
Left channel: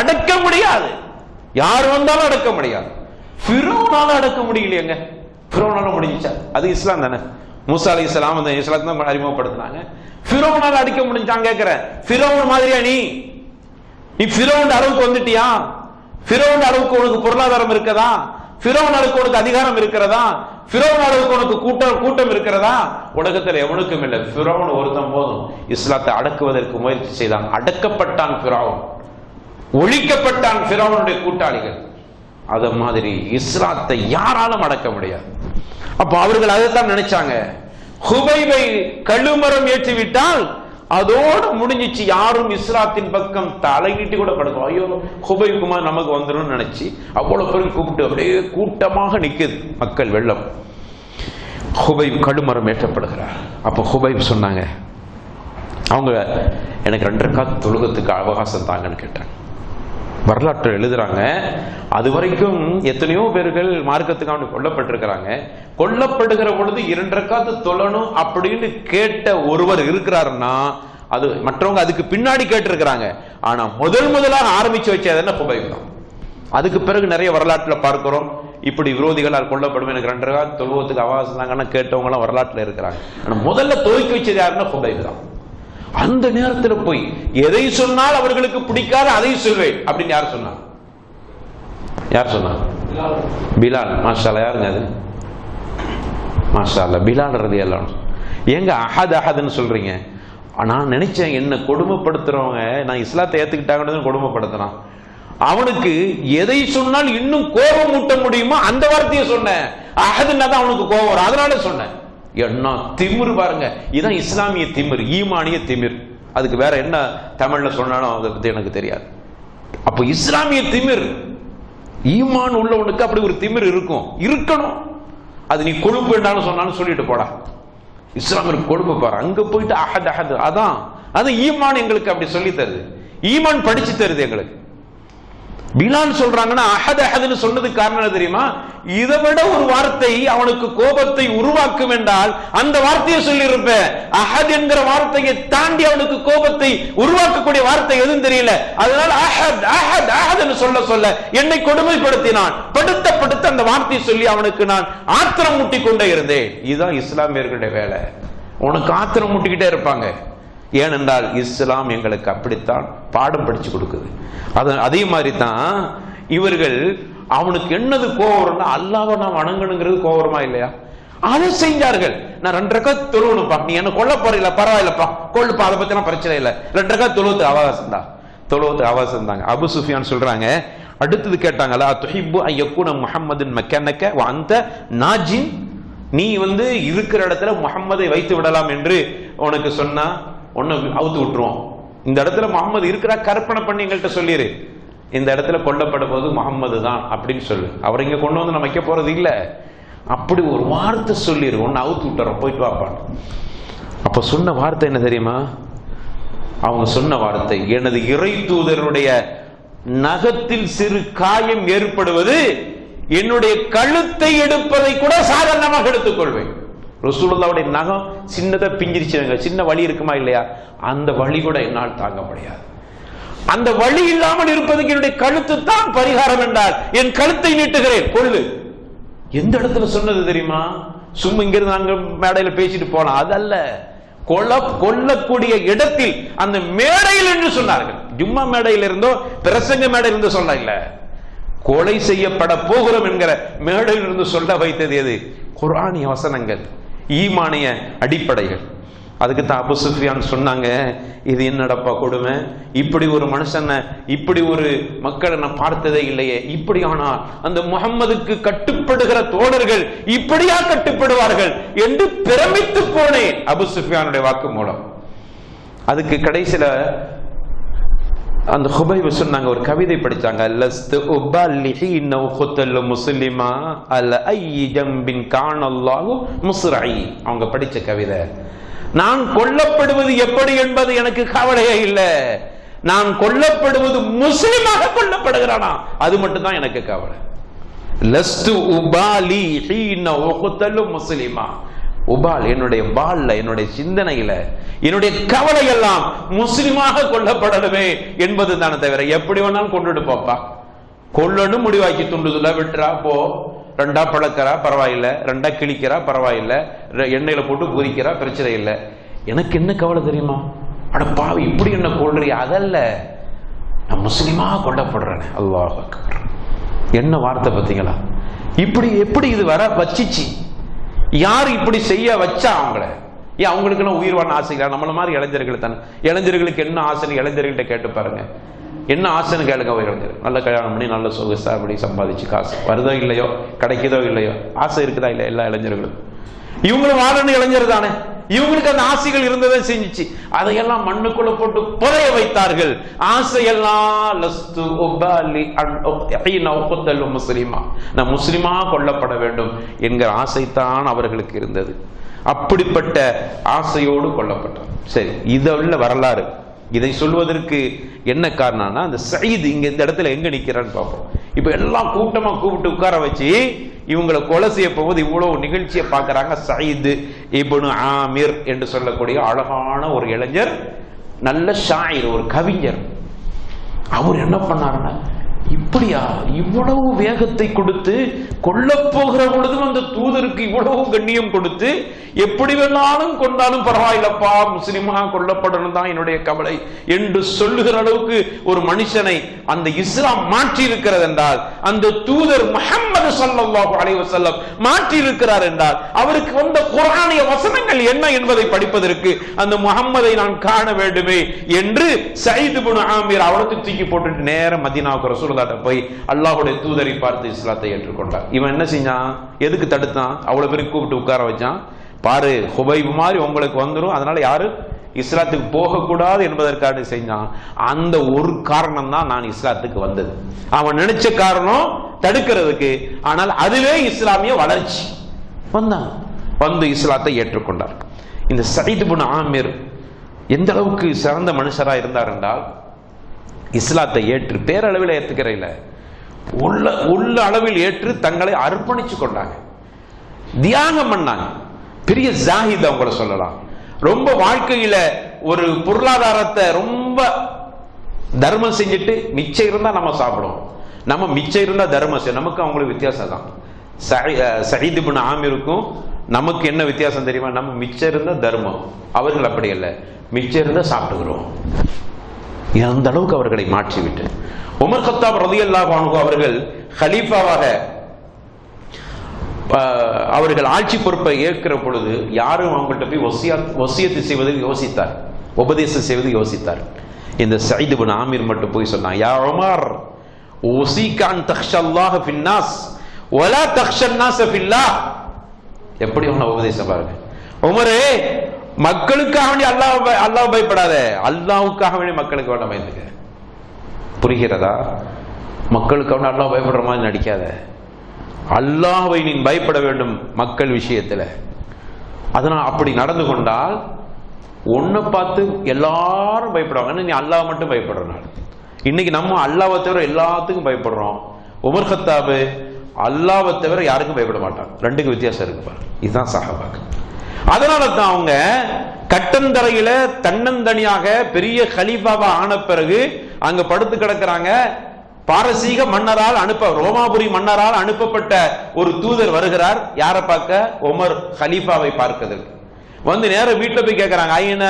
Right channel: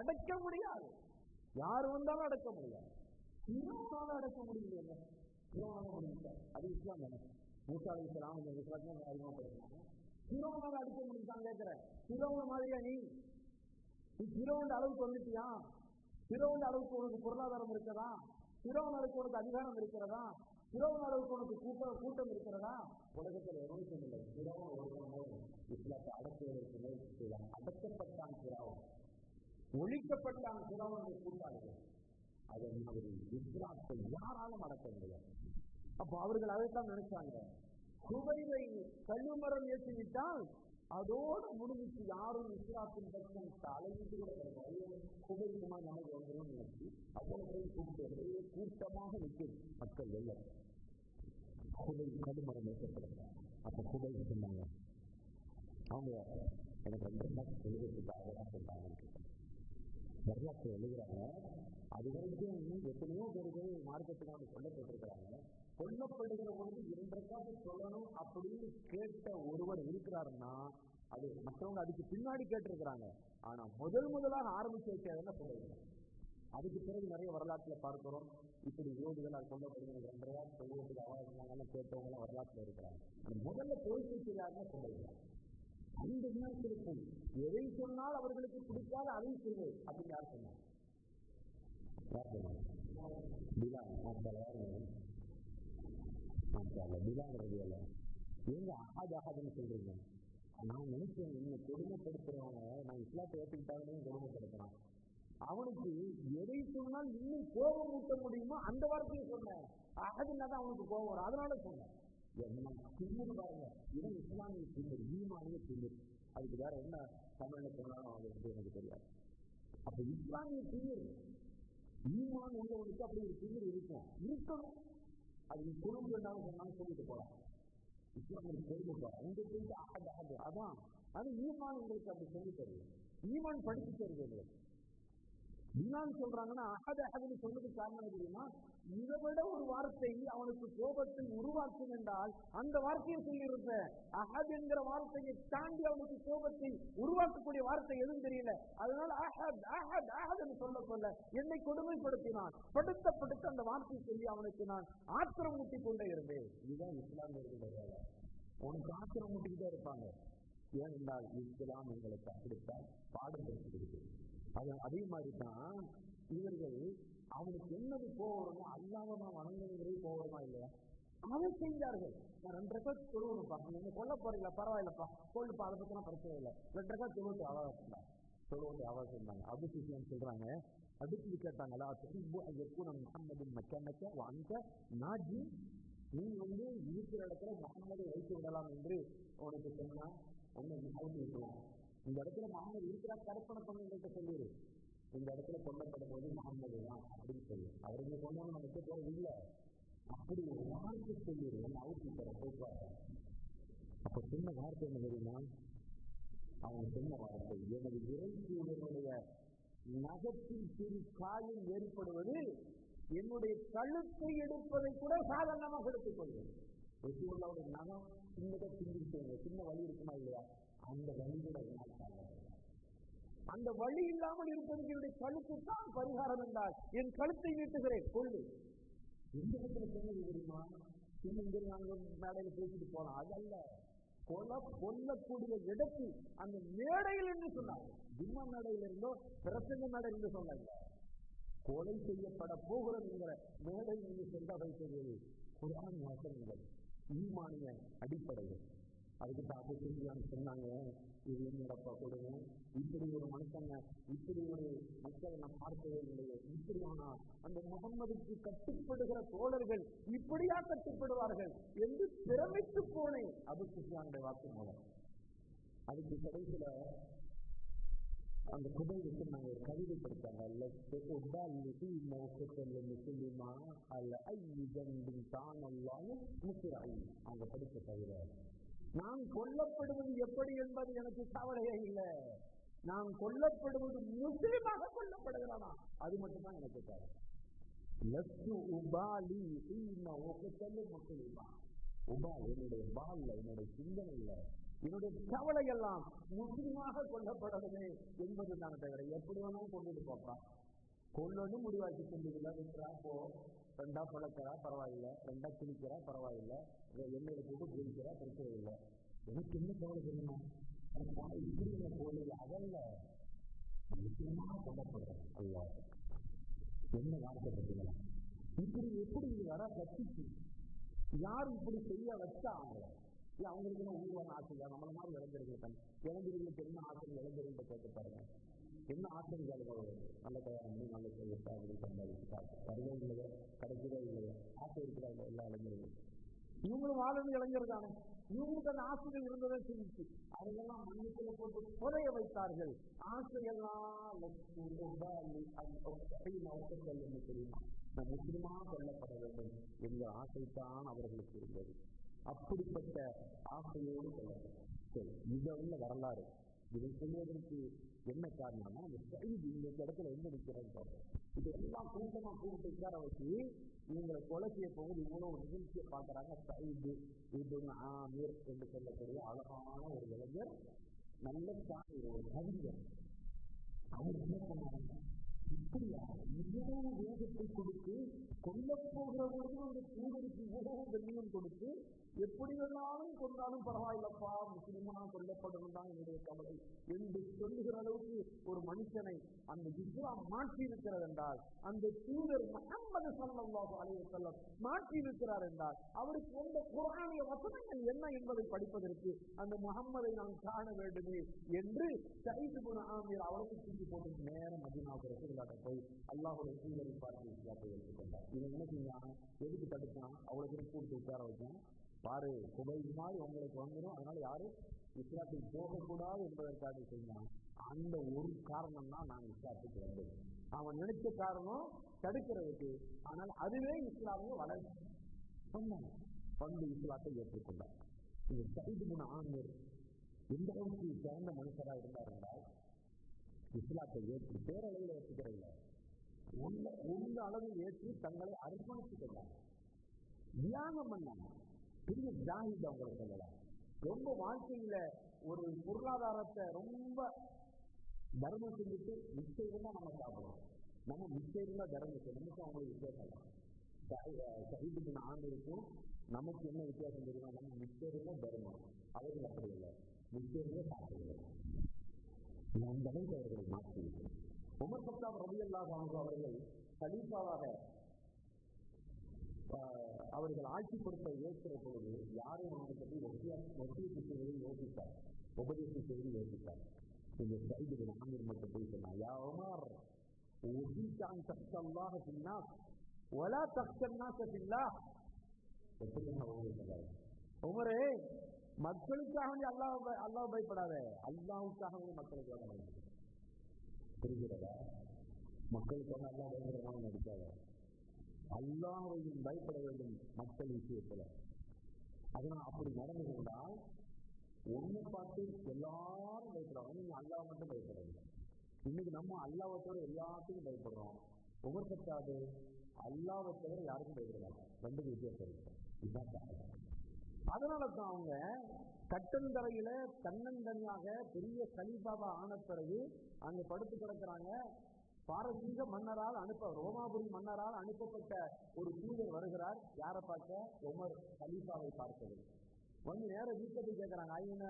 அடக்க முடியாது. யார் வந்தாலும் அடக்க முடியாது. ஃபிரௌனால அடக்க முடியலையேங்க. ஃபிரௌனால முடிஞ்சிச்சா? அது இஸ்லாம் தானே. மூசா அலைஹிஸ்ஸலாம் அந்த இஸ்லாத்தை தான் அறிமுகப்படுத்தினாங்க. ஃபிரௌனால அடிக்க முடிஞ்சாங்க கேட்கிறேன். ஃபிரௌன் மாதிரியா நீ ஃபிரௌன் அளவுக்கு வந்துட்டியா? ஃபிரௌன் அளவுக்கு உனக்கு பொருளாதாரம் இருக்கிறதா? ஃபிரௌன் அளவுக்கு உனக்கு அதிகாரம் இருக்கிறதா? ஃபிரௌன் அளவுக்கு உனக்கு கூட்டம் இருக்கிறதா? உலகத்தில் எவனுக்கும் இல்லை. ஃபிரௌன் ஒருத்தன் போதும் இஸ்லாத்தை அடக்குவதற்கு முயற்சி செய்தான். அடக்கப்பட்டான் ஃபிரௌன், ஒழிக்கப்பட்டான் ஃபிரௌனுடைய கூட்டாளிகள். அத மாதிரி இஸ்லாத்தை யாராலும் அடக்க முடியாது. அப்ப அவர்கள் அதைத்தான் நினைச்சாங்க. ஹுபைபை கழுமரம் ஏற்றிவிட்டால் அதோடு முடிஞ்சிச்சு. யாரும் இஸ்லாத்தின் பக்கம் தலையிட்டு கூட படுக்கும். ஐயோ ஹுபைப் குமார் நமக்கு வந்துடும் நினைச்சு அவ்வளவு பேரும் கூப்பிட்டு அப்படியே கூட்டமாக நிக்குது மக்கள் வெள்ளம். ஹுபைப் கழுமரம் ஏற்றப்படுகிறார். அப்ப ஹுபைப் சொன்னாங்க, அவங்க எனக்கு 2 ரக்காத் தொழுகத்துக்கு அவகாசம் தாங்கன்னு கேட்டாங்க. வரலாற்று எழுதுறாங்க, அது வரைக்கும் எத்தனையோ பேர்கள் மார்க்கத்துக்காக கொல்லப்பட்டிருக்கிறாங்க. கொல்லப்படுகிற பொழுது 2 ரக்காத்து தொழணும் அப்படின்னு கேட்ட ஒருவர் இருக்கிறாருன்னா அது மற்றவங்க அதுக்கு பின்னாடி கேட்டிருக்கிறாங்க. ஆனா முதலாக ஆரம்பிச்சு வச்சது என்ன? ஹுபைப் தான். அதுக்கு பிறகு நிறைய வரலாற்றுல பார்க்கிறோம், இப்படி விரோதிகளால் கொல்லப்படும் எனக்கு 2 ரக்காத் தொழுவத்துக்கு அவகாசம் தாங்கன்னா கேட்டவங்க எல்லாம் வரலாற்றுல இருக்கிறாங்க. ஆனா முதல்ல துவக்கி வச்சது யாருன்னா ஹுபைப் தான். அந்த நேரத்தில் போய் எதை சொன்னால் அவர்களுக்கு பிடிக்காத அதை சொல்வேன் அப்படின்னு யார் சொன்னார்? பிலால். மாஷா அல்லாஹ். யாருங்க அது? மாஷா அல்லாஹ், பிலால் ரலியல்லாஹு அன்ஹு. ஏங்க அஹதுன்னு சொல்றீங்க? நான் நினைச்சேன் என்ன கொடுமைப்படுத்துறவங்க நான் இஸ்லாத்தை ஏத்துக்கிட்டாங்கன்னு கொடுமைப்படுத்துறான். அவனுக்கு எதை சொன்னால் இன்னும் கோபம் ஊட்ட முடியுமோ அந்த வார்த்தையை சொன்னேன். அஹதுன்னா தான் அவனுக்கு கோபம் வரும், அதனால சொன்னேன். என்ன திமிர் பாருங்க, இதுதான் இஸ்லாமிய திமிர், ஈமானிய திமிர். அதுக்கு வேற என்ன தமிழ்ல சொன்னாலும் அதை பத்தி எனக்கு தெரியாது. அப்ப இஸ்லாமிய திமிர், ஈமான் உள்ளவனுக்கு அப்படி ஒரு திமிர் இருக்கணும். அது நீ கொழுப்பு என்றாலும் சொன்னாலும் சொல்லிட்டு போடா. இஸ்லாமிற்கு கொழுப்பு பாரு, அங்க போயிட்டு அஹத் அதான் அது ஈமான் எங்களுக்கு அப்படி சொல்லி தருது, ஈமான் படிச்சு தருது எங்களுக்கு. பிலால் சொல்றாங்கன்னா அஹதுன்னு சொன்னதுக்கு காரணம் தெரியுமா? இதை விட ஒரு வார்த்தை அவனுக்கு கோபத்தை உருவாக்கும் என்றால் அந்த வார்த்தையை சொல்லி இருப்பேன். அஹத் என்கிற வார்த்தையை தாண்டி அவனுக்கு கோபத்தை உருவாக்கக்கூடிய வார்த்தை எதுவும் தெரியல. அதனால அஹத் சொல்ல என்னை கொடுமைப்படுத்தினான். படுத்த அந்த வார்த்தையை சொல்லி அவனுக்கு நான் ஆத்திரம் மூட்டி கொண்டே இருந்தேன். இதுதான் இஸ்லாமியர்களுடைய வேலை. உனக்கு ஆத்திரம் மூட்டிக்கிட்டே இருப்பாங்க. ஏனென்றால் இஸ்லாம் எங்களுக்கு அப்படித்தான் பாடம் படிச்சு கொடுக்குது. அதே மாதிரி தான் இவர்கள் அவனுக்கு என்னது கோவம்னா அல்லாஹ்வை நான் வணங்கணுங்கிறது கோவமா இல்லையா? அதை செஞ்சார்கள். நான் 2 ரக்காத் தொழுவணுப்பா, நீ என்ன கொல்ல போறீங்களா பரவாயில்லப்பா, கொள்ளுப்பா, அதை பத்தினா பிரச்சனை இல்லை, 2 ரக்காத் தொழுவத்துக்கு அவகாசம் தாங்க. அபு சுஃபியான் சொல்றாங்க, அடுத்தது கேட்டாங்களா துஹிப்பு அன் யகுன முஹம்மதுன் மக்கனக வ அன்த நாஜின், நீ இருக்கிற இடத்துல முஹம்மதை வைத்து விடலாம் என்று உனக்கு சொன்னா ஒன்னு அவுத்து விட்டுருவோம். இந்த இடத்துல முகமது இருக்கிறா கற்பனை பண்ணி எங்கள்கிட்ட சொல்லிரு, இந்த இடத்துல கொல்லப்படும் போது முகம்மது தான் அப்படின்னு சொல்லு, அவரை இங்க கொண்டு வந்து நம்ம வைக்க போறது இல்ல, அப்படி ஒரு வார்த்தை சொல்லிரு, ஒன்னு அவுத்து விட்டுறோம், போயிட்டு வாப்பான். அப்ப சொன்ன வார்த்தை என்ன தெரியுமா? அவங்க சொன்ன வார்த்தை, எனது இறை தூதருடைய நகத்தில் சிறு காயம் ஏற்படுவது என்னுடைய கழுத்தை எடுப்பதை கூட சாதாரணமாக எடுத்துக்கொள்வேன். ரசூலுல்லாஹ்வுடைய நகம் சின்னதா பிஞ்சிருச்சுங்க, சின்ன வலி இருக்குமா இல்லையா? அந்த வலி கூட என்னால் தாங்க முடியாது. அந்த வலி இல்லாமல் இருப்பதுக்கு என்னுடைய கழுத்து தான் பரிகாரம் என்றால் என் கழுத்தை நீட்டுகிறேன், கொள்ளு. எந்த இடத்துல சொன்னது தெரியுமா? சும்மா இங்கிருந்து அங்க மேடையில பேசிட்டு போலாம், அதல்ல, கொல்லக்கூடிய இடத்தில் அந்த மேடையில் என்று சொன்னார்கள். ஜும்மா மேடையில் இருந்தோ பிரசங்க மேடையில் இருந்து சொல்ல இல்ல, கொலை செய்யப்பட போகிறோம் என்கிற மேடையில் இருந்து சொல்ல வைத்தது எது? குர்ஆனிய வசனங்கள், ஈமானிய அடிப்படைகள். அதுக்கு தான் அபு சுஃபியான் சொன்னாங்க, இது என்னடப்பா கொடுமை, இப்படி ஒரு மனுஷனை, இப்படி ஒரு மக்களை நான் பார்த்ததே இல்லையே, இப்படி ஆனால் அந்த முஹம்மதுக்கு கட்டுப்படுகிற தோழர்கள் இப்படியா கட்டுப்படுவார்கள் என்று பிரமித்து போனேன். அபு சுஃபியானுடைய வாக்கு மூலம். அதுக்கு கடைசியில அந்த ஹுபைப் சொன்னாங்க, ஒரு கவிதை படிச்சாங்க, லஸ்து உபல்லிஹி இன்னஹு குத்தல் முஸ்லிமா அல் ஐ ஜம்பின் கானல்லாஹு முஸ்ரஇ. அவங்க படிச்ச கவிதை, நான் கொல்லப்படுவது எப்படி என்பது எனக்கு கவலையே இல்லை, நான் கொல்லப்படுவது முஸ்லிமாக கொல்லப்படுகிறானா அது மட்டும் தான் எனக்கு கவலை. லஸ்து உபாலி ஹீன உக்தலு முஸ்லிமா. உபால் என்னுடைய பால்ல, என்னுடைய சிந்தனையில, என்னுடைய கவலை எல்லாம் முஸ்லிமாக கொல்லப்படணுமே என்பது தானே தவிர எப்படி வேணாலும் கொண்டுட்டு போப்பா, கொல்லணும் முடிவாக்கி துண்டுதுல விட்டுறா போ, ரெண்டா பழக்கிறா பரவாயில்லை, ரெண்டா கிழிக்கிறா பரவாயில்லை, எண்ணெயில போட்டு பொரிக்கிறா பிரச்சனை இல்லை, எனக்கு என்ன கவலை தெரியுமா, அட பாவி இப்படி என்ன கொள்றியா, அதல்ல, நான் முஸ்லிமா கொல்லப்படுறேன். அல்லாஹ் அக்பர். என்ன வார்த்தை பார்த்தீங்களா? இப்படி எப்படி இது வர வச்சிச்சு, யார் இப்படி செய்ய வச்சா அவங்கள? ஏன் அவங்களுக்குலாம் உயிர்வான ஆசைகளா? நம்மள மாதிரி இளைஞர்கள் தானே. இளைஞர்களுக்கு என்ன ஆசைன்னு இளைஞர்கள்ட்ட கேட்டு பாருங்க, என்ன ஆசைன்னு கேளுங்க. இளைஞர் நல்ல கல்யாணம் பண்ணி நல்ல சொகுசா அப்படி சம்பாதிச்சு காசு வருதோ இல்லையோ, கிடைக்குதோ இல்லையோ, ஆசை இருக்குதா இல்லை? எல்லா இளைஞர்களும் இவங்களும் வாழணும் இளைஞர் தானே, இவங்களுக்கு அந்த ஆசைகள் இருந்ததை செஞ்சிச்சு, அதையெல்லாம் மண்ணுக்குள்ள போட்டு புதைய வைத்தார்கள். ஆசையெல்லாம் லஸ்து உபாலி முஸ்லிமா, நான் முஸ்லிமா கொல்லப்பட வேண்டும் என்கிற ஆசைத்தான் அவர்களுக்கு இருந்தது. அப்படிப்பட்ட ஆசையோடு கொல்லப்பட்டார். சரி, இதில் வரலாறு. இதை சொல்வதற்கு என்ன காரணம்னா, அந்த சயீத் இங்க இந்த இடத்துல எங்க நிக்கிறான்னு பார்ப்போம். இப்ப எல்லாம் கூட்டமா கூப்பிட்டு உட்கார வச்சு இவங்களை கொலை செய்ய போவது இவ்வளவு நிகழ்ச்சியை பார்க்கறாங்க. சயீத் இப்னு ஆமிர் என்று சொல்லக்கூடிய அழகான ஒரு இளைஞர், நல்ல ஷாயிர், ஒரு கவிஞர். அவர் என்ன பண்ணாருன்னா, இப்படியா இவ்வளவு வேகத்தை கொடுத்து கொல்ல போகிற பொழுதும் அந்த தூதருக்கு இவ்வளவு கண்ணியம் கொடுத்து, எப்படி வேணாலும் கொண்டாலும் பரவாயில்லப்பா, முஸ்லிமா கொல்லப்படணும் தான் என்னுடைய கவலை என்று சொல்லுகிற அளவுக்கு ஒரு மனுஷனை அந்த இஸ்லாம் மாற்றி இருக்கிறது என்றால், அந்த தூதர் முஹம்மது ஸல்லல்லாஹு அலைஹி வஸல்லம் மாற்றி இருக்கிறார் என்றால், அவருக்கு வந்த குர்ஆனிய வசனங்கள் என்ன என்பதை படிப்பதற்கு அந்த முஹம்மதை நான் காண வேண்டுமே என்று சயீத் இப்னு ஆமிர் அவளத்தை தூக்கி போட்டுட்டு நேர மதீனாவுக்கு ரசூலுல்லாஹ் போய் அல்லாஹ்வுடைய தூதரை பார்த்து இஸ்லாத்தை ஏற்றுக்கொண்டார். இவன் என்ன செஞ்சான்? எதுக்கு தடுத்தான்? அவ்வளவு பேருக்கு கூப்பிட்டு உட்கார வச்சான். பாரு, ஹுபைப் மாதிரி உங்களுக்கு வந்துடும், அதனால யாரு இஸ்லாத்துக்கு போகக்கூடாது என்பதற்காக செஞ்சான். அந்த ஒரு காரணம் தான் நான் இஸ்லாத்துக்கு வந்தது. அவன் நினைச்ச காரணம் தடுக்கிறதுக்கு, ஆனால் அதுவே இஸ்லாமிய வளர்ச்சி. வந்தான், வந்து இஸ்லாத்தை ஏற்றுக்கொண்டார். இந்த சயீத் இப்னு ஆமிர் எந்த அளவுக்கு சிறந்த மனுஷராக இருந்தார் என்றால், இஸ்லாத்தை ஏற்று பேரளவில் ஏற்றுக்கிறையில உள்ள அளவில் ஏற்று தங்களை அர்ப்பணிச்சு கொண்டாங்க, தியாகம் பண்ணாங்க. பெரிய ஜாஹித் அவங்கள சொல்லலாம். ரொம்ப வாழ்க்கையில ஒரு பொருளாதாரத்தை ரொம்ப தர்மம் செஞ்சுட்டு மிச்சம் இருந்தா நம்ம சாப்பிடுவோம், நம்ம மிச்சம் இருந்தா தர்மம் செய்யும். நமக்கு அவங்களுக்கு வித்தியாசம் தான். சயீத் இப்னு ஆமிருக்கும் நமக்கு என்ன வித்தியாசம் தெரியுமா? நம்ம மிச்சம் இருந்தா தர்மம், அவர்கள் அப்படி இல்லை, மிச்சம் இருந்தா சாப்பிட்டுக்கிறோம். அந்த அளவுக்கு அவர்களை மாற்றிவிட்டு உமர் கத்தாப் ரலியல்லாஹு அன்ஹு அவர்கள் கலீஃபாவாக அவர்கள் ஆட்சி பொறுப்பை ஏற்கிற பொழுது யாரும் அவங்கள்ட்ட போய் வசியத்து செய்வதற்கு யோசித்தார், உபதேசம் செய்வது யோசித்தார். இந்த சயீத் இப்னு ஆமிர் மட்டும் போய் சொன்னாங்க, யா உமர் உஸீக அன் தக்ஷல்லாஹ ஃபின்னாஸ் வலா தக்ஷன்னாஸ ஃபில்லாஹ். எப்படி அவன உபதேசம் பாருங்க. உமரே, மக்களுக்காக வேண்டி அல்லாஹ் பயப்படாத, அல்லாஹ்வுக்காக வேண்டி மக்களுக்கு வேண்டாம் பயந்துக்க. புரிகிறதா? மக்களுக்காக வேண்டி அல்லாஹ் பயப்படுற மாதிரி நடிக்காத, அல்லாஹ்வை நீ பயப்பட வேண்டும் மக்கள் விஷயத்துல. அதனால் அப்படி நடந்து கொண்டால் ஒன்னை பார்த்து எல்லாரும் பயப்படுவாங்க, நீ அல்லாஹ் மட்டும் பயப்படுறனால. இன்னைக்கு நம்ம அல்லாஹ்வை தவிர எல்லாத்துக்கும் பயப்படுறோம். உமர் கத்தாப் அல்லாஹ்வை தவிர யாருக்கும் பயப்பட மாட்டாங்க. ரெண்டுக்கு வித்தியாசம் இருக்கு பாரு. இதுதான் சஹாபாக்கள். அதனால தான் அவங்க கட்டந்தரையில தன்னந்தனியாக பெரிய கலீஃபாவா ஆன பிறகு அங்க படுத்து கிடக்கிறாங்க. பாரசீக மன்னரால் ரோமாபுரி மன்னரால் அனுப்பப்பட்ட ஒரு தூதர் வருகிறார். யாரை பார்க்க? உமர் கலீஃபாவை பார்க்கிறதுக்கு. வந்து நேரம் வீட்டுல போய் கேட்கிறாங்க, ஐயன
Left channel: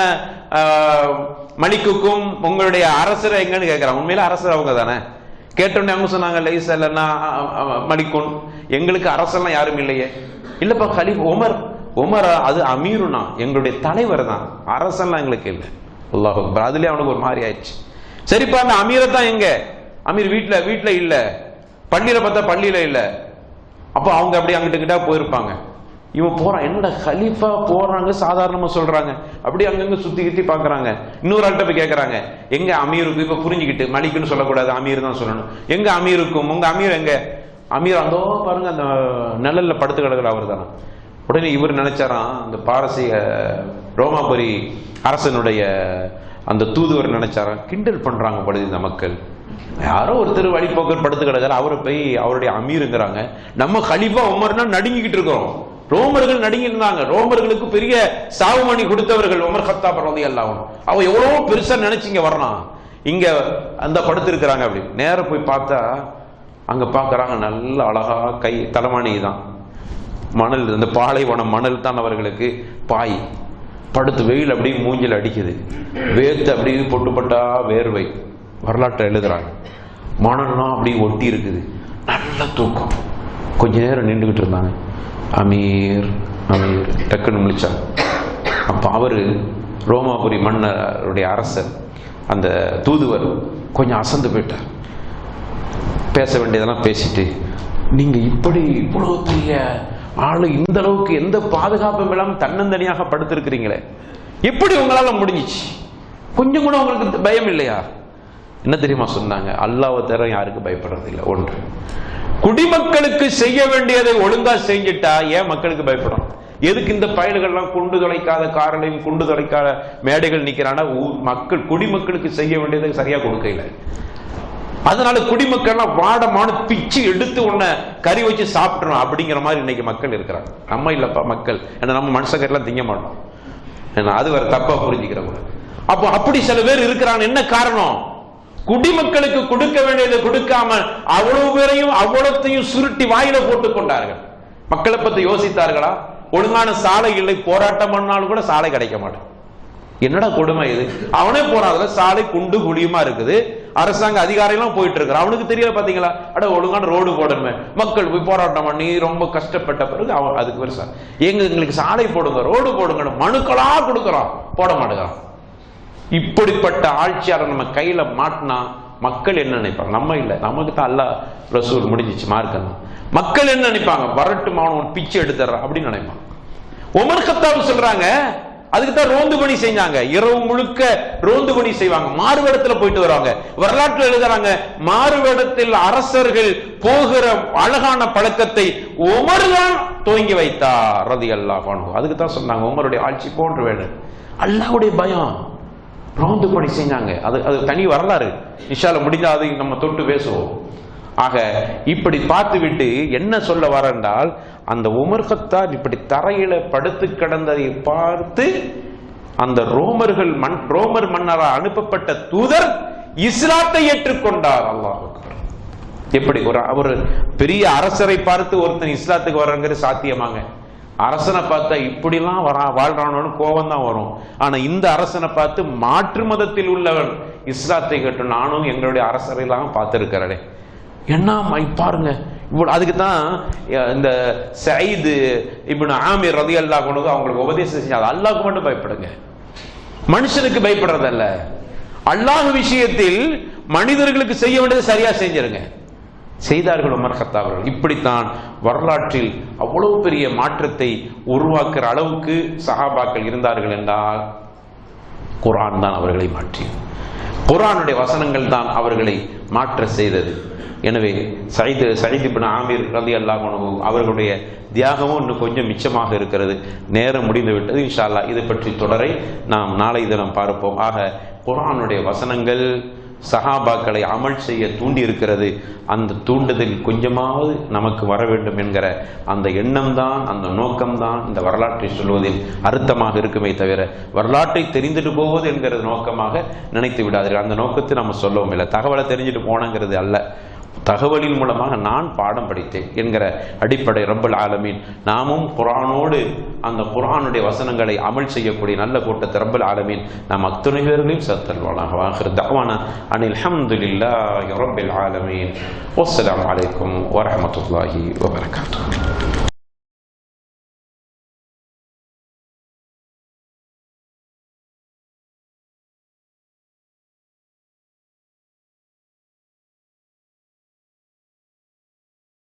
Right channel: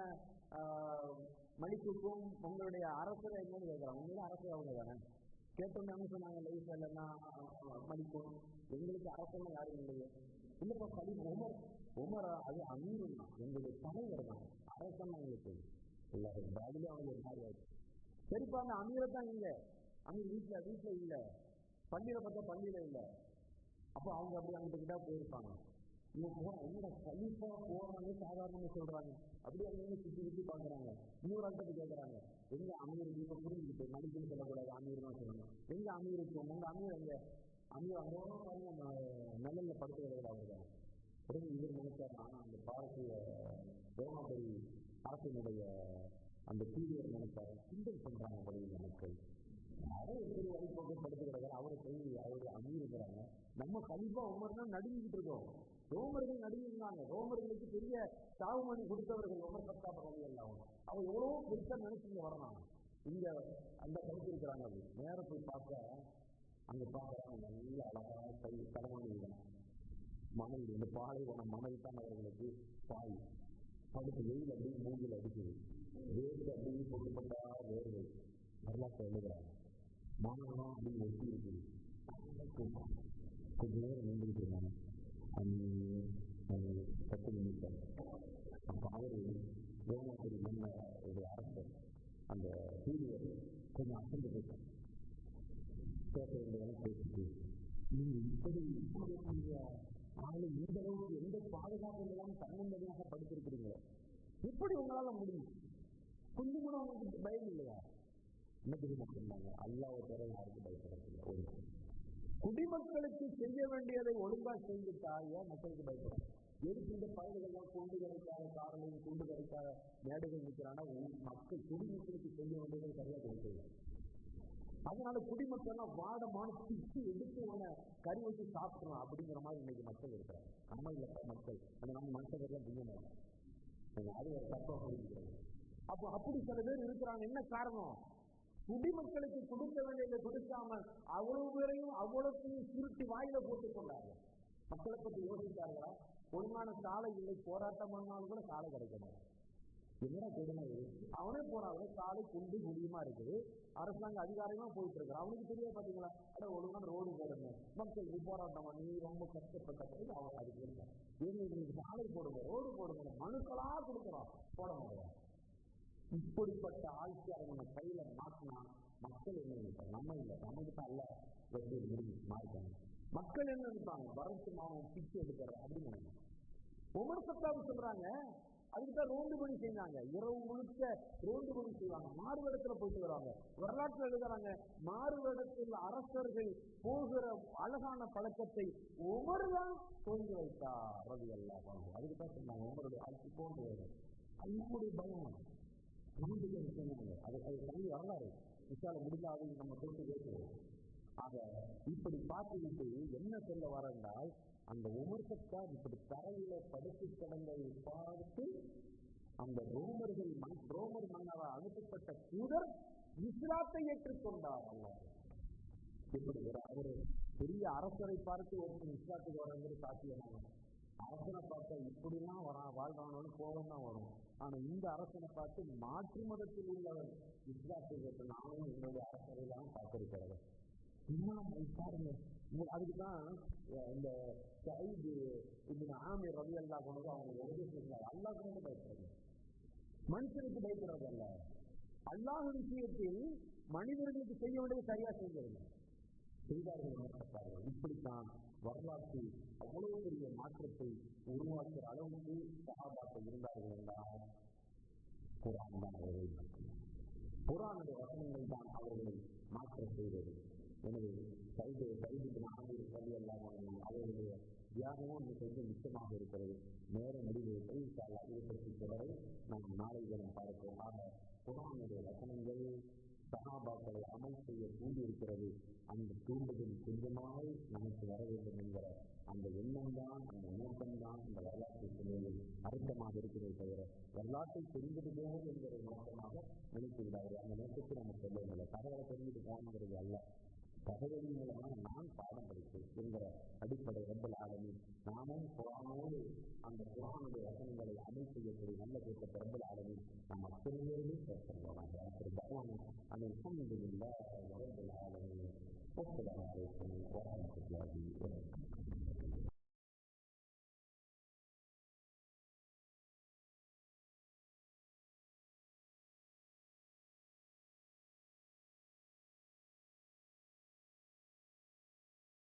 மலிக்குக்கும் உங்களுடைய அரசர் எங்கன்னு கேட்கிறாங்க. உண்மையில அரசர் அவங்க தானே. கேட்டோன்னே அவங்க சொன்னாங்க, லைசல்லா மலிக்குன், எங்களுக்கு அரசெல்லாம் யாரும் இல்லையே. இல்லப்பா கலீஃபா உமர். உமர் அது அமீருனா, எங்களுடைய தலைவர் தான், அரசன்லாம் எங்களுக்கு இல்லை. அல்லாஹ் அக்பர். அதுலயே அவனுக்கு ஒரு மாதிரி ஆயிடுச்சு. சரிப்பா, அந்த அமீரை தான் எங்க? அமீர் வீட்டுல இல்ல, பள்ளியில பார்த்தா பள்ளியில இல்ல. அப்போ அவங்க அப்படி அங்கிட்ட கிட்ட போயிருப்பாங்க. இவன் போறான், என்னடா கலீஃபா போறாங்க சாதாரணமா சொல்றாங்க, அப்படி அங்கங்க சுத்தி கிட்டி பாக்குறாங்க. இன்னொரு ஆள்கிட்ட போய் கேட்கறாங்க, எங்க அமீருக்கு, இப்ப புரிஞ்சுக்கிட்டு மலிக்குன்னு சொல்லக்கூடாது, அமீர் தான் சொல்லணும். எங்க அமீருக்கும், உங்க அமீர் எங்க? அமீர் அதோ பாருங்க அந்த நிழல்ல படுத்து கிடக்குற அவர் தானே. உடனே இவர் நினைச்சாராம், அந்த பாரசீக ரோமாபுரி அரசனுடைய அந்த தூதுவர் நினைச்சாராம், கிண்டல் பண்றாங்க படுது இந்த மக்கள், யாரோ ஒருத்தர் வழிபோக்கர் படுத்து கிடக்காரு, அவரை போய் அவருடைய அமீருங்கிறாங்க. நம்ம கலீஃபா உமர்னா நடுங்கிக்கிட்டு இருக்கிறோம். ரோமர்கள் நடுங்கி இருந்தாங்க. ரோமர்களுக்கு பெரிய சாவுமணி கொடுத்தவர்கள் உமர் கத்தாப் ரலியல்லாஹு அன்ஹு. அவ எவ்வளவு பெருசா நினைச்சிங்க வரலாம், இங்க அந்த படுத்து இருக்கிறாங்க. அப்படி நேர போய் பார்த்தா அங்க பாக்குறாங்க, நல்ல அழகா கை தலைமானி தான், மணல், அந்த பாலைவனம் மணல் தான் அவர்களுக்கு பாய். படுத்து வெயில் அப்படியே மூஞ்சில் அடிக்குது, வேர்த்து அப்படியே பொட்டு பட்டா வேர்வை. வரலாற்றை எழுதுறாங்க, மணல்லாம் அப்படியே ஒட்டி இருக்குது, நல்ல தூக்கம். கொஞ்ச நேரம் நின்றுகிட்டு இருந்தாங்க. அமீர் அமீர் டக்குன்னு முழிச்சாங்க. அப்போ அவரு ரோமாபுரி மன்னருடைய அரசர், அந்த தூதுவர் கொஞ்சம் அசந்து போயிட்டார். பேச வேண்டியதெல்லாம் பேசிட்டு, நீங்க இப்படி இவ்வளவு பெரிய ஆளு, இந்த அளவுக்கு எந்த பாதுகாப்பும் இல்லாமல் தன்னந்தனியாக படுத்திருக்கிறீங்களே, எப்படி உங்களால முடிஞ்சிச்சு? கொஞ்சம் கூட உங்களுக்கு பயம் இல்லையா? என்ன தெரியுமா சொன்னாங்க? அல்லாஹ்வை தவிர யாருக்கு பயப்படுறது இல்லை. ஒன்று, குடிமக்களுக்கு செய்ய வேண்டியதை ஒழுங்கா செஞ்சுட்டா ஏன் மக்களுக்கு பயப்படும்? எதுக்கு இந்த பயல்கள்லாம் குண்டு தொலைக்காத காரலையும் குண்டு தொலைக்காத மேடைகள் நிக்கிறானா? மக்கள் குடிமக்களுக்கு செய்ய வேண்டியதை சரியா கொடுக்கல. அதனால குடிமக்கள்லாம் வாடமான பிச்சு எடுத்து உன்னை கறி வச்சு சாப்பிட்டுரும் அப்படிங்கிற மாதிரி இன்னைக்கு மக்கள் இருக்கிறாங்க. நம்ம இல்லப்பா மக்கள், ஏன்னா நம்ம மனுஷக்கெல்லாம் திங்க மாட்டோம், ஏன்னா அது வேற தப்பா புரிஞ்சுக்கிறவங்க. அப்போ அப்படி சில பேர் இருக்கிறாங்க. என்ன காரணம்? குடிமக்களுக்கு கொடுக்க வேண்டியதை கொடுக்காம அவ்வளவு பேரையும் அவ்வளத்தையும் சுருட்டி வாயில போட்டுக் கொண்டார்கள். மக்களை பத்தி யோசித்தார்களா? ஒழுங்கான சாலை இல்லை, போராட்டம் பண்ணாலும் கூட சாலை கிடைக்க மாட்டேன். என்னடா கொடுமை இது? அவனே போறாதுல சாலை குண்டு குழியுமா இருக்குது, அரசாங்க அதிகாரிகளும் போயிட்டு இருக்கிற, அவனுக்கு தெரியல பாத்தீங்களா? அட ஒழுங்கான ரோடு போடணுமே. மக்கள் போய் போராட்டம் பண்ணி ரொம்ப கஷ்டப்பட்ட பிறகு அவன் அதுக்கு பெருசா எங்களுக்கு சாலை போடுங்க, ரோடு போடுங்க, மனுக்களா கொடுக்கறான், போட மாட்டேங்கிறான். இப்படிப்பட்ட ஆட்சியாளர் நம்ம கையில மாட்டினா மக்கள் என்ன நினைப்பாங்க? நம்ம இல்ல, நமக்கு தான் அல்லாஹ் ரசூல் முடிஞ்சிச்சு மார்க்கம். மக்கள் என்ன நினைப்பாங்க? வரட்டும் அவன் பிச்சை எடுத்துறான் அப்படின்னு நினைப்பாங்க. உமர் கத்தாப் சொல்றாங்க, அதுக்கு தான் ரோந்து பணி செஞ்சாங்க, இரவு முழுக்க ரோந்து பணி செய்வாங்க, மாறுவேடத்துல போயிட்டு வருவாங்க. வரலாற்றில் எழுதுறாங்க, மாறுவேடத்தில் அரசர்கள் போகிற அழகான பழக்கத்தை உமர் தான் துவங்கி வைத்தார் ரலியல்லாஹு அன்ஹு. அதுக்கு தான் சொன்னாங்க உமருடைய ஆட்சி போன்று வேணும். அல்லாஹ்வுடைய பயம், ரோந்து பணி செஞ்சாங்க. அது தனி வரலாறு, இன்ஷால்ல முடிஞ்சா அதை நம்ம தொட்டு பேசுவோம். ஆக இப்படி பார்த்து விட்டு என்ன சொல்ல வர என்றால், அந்த உமர் கத்தாப் இப்படி தரையில படுத்து கிடந்ததை பார்த்து அந்த ரோமர் மன்னரால் அனுப்பப்பட்ட தூதர் இஸ்லாத்தை ஏற்றுக்கொண்டார். அல்லாஹ் அக்பர். எப்படி ஒரு பெரிய அரசரை பார்த்து ஒருத்தன் இஸ்லாத்துக்கு வர்றங்கிறது சாத்தியமாங்க? அரசனை பார்த்தா இப்படிலாம் வாழ்றானு கோபம் தான் வரும். ஆனா இந்த அரசனை பார்த்து மாற்று மதத்தில் உள்ளவன் இஸ்லாத்தை கேட்டு நானும் எங்களுடைய அரசரையெல்லாம் பார்த்திருக்கிறேன். என்ன பாருங்க, அதுக்கு தான் இந்த சயீத் இப்னு ஆமிர் ரலியல்லாஹு அன்ஹு அவங்களுக்கு உபதேசம் செஞ்சாங்க, அல்லாஹ்வுக்கு மட்டும் பயப்படுங்க, மனுஷனுக்கு பயப்படுறதல்ல. அல்லாஹ் விஷயத்தில் மனிதர்களுக்கு செய்ய வேண்டியது சரியா செஞ்சிருங்க. செய்தார்கள் உமர் கத்தாப் அவர்கள். இப்படித்தான் வரலாற்றில் அவ்வளவு பெரிய மாற்றத்தை உருவாக்குற அளவுக்கு சஹாபாக்கள் இருந்தார்கள் என்றால் குர்ஆன் தான் அவர்களை மாற்றி, குர்ஆனுடைய வசனங்கள் தான் அவர்களை மாற்ற செய்தது. எனவே சயீத் இப்னு ஆமிர் ரலியல்லாஹு அன்ஹு அவர்களுடைய தியாகமும் இன்னும் கொஞ்சம் மிச்சமாக இருக்கிறது. நேரம் முடிந்து விட்டது. இன்ஷா அல்லாஹ் இது பற்றி தொடரை நாம் நாளை தினம் பார்ப்போம். ஆக குர்ஆனுடைய வசனங்கள் சஹாபாக்களை அமல் செய்ய தூண்டி இருக்கிறது. அந்த தூண்டுதல் கொஞ்சமாவது நமக்கு வர வேண்டும் என்கிற அந்த எண்ணம் தான், அந்த நோக்கம்தான் இந்த வரலாற்றை சொல்வதில் அர்த்தமாக இருக்குமே தவிர வரலாற்றை தெரிந்துட்டு போவது என்கிற நோக்கமாக நினைத்து விடாதீர்கள். அந்த நோக்கத்தை நம்ம சொல்லவும் இல்லை. தகவலை தெரிஞ்சுட்டு போனங்கிறது அல்ல, தகவலின் மூலமாக நான் பாடம் படித்தேன் என்கிற அடிப்படை ரப்பல் ஆலமீன் நாமும் குர்ஆனோடு அந்த குர்ஆனுடைய வசனங்களை அமல் செய்யக்கூடிய நல்ல கூட்டத்தை ரப்பல் ஆலமீன் நாம் அத்தனை பேர்களையும் சேர்த்தல்வானாக. ஆகிர் தஅவானா அனில் ஹம்துலில்லாஹி ரப்பில் ஆலமீன். வஸ்ஸலாமு அலைக்கும் வரஹ்மத்துல்லாஹி வபரகாத்துஹு.